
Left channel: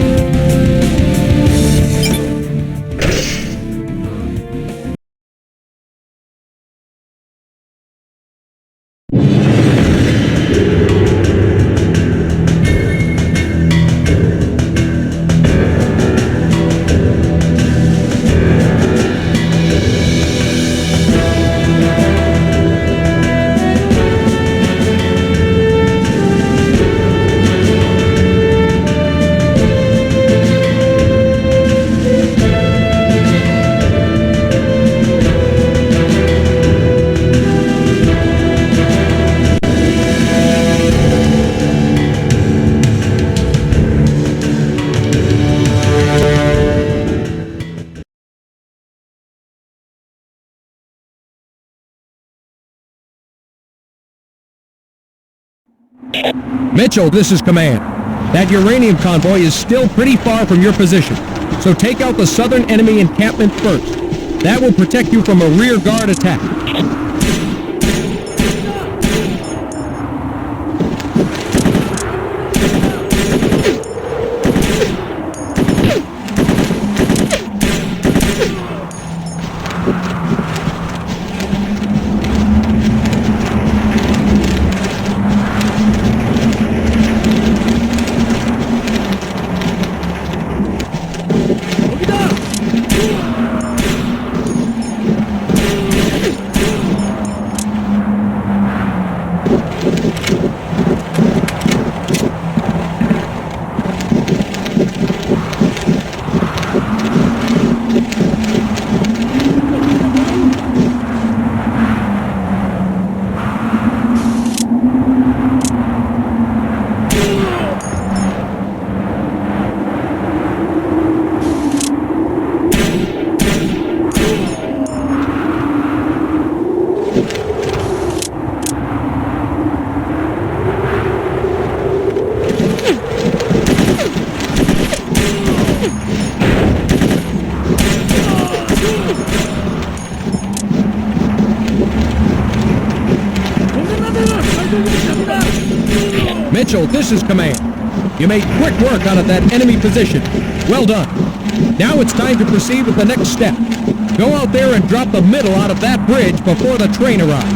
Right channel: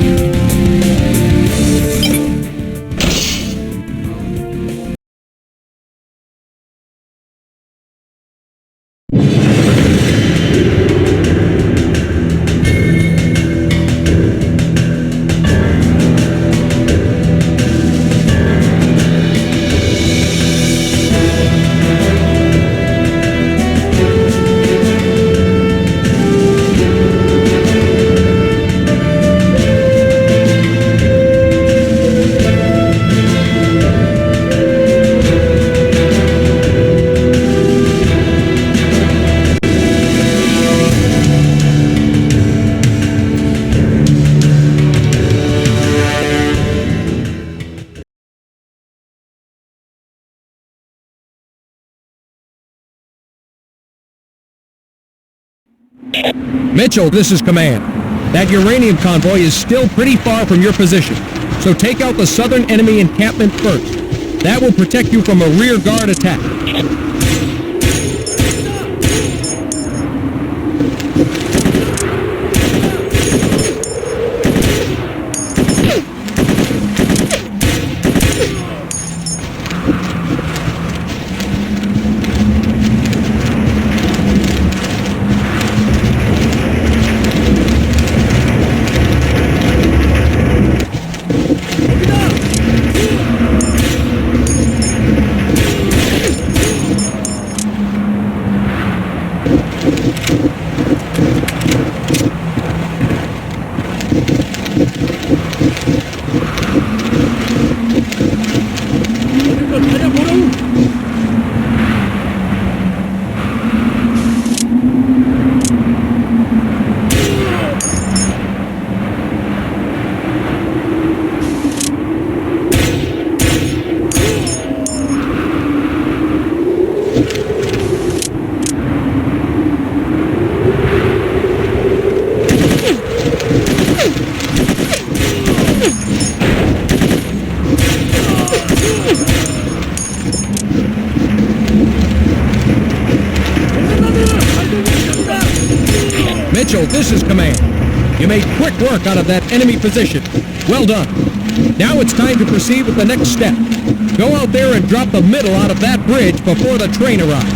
Mitchell, this is Command. That uranium convoy is still pretty far from your position, so take out the southern enemy encampment first. That will protect you from a rear guard attack. Mitchell, this is Command. You made quick work out of that enemy position. Well done. Now it's time to proceed with the next step. Go out there and drop the middle out of that bridge before the train arrives.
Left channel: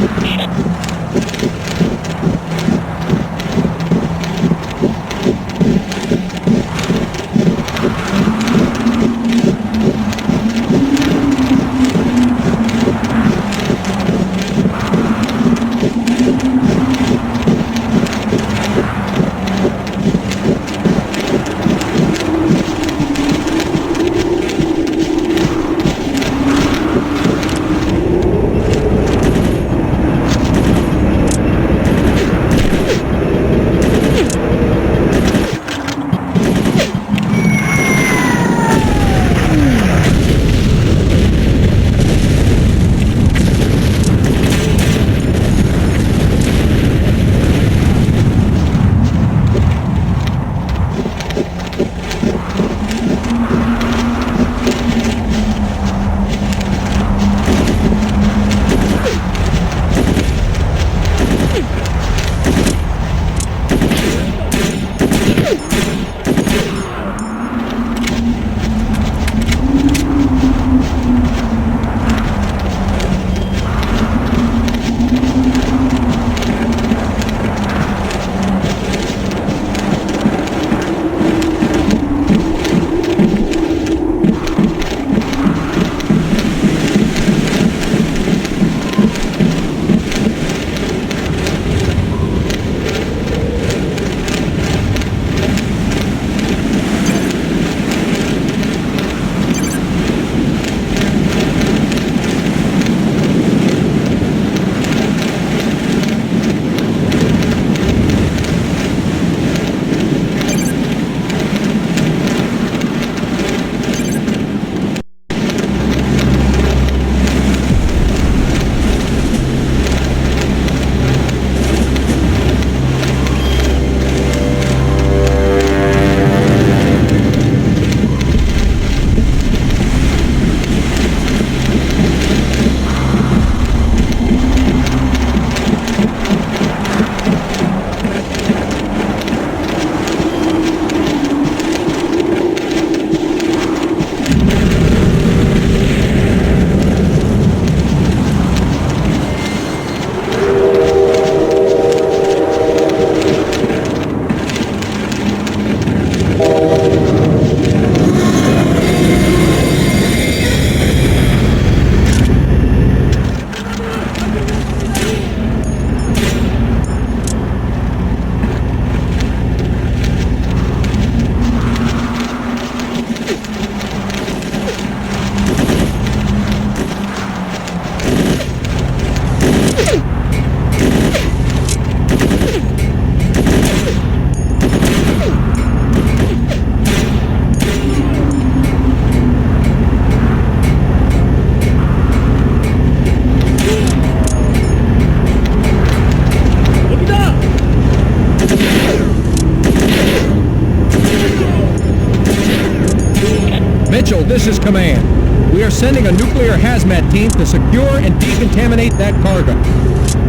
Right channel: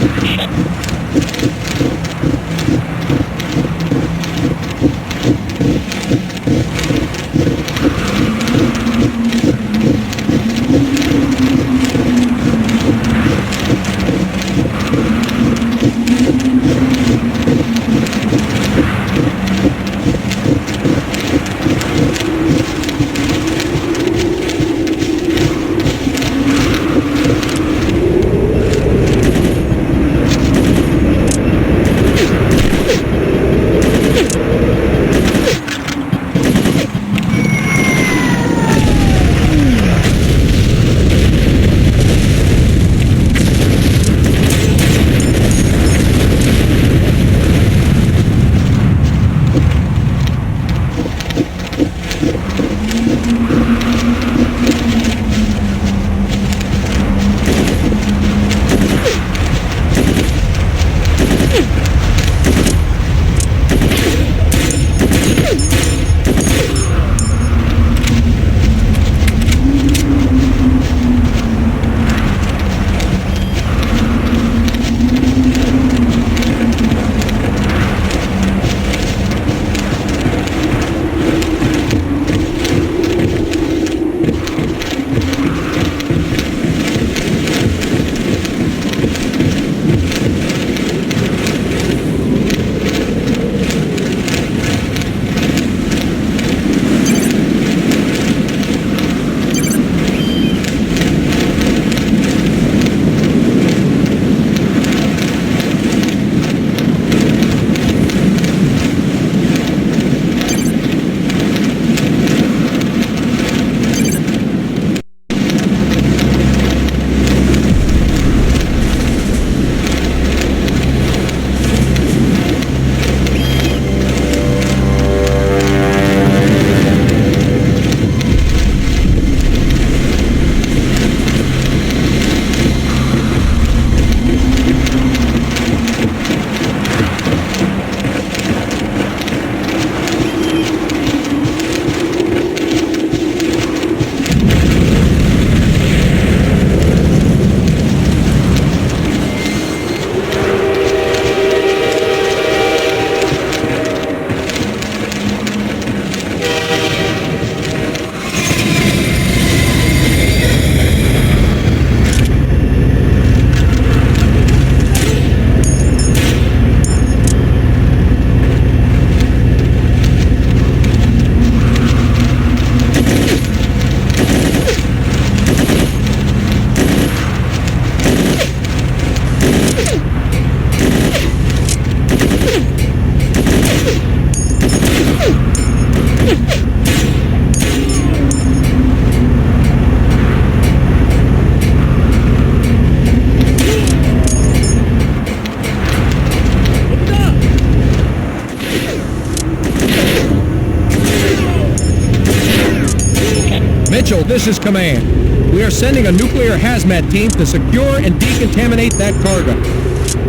Mitchell, this is command. We are sending a nuclear hazmat team to secure and decontaminate that cargo.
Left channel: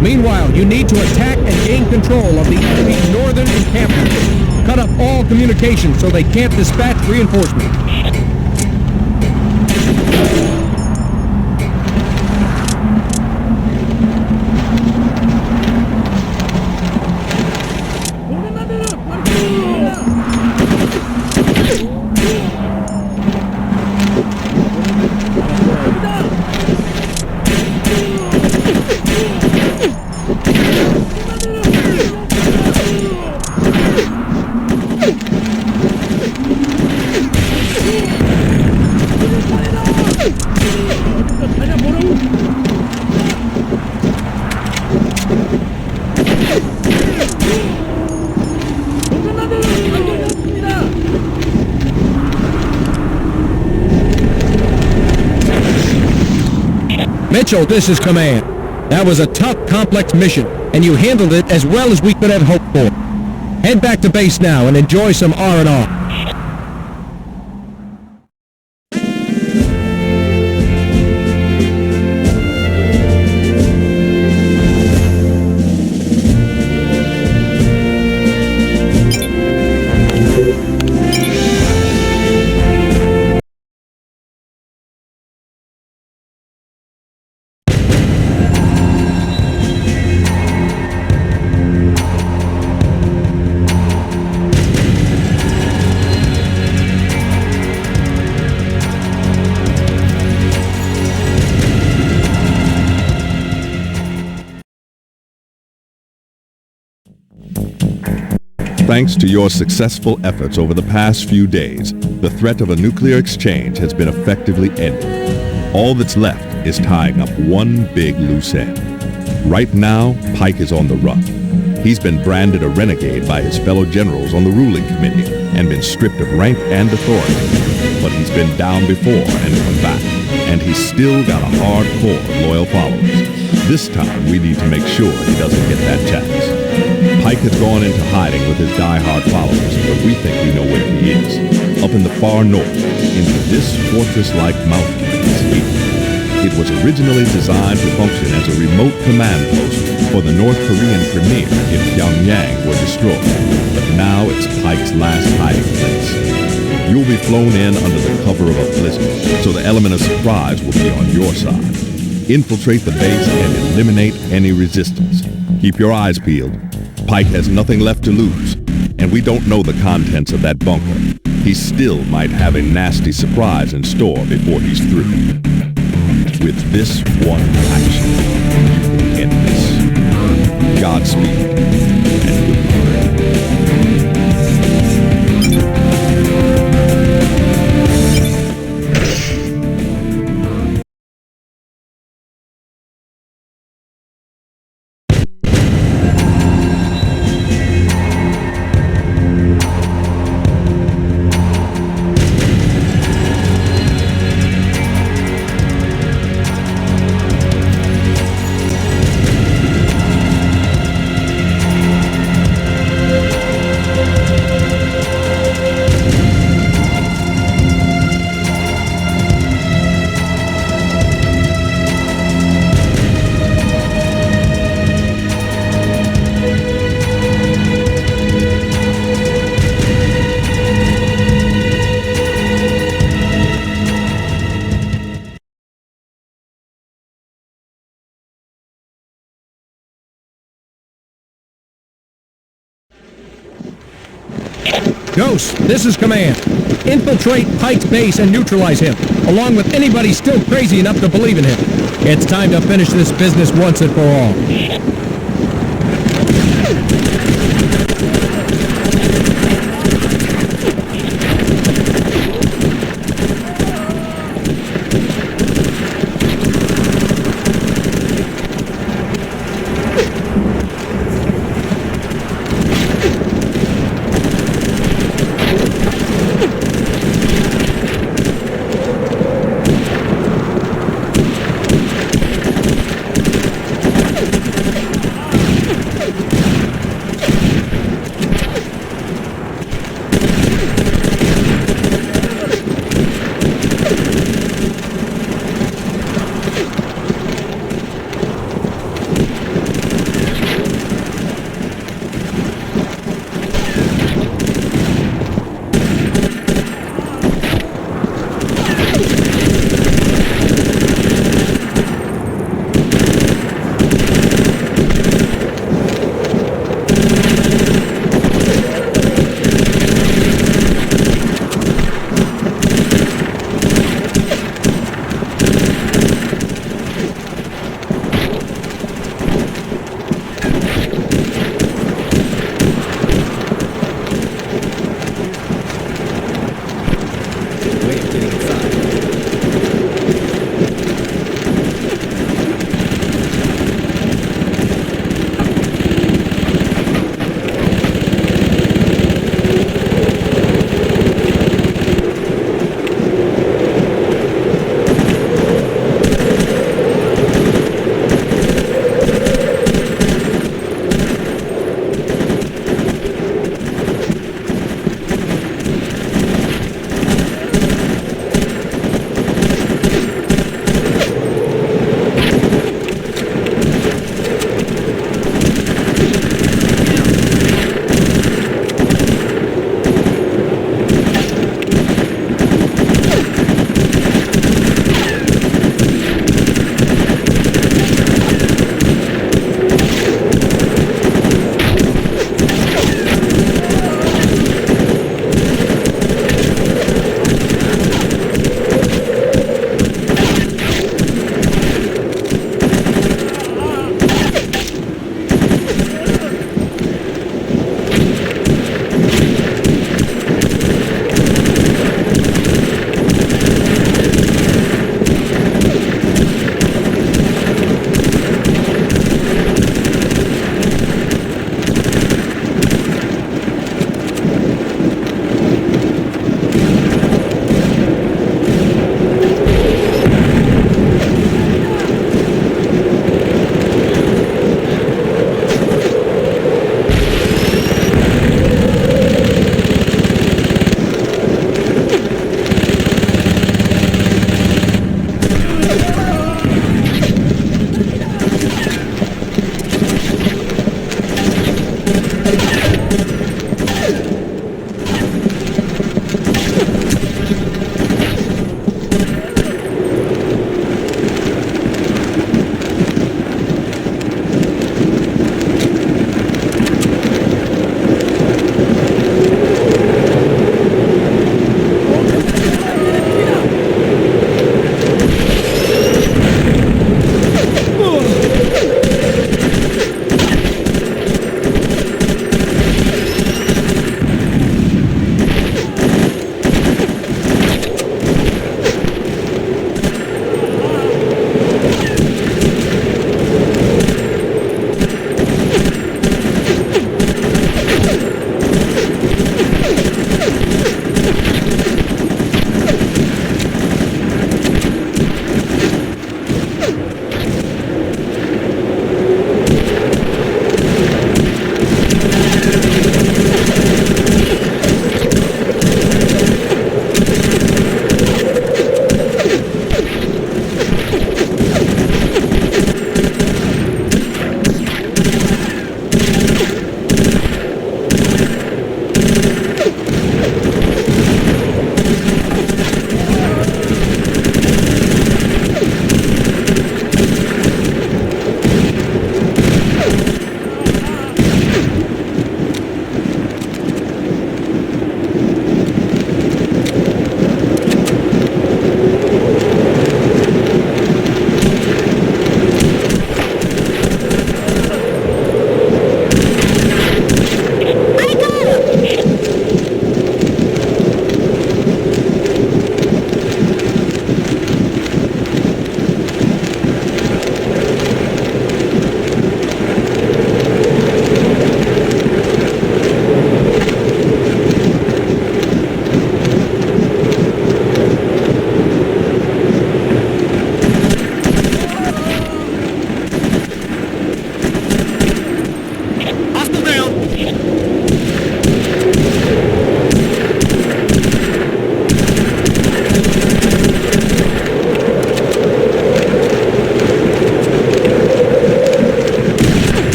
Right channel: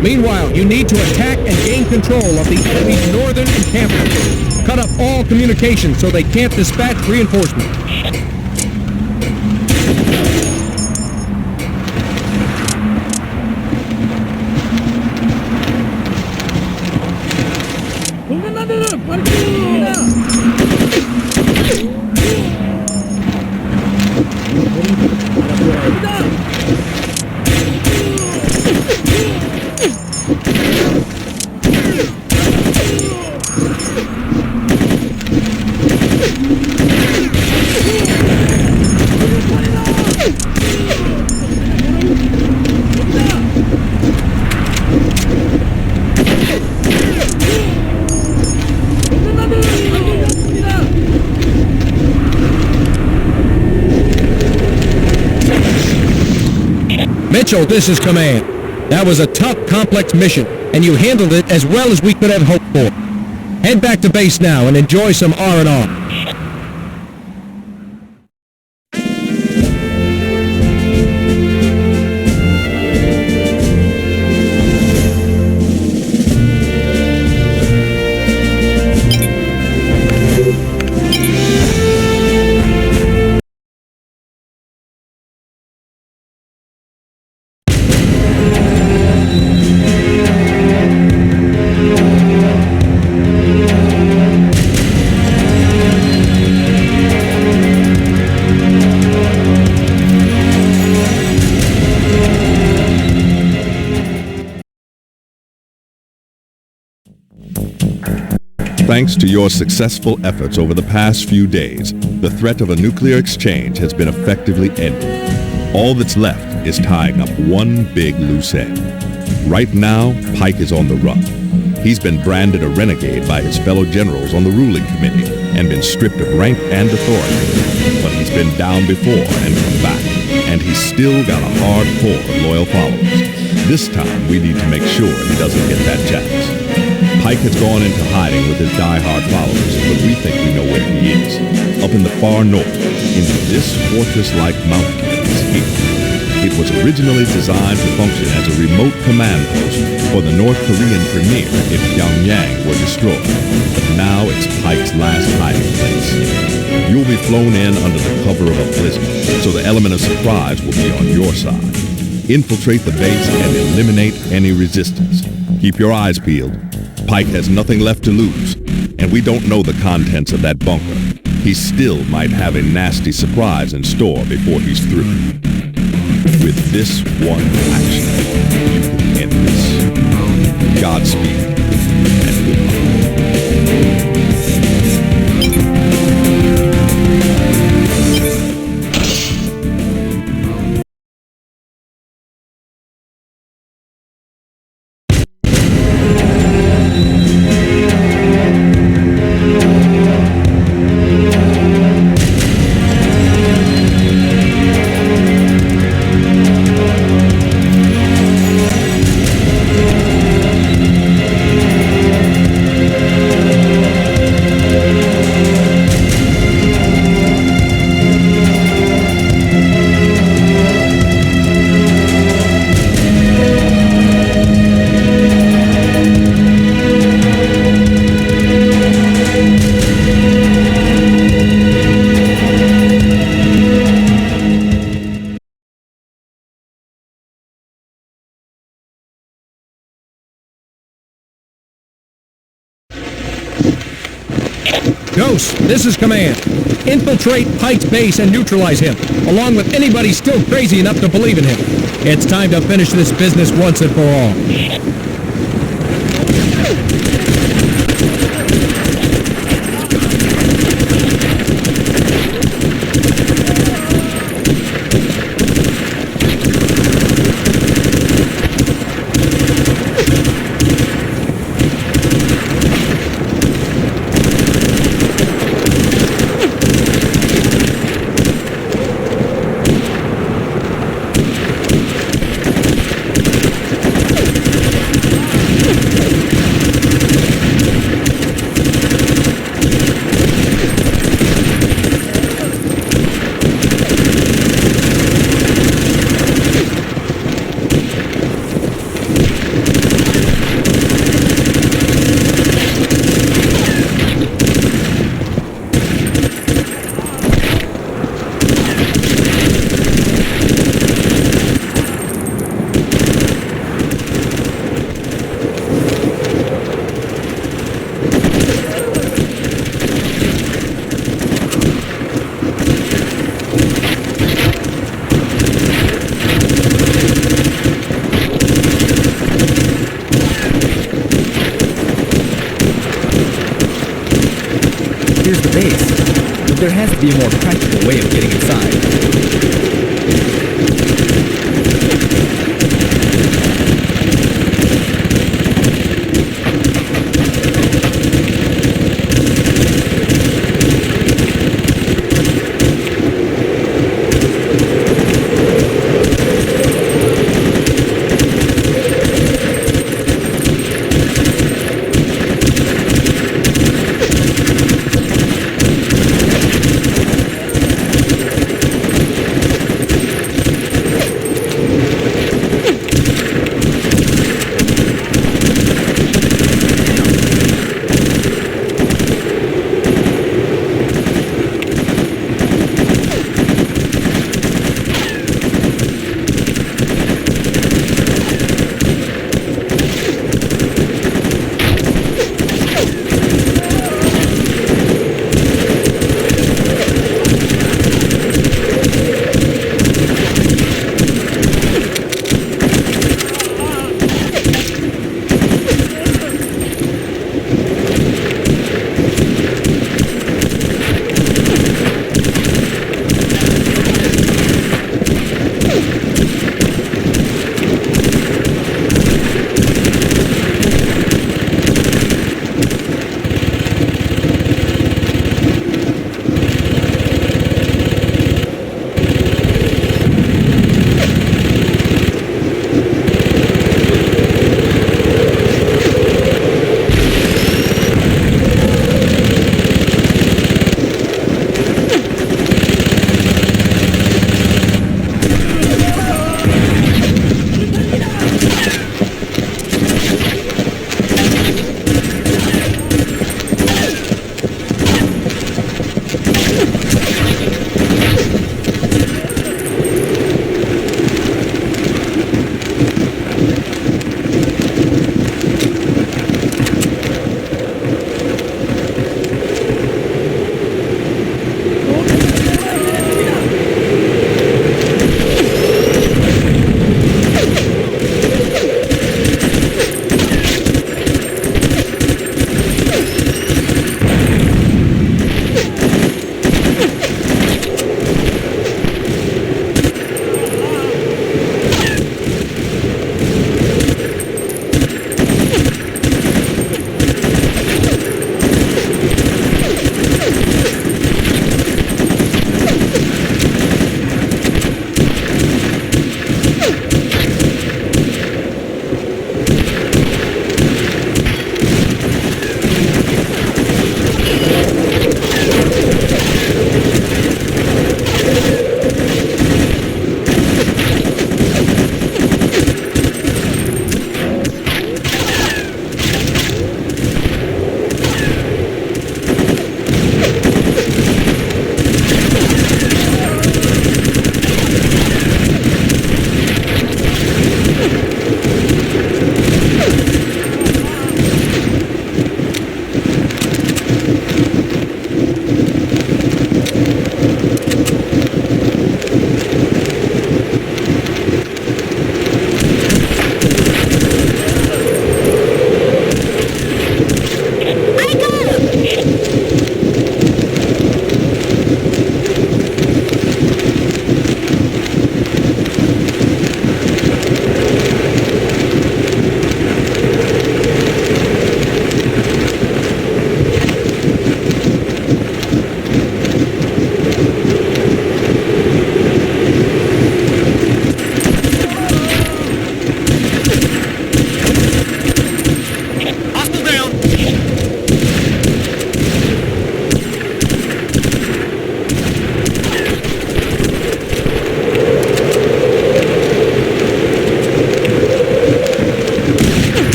Meanwhile, you need to attack and gain control of the enemy's northern encampment. Cut off all communications so they can't dispatch reinforcements. Mitchell, this is command. That was a tough, complex mission, and you handled it as well as we could have hoped for. Head back to base now and enjoy some R&R. Thanks to your successful efforts over the past few days, the threat of a nuclear exchange has been effectively ended. All that's left is tying up one big loose end. Right now, Paik is on the run. He's been branded a renegade by his fellow generals on the ruling committee and been stripped of rank and authority. But he's been down before and come back, and he's still got a hard core of loyal followers. This time, we need to make sure he doesn't get that chance. Paik has gone into hiding with his die-hard followers, but we think we know where he is. Up in the far north, into this fortress-like mountain that is here. It was originally designed to function as a remote command post for the North Korean premier if Pyongyang were destroyed, but now it's Paik's last hiding place. You'll be flown in under the cover of a blizzard, so the element of surprise will be on your side. Infiltrate the base and eliminate any resistance. Keep your eyes peeled. Paik has nothing left to lose, and we don't know the contents of that bunker. He still might have a nasty surprise in store before he's through. With this one action, you can end this. Godspeed, and goodbye. Ghost, this is command. Infiltrate Paik's base and neutralize him, along with anybody still crazy enough to believe in him. It's time to finish this business once and for all.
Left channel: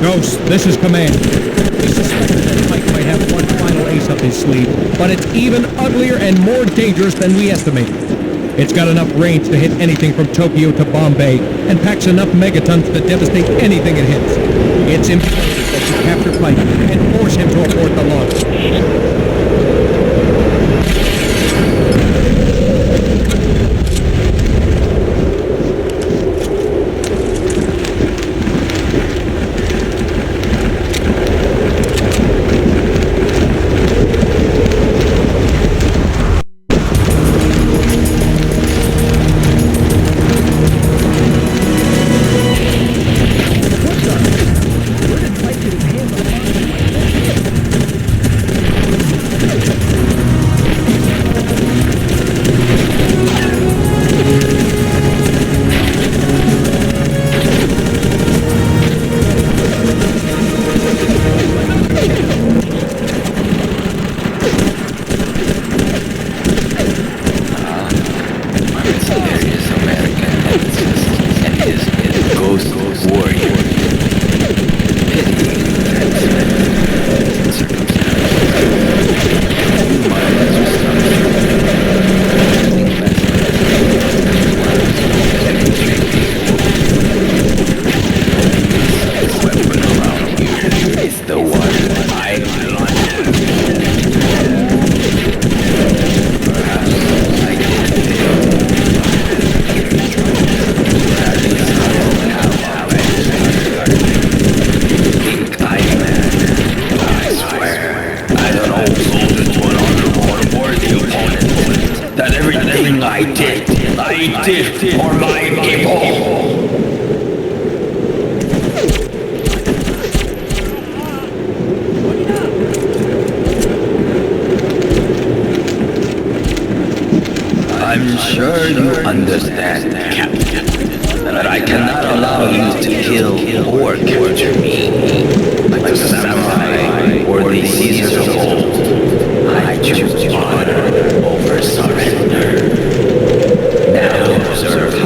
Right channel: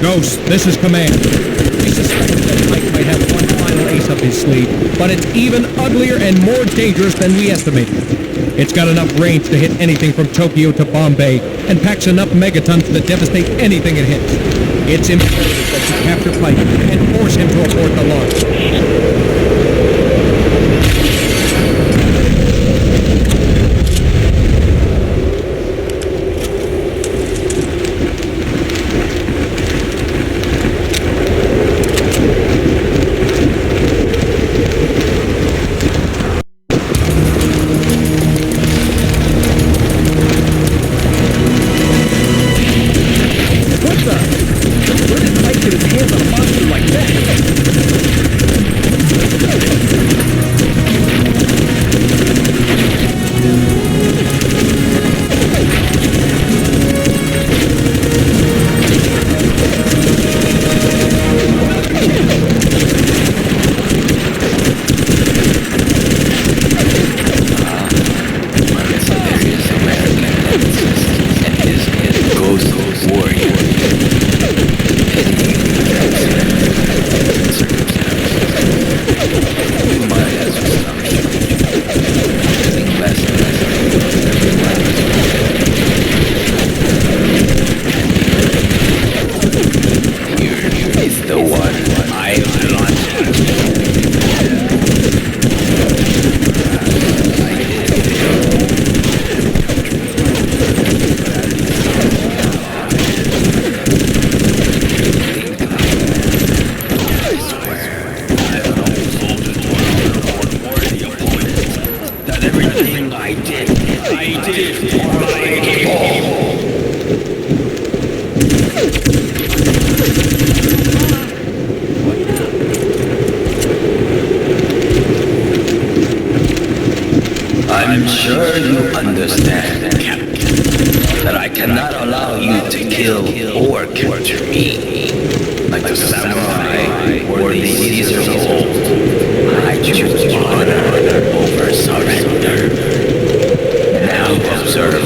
Ghost, this is command. We suspected that Paik might have one final ace up his sleeve, but it's even uglier and more dangerous than we estimated. It's got enough range to hit anything from Tokyo to Bombay, and packs enough megatons to devastate anything it hits. It's imperative that you capture Paik and force him to abort the launch. I'm sure you understand, Captain, that I cannot allow you to kill or capture me. Like the samurai or the Caesars of old, I choose honor over suffering.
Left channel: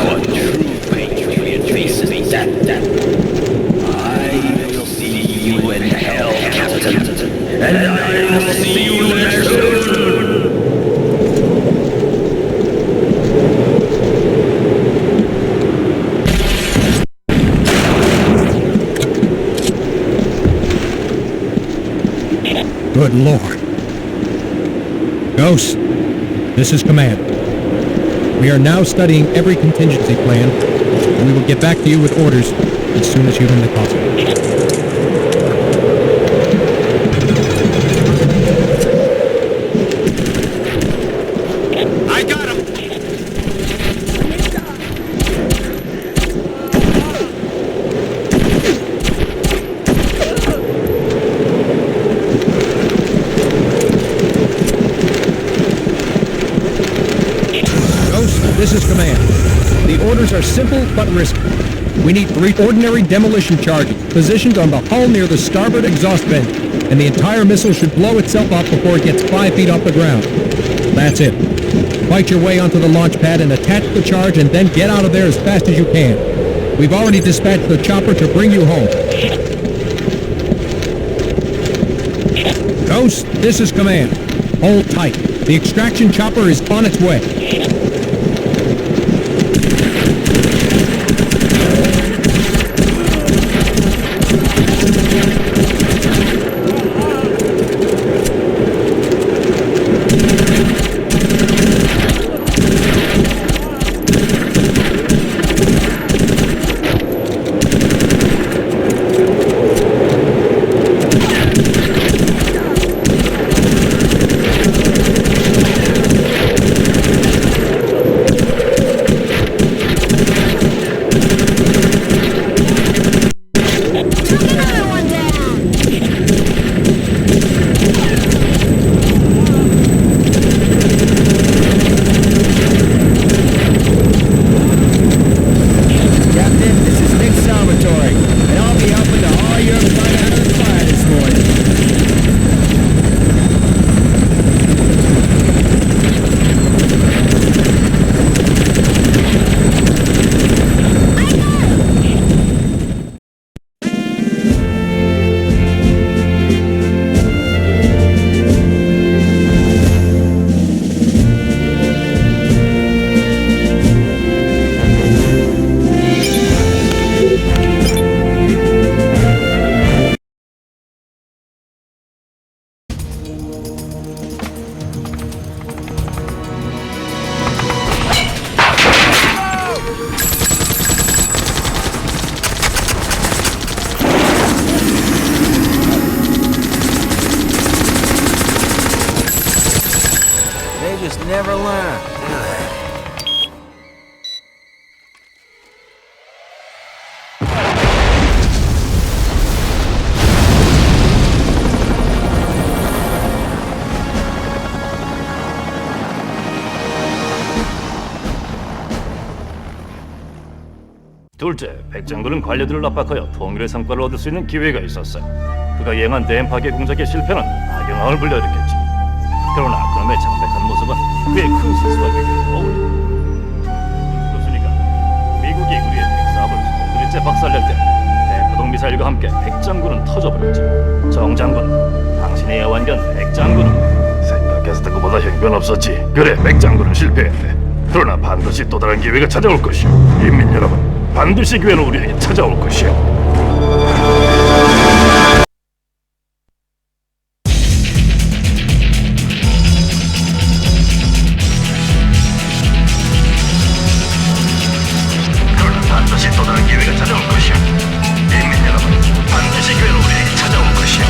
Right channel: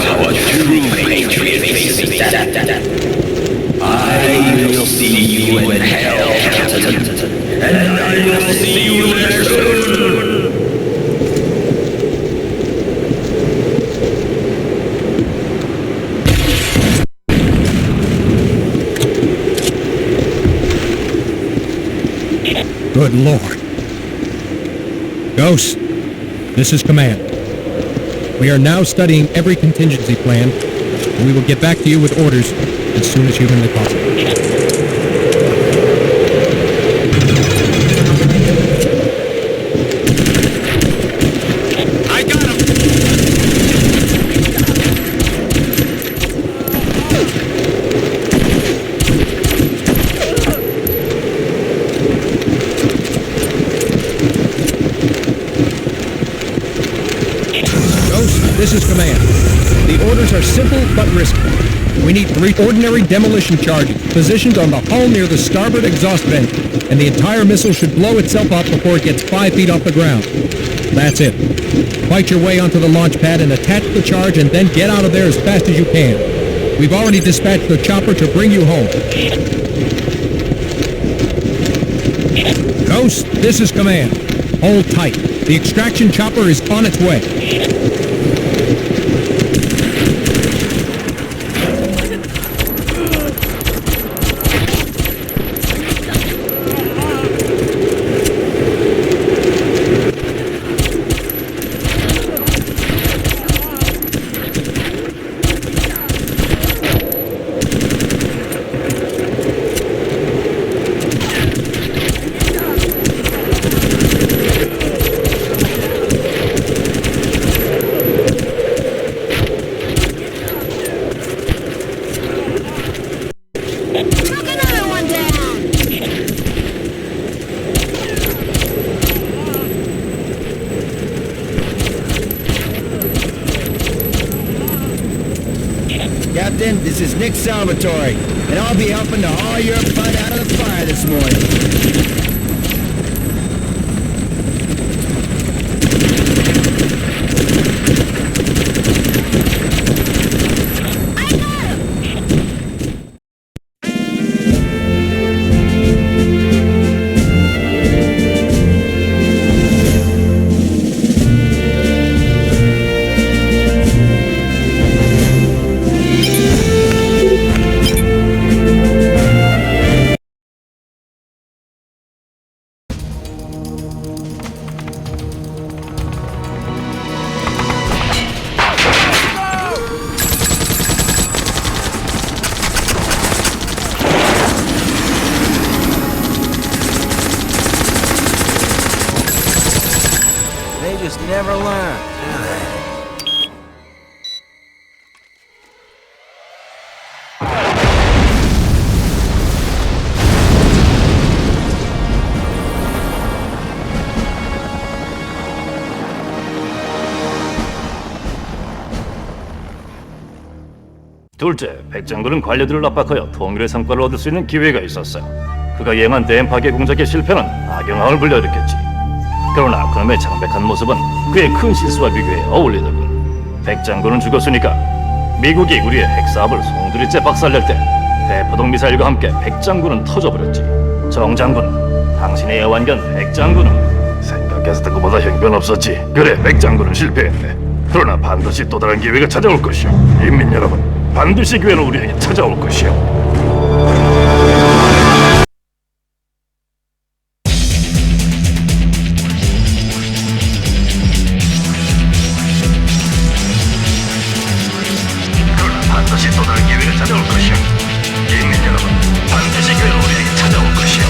How a true patriot faces death. I will see you in hell, Captain, and I will see you there soon. Good Lord. Ghost, this is command. We are now studying every contingency plan, and we will get back to you with orders as soon as humanly possible. I got him! This is command. The orders are simple but risky. We need 3 ordinary demolition charges positioned on the hull near the starboard exhaust vent, and the entire missile should blow itself up before it gets 5 feet off the ground. That's it. Fight your way onto the launch pad and attach the charge, and then get out of there as fast as you can. We've already dispatched the chopper to bring you home. Ghost, this is command. Hold tight. The extraction chopper is on its way. Captain, this is Nick Salvatore, and I'll be helping to haul your butt out of the fire this morning. just never learn, do they? 둘째, 백장군은 관료들을 압박하여 통일의 성과를 얻을 수 있는 기회가 있었어요. 그가 예행한 대인 파괴 공작의 실패는 악영향을 불러일으켰지. 그러나 그놈의 창백한 모습은 그의 큰 실수와 비교해 어울리더군. 백장군은 죽었으니까 미국이 우리의 핵사업을 송두리째 박살낼 때 대포동 미사일과 함께 백장군은 터져버렸지. 정장군, 당신의 애완견 백장군. 생각했던 것보다 형편없었지. 그래, 백장군은 실패했네. 그러나 반드시 또 다른 기회가 찾아올 것이오. 인민 여러분, 반드시 기회는 우리에게 찾아올 것이오. 그러나 반드시 또 다른 기회가 찾아올 것이오. 인민 여러분, 반드시 기회는 우리에게 찾아올 것이오.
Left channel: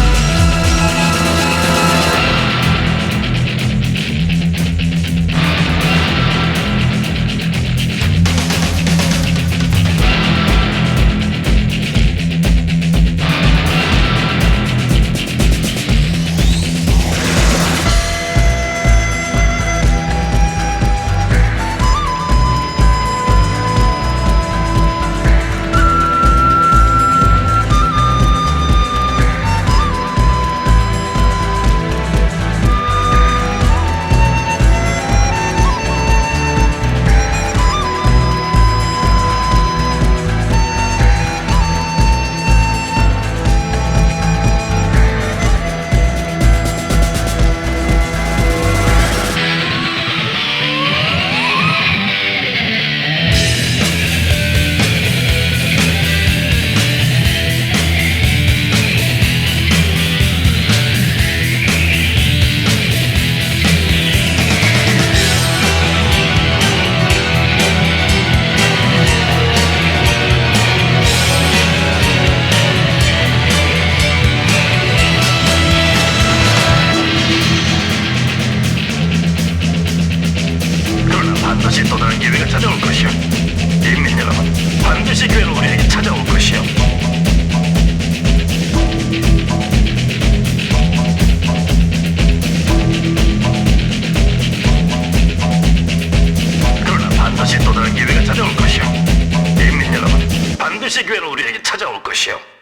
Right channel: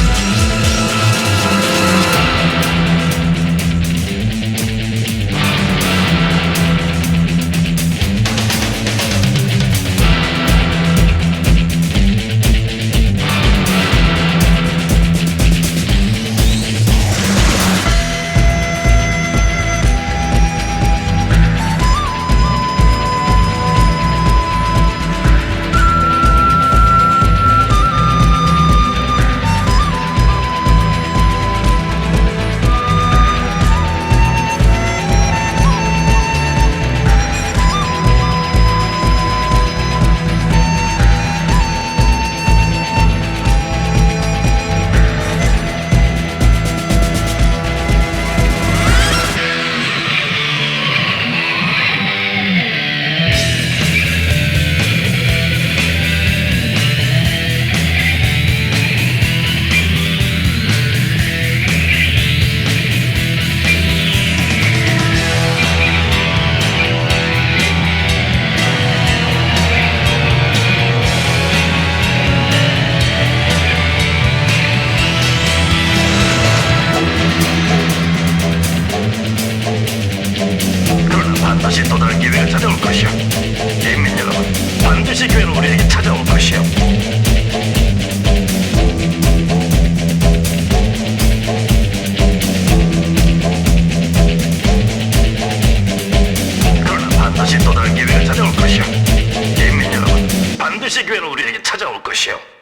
반드시 또 다른 기회가 찾아올 것이오. 인민 여러분, 반드시 기회는 우리에게 찾아올 것이오. 그러나 반드시 또 다른 기회가 찾아올 것이오. 인민 여러분, 반드시 기회는 우리에게 찾아올 것이오.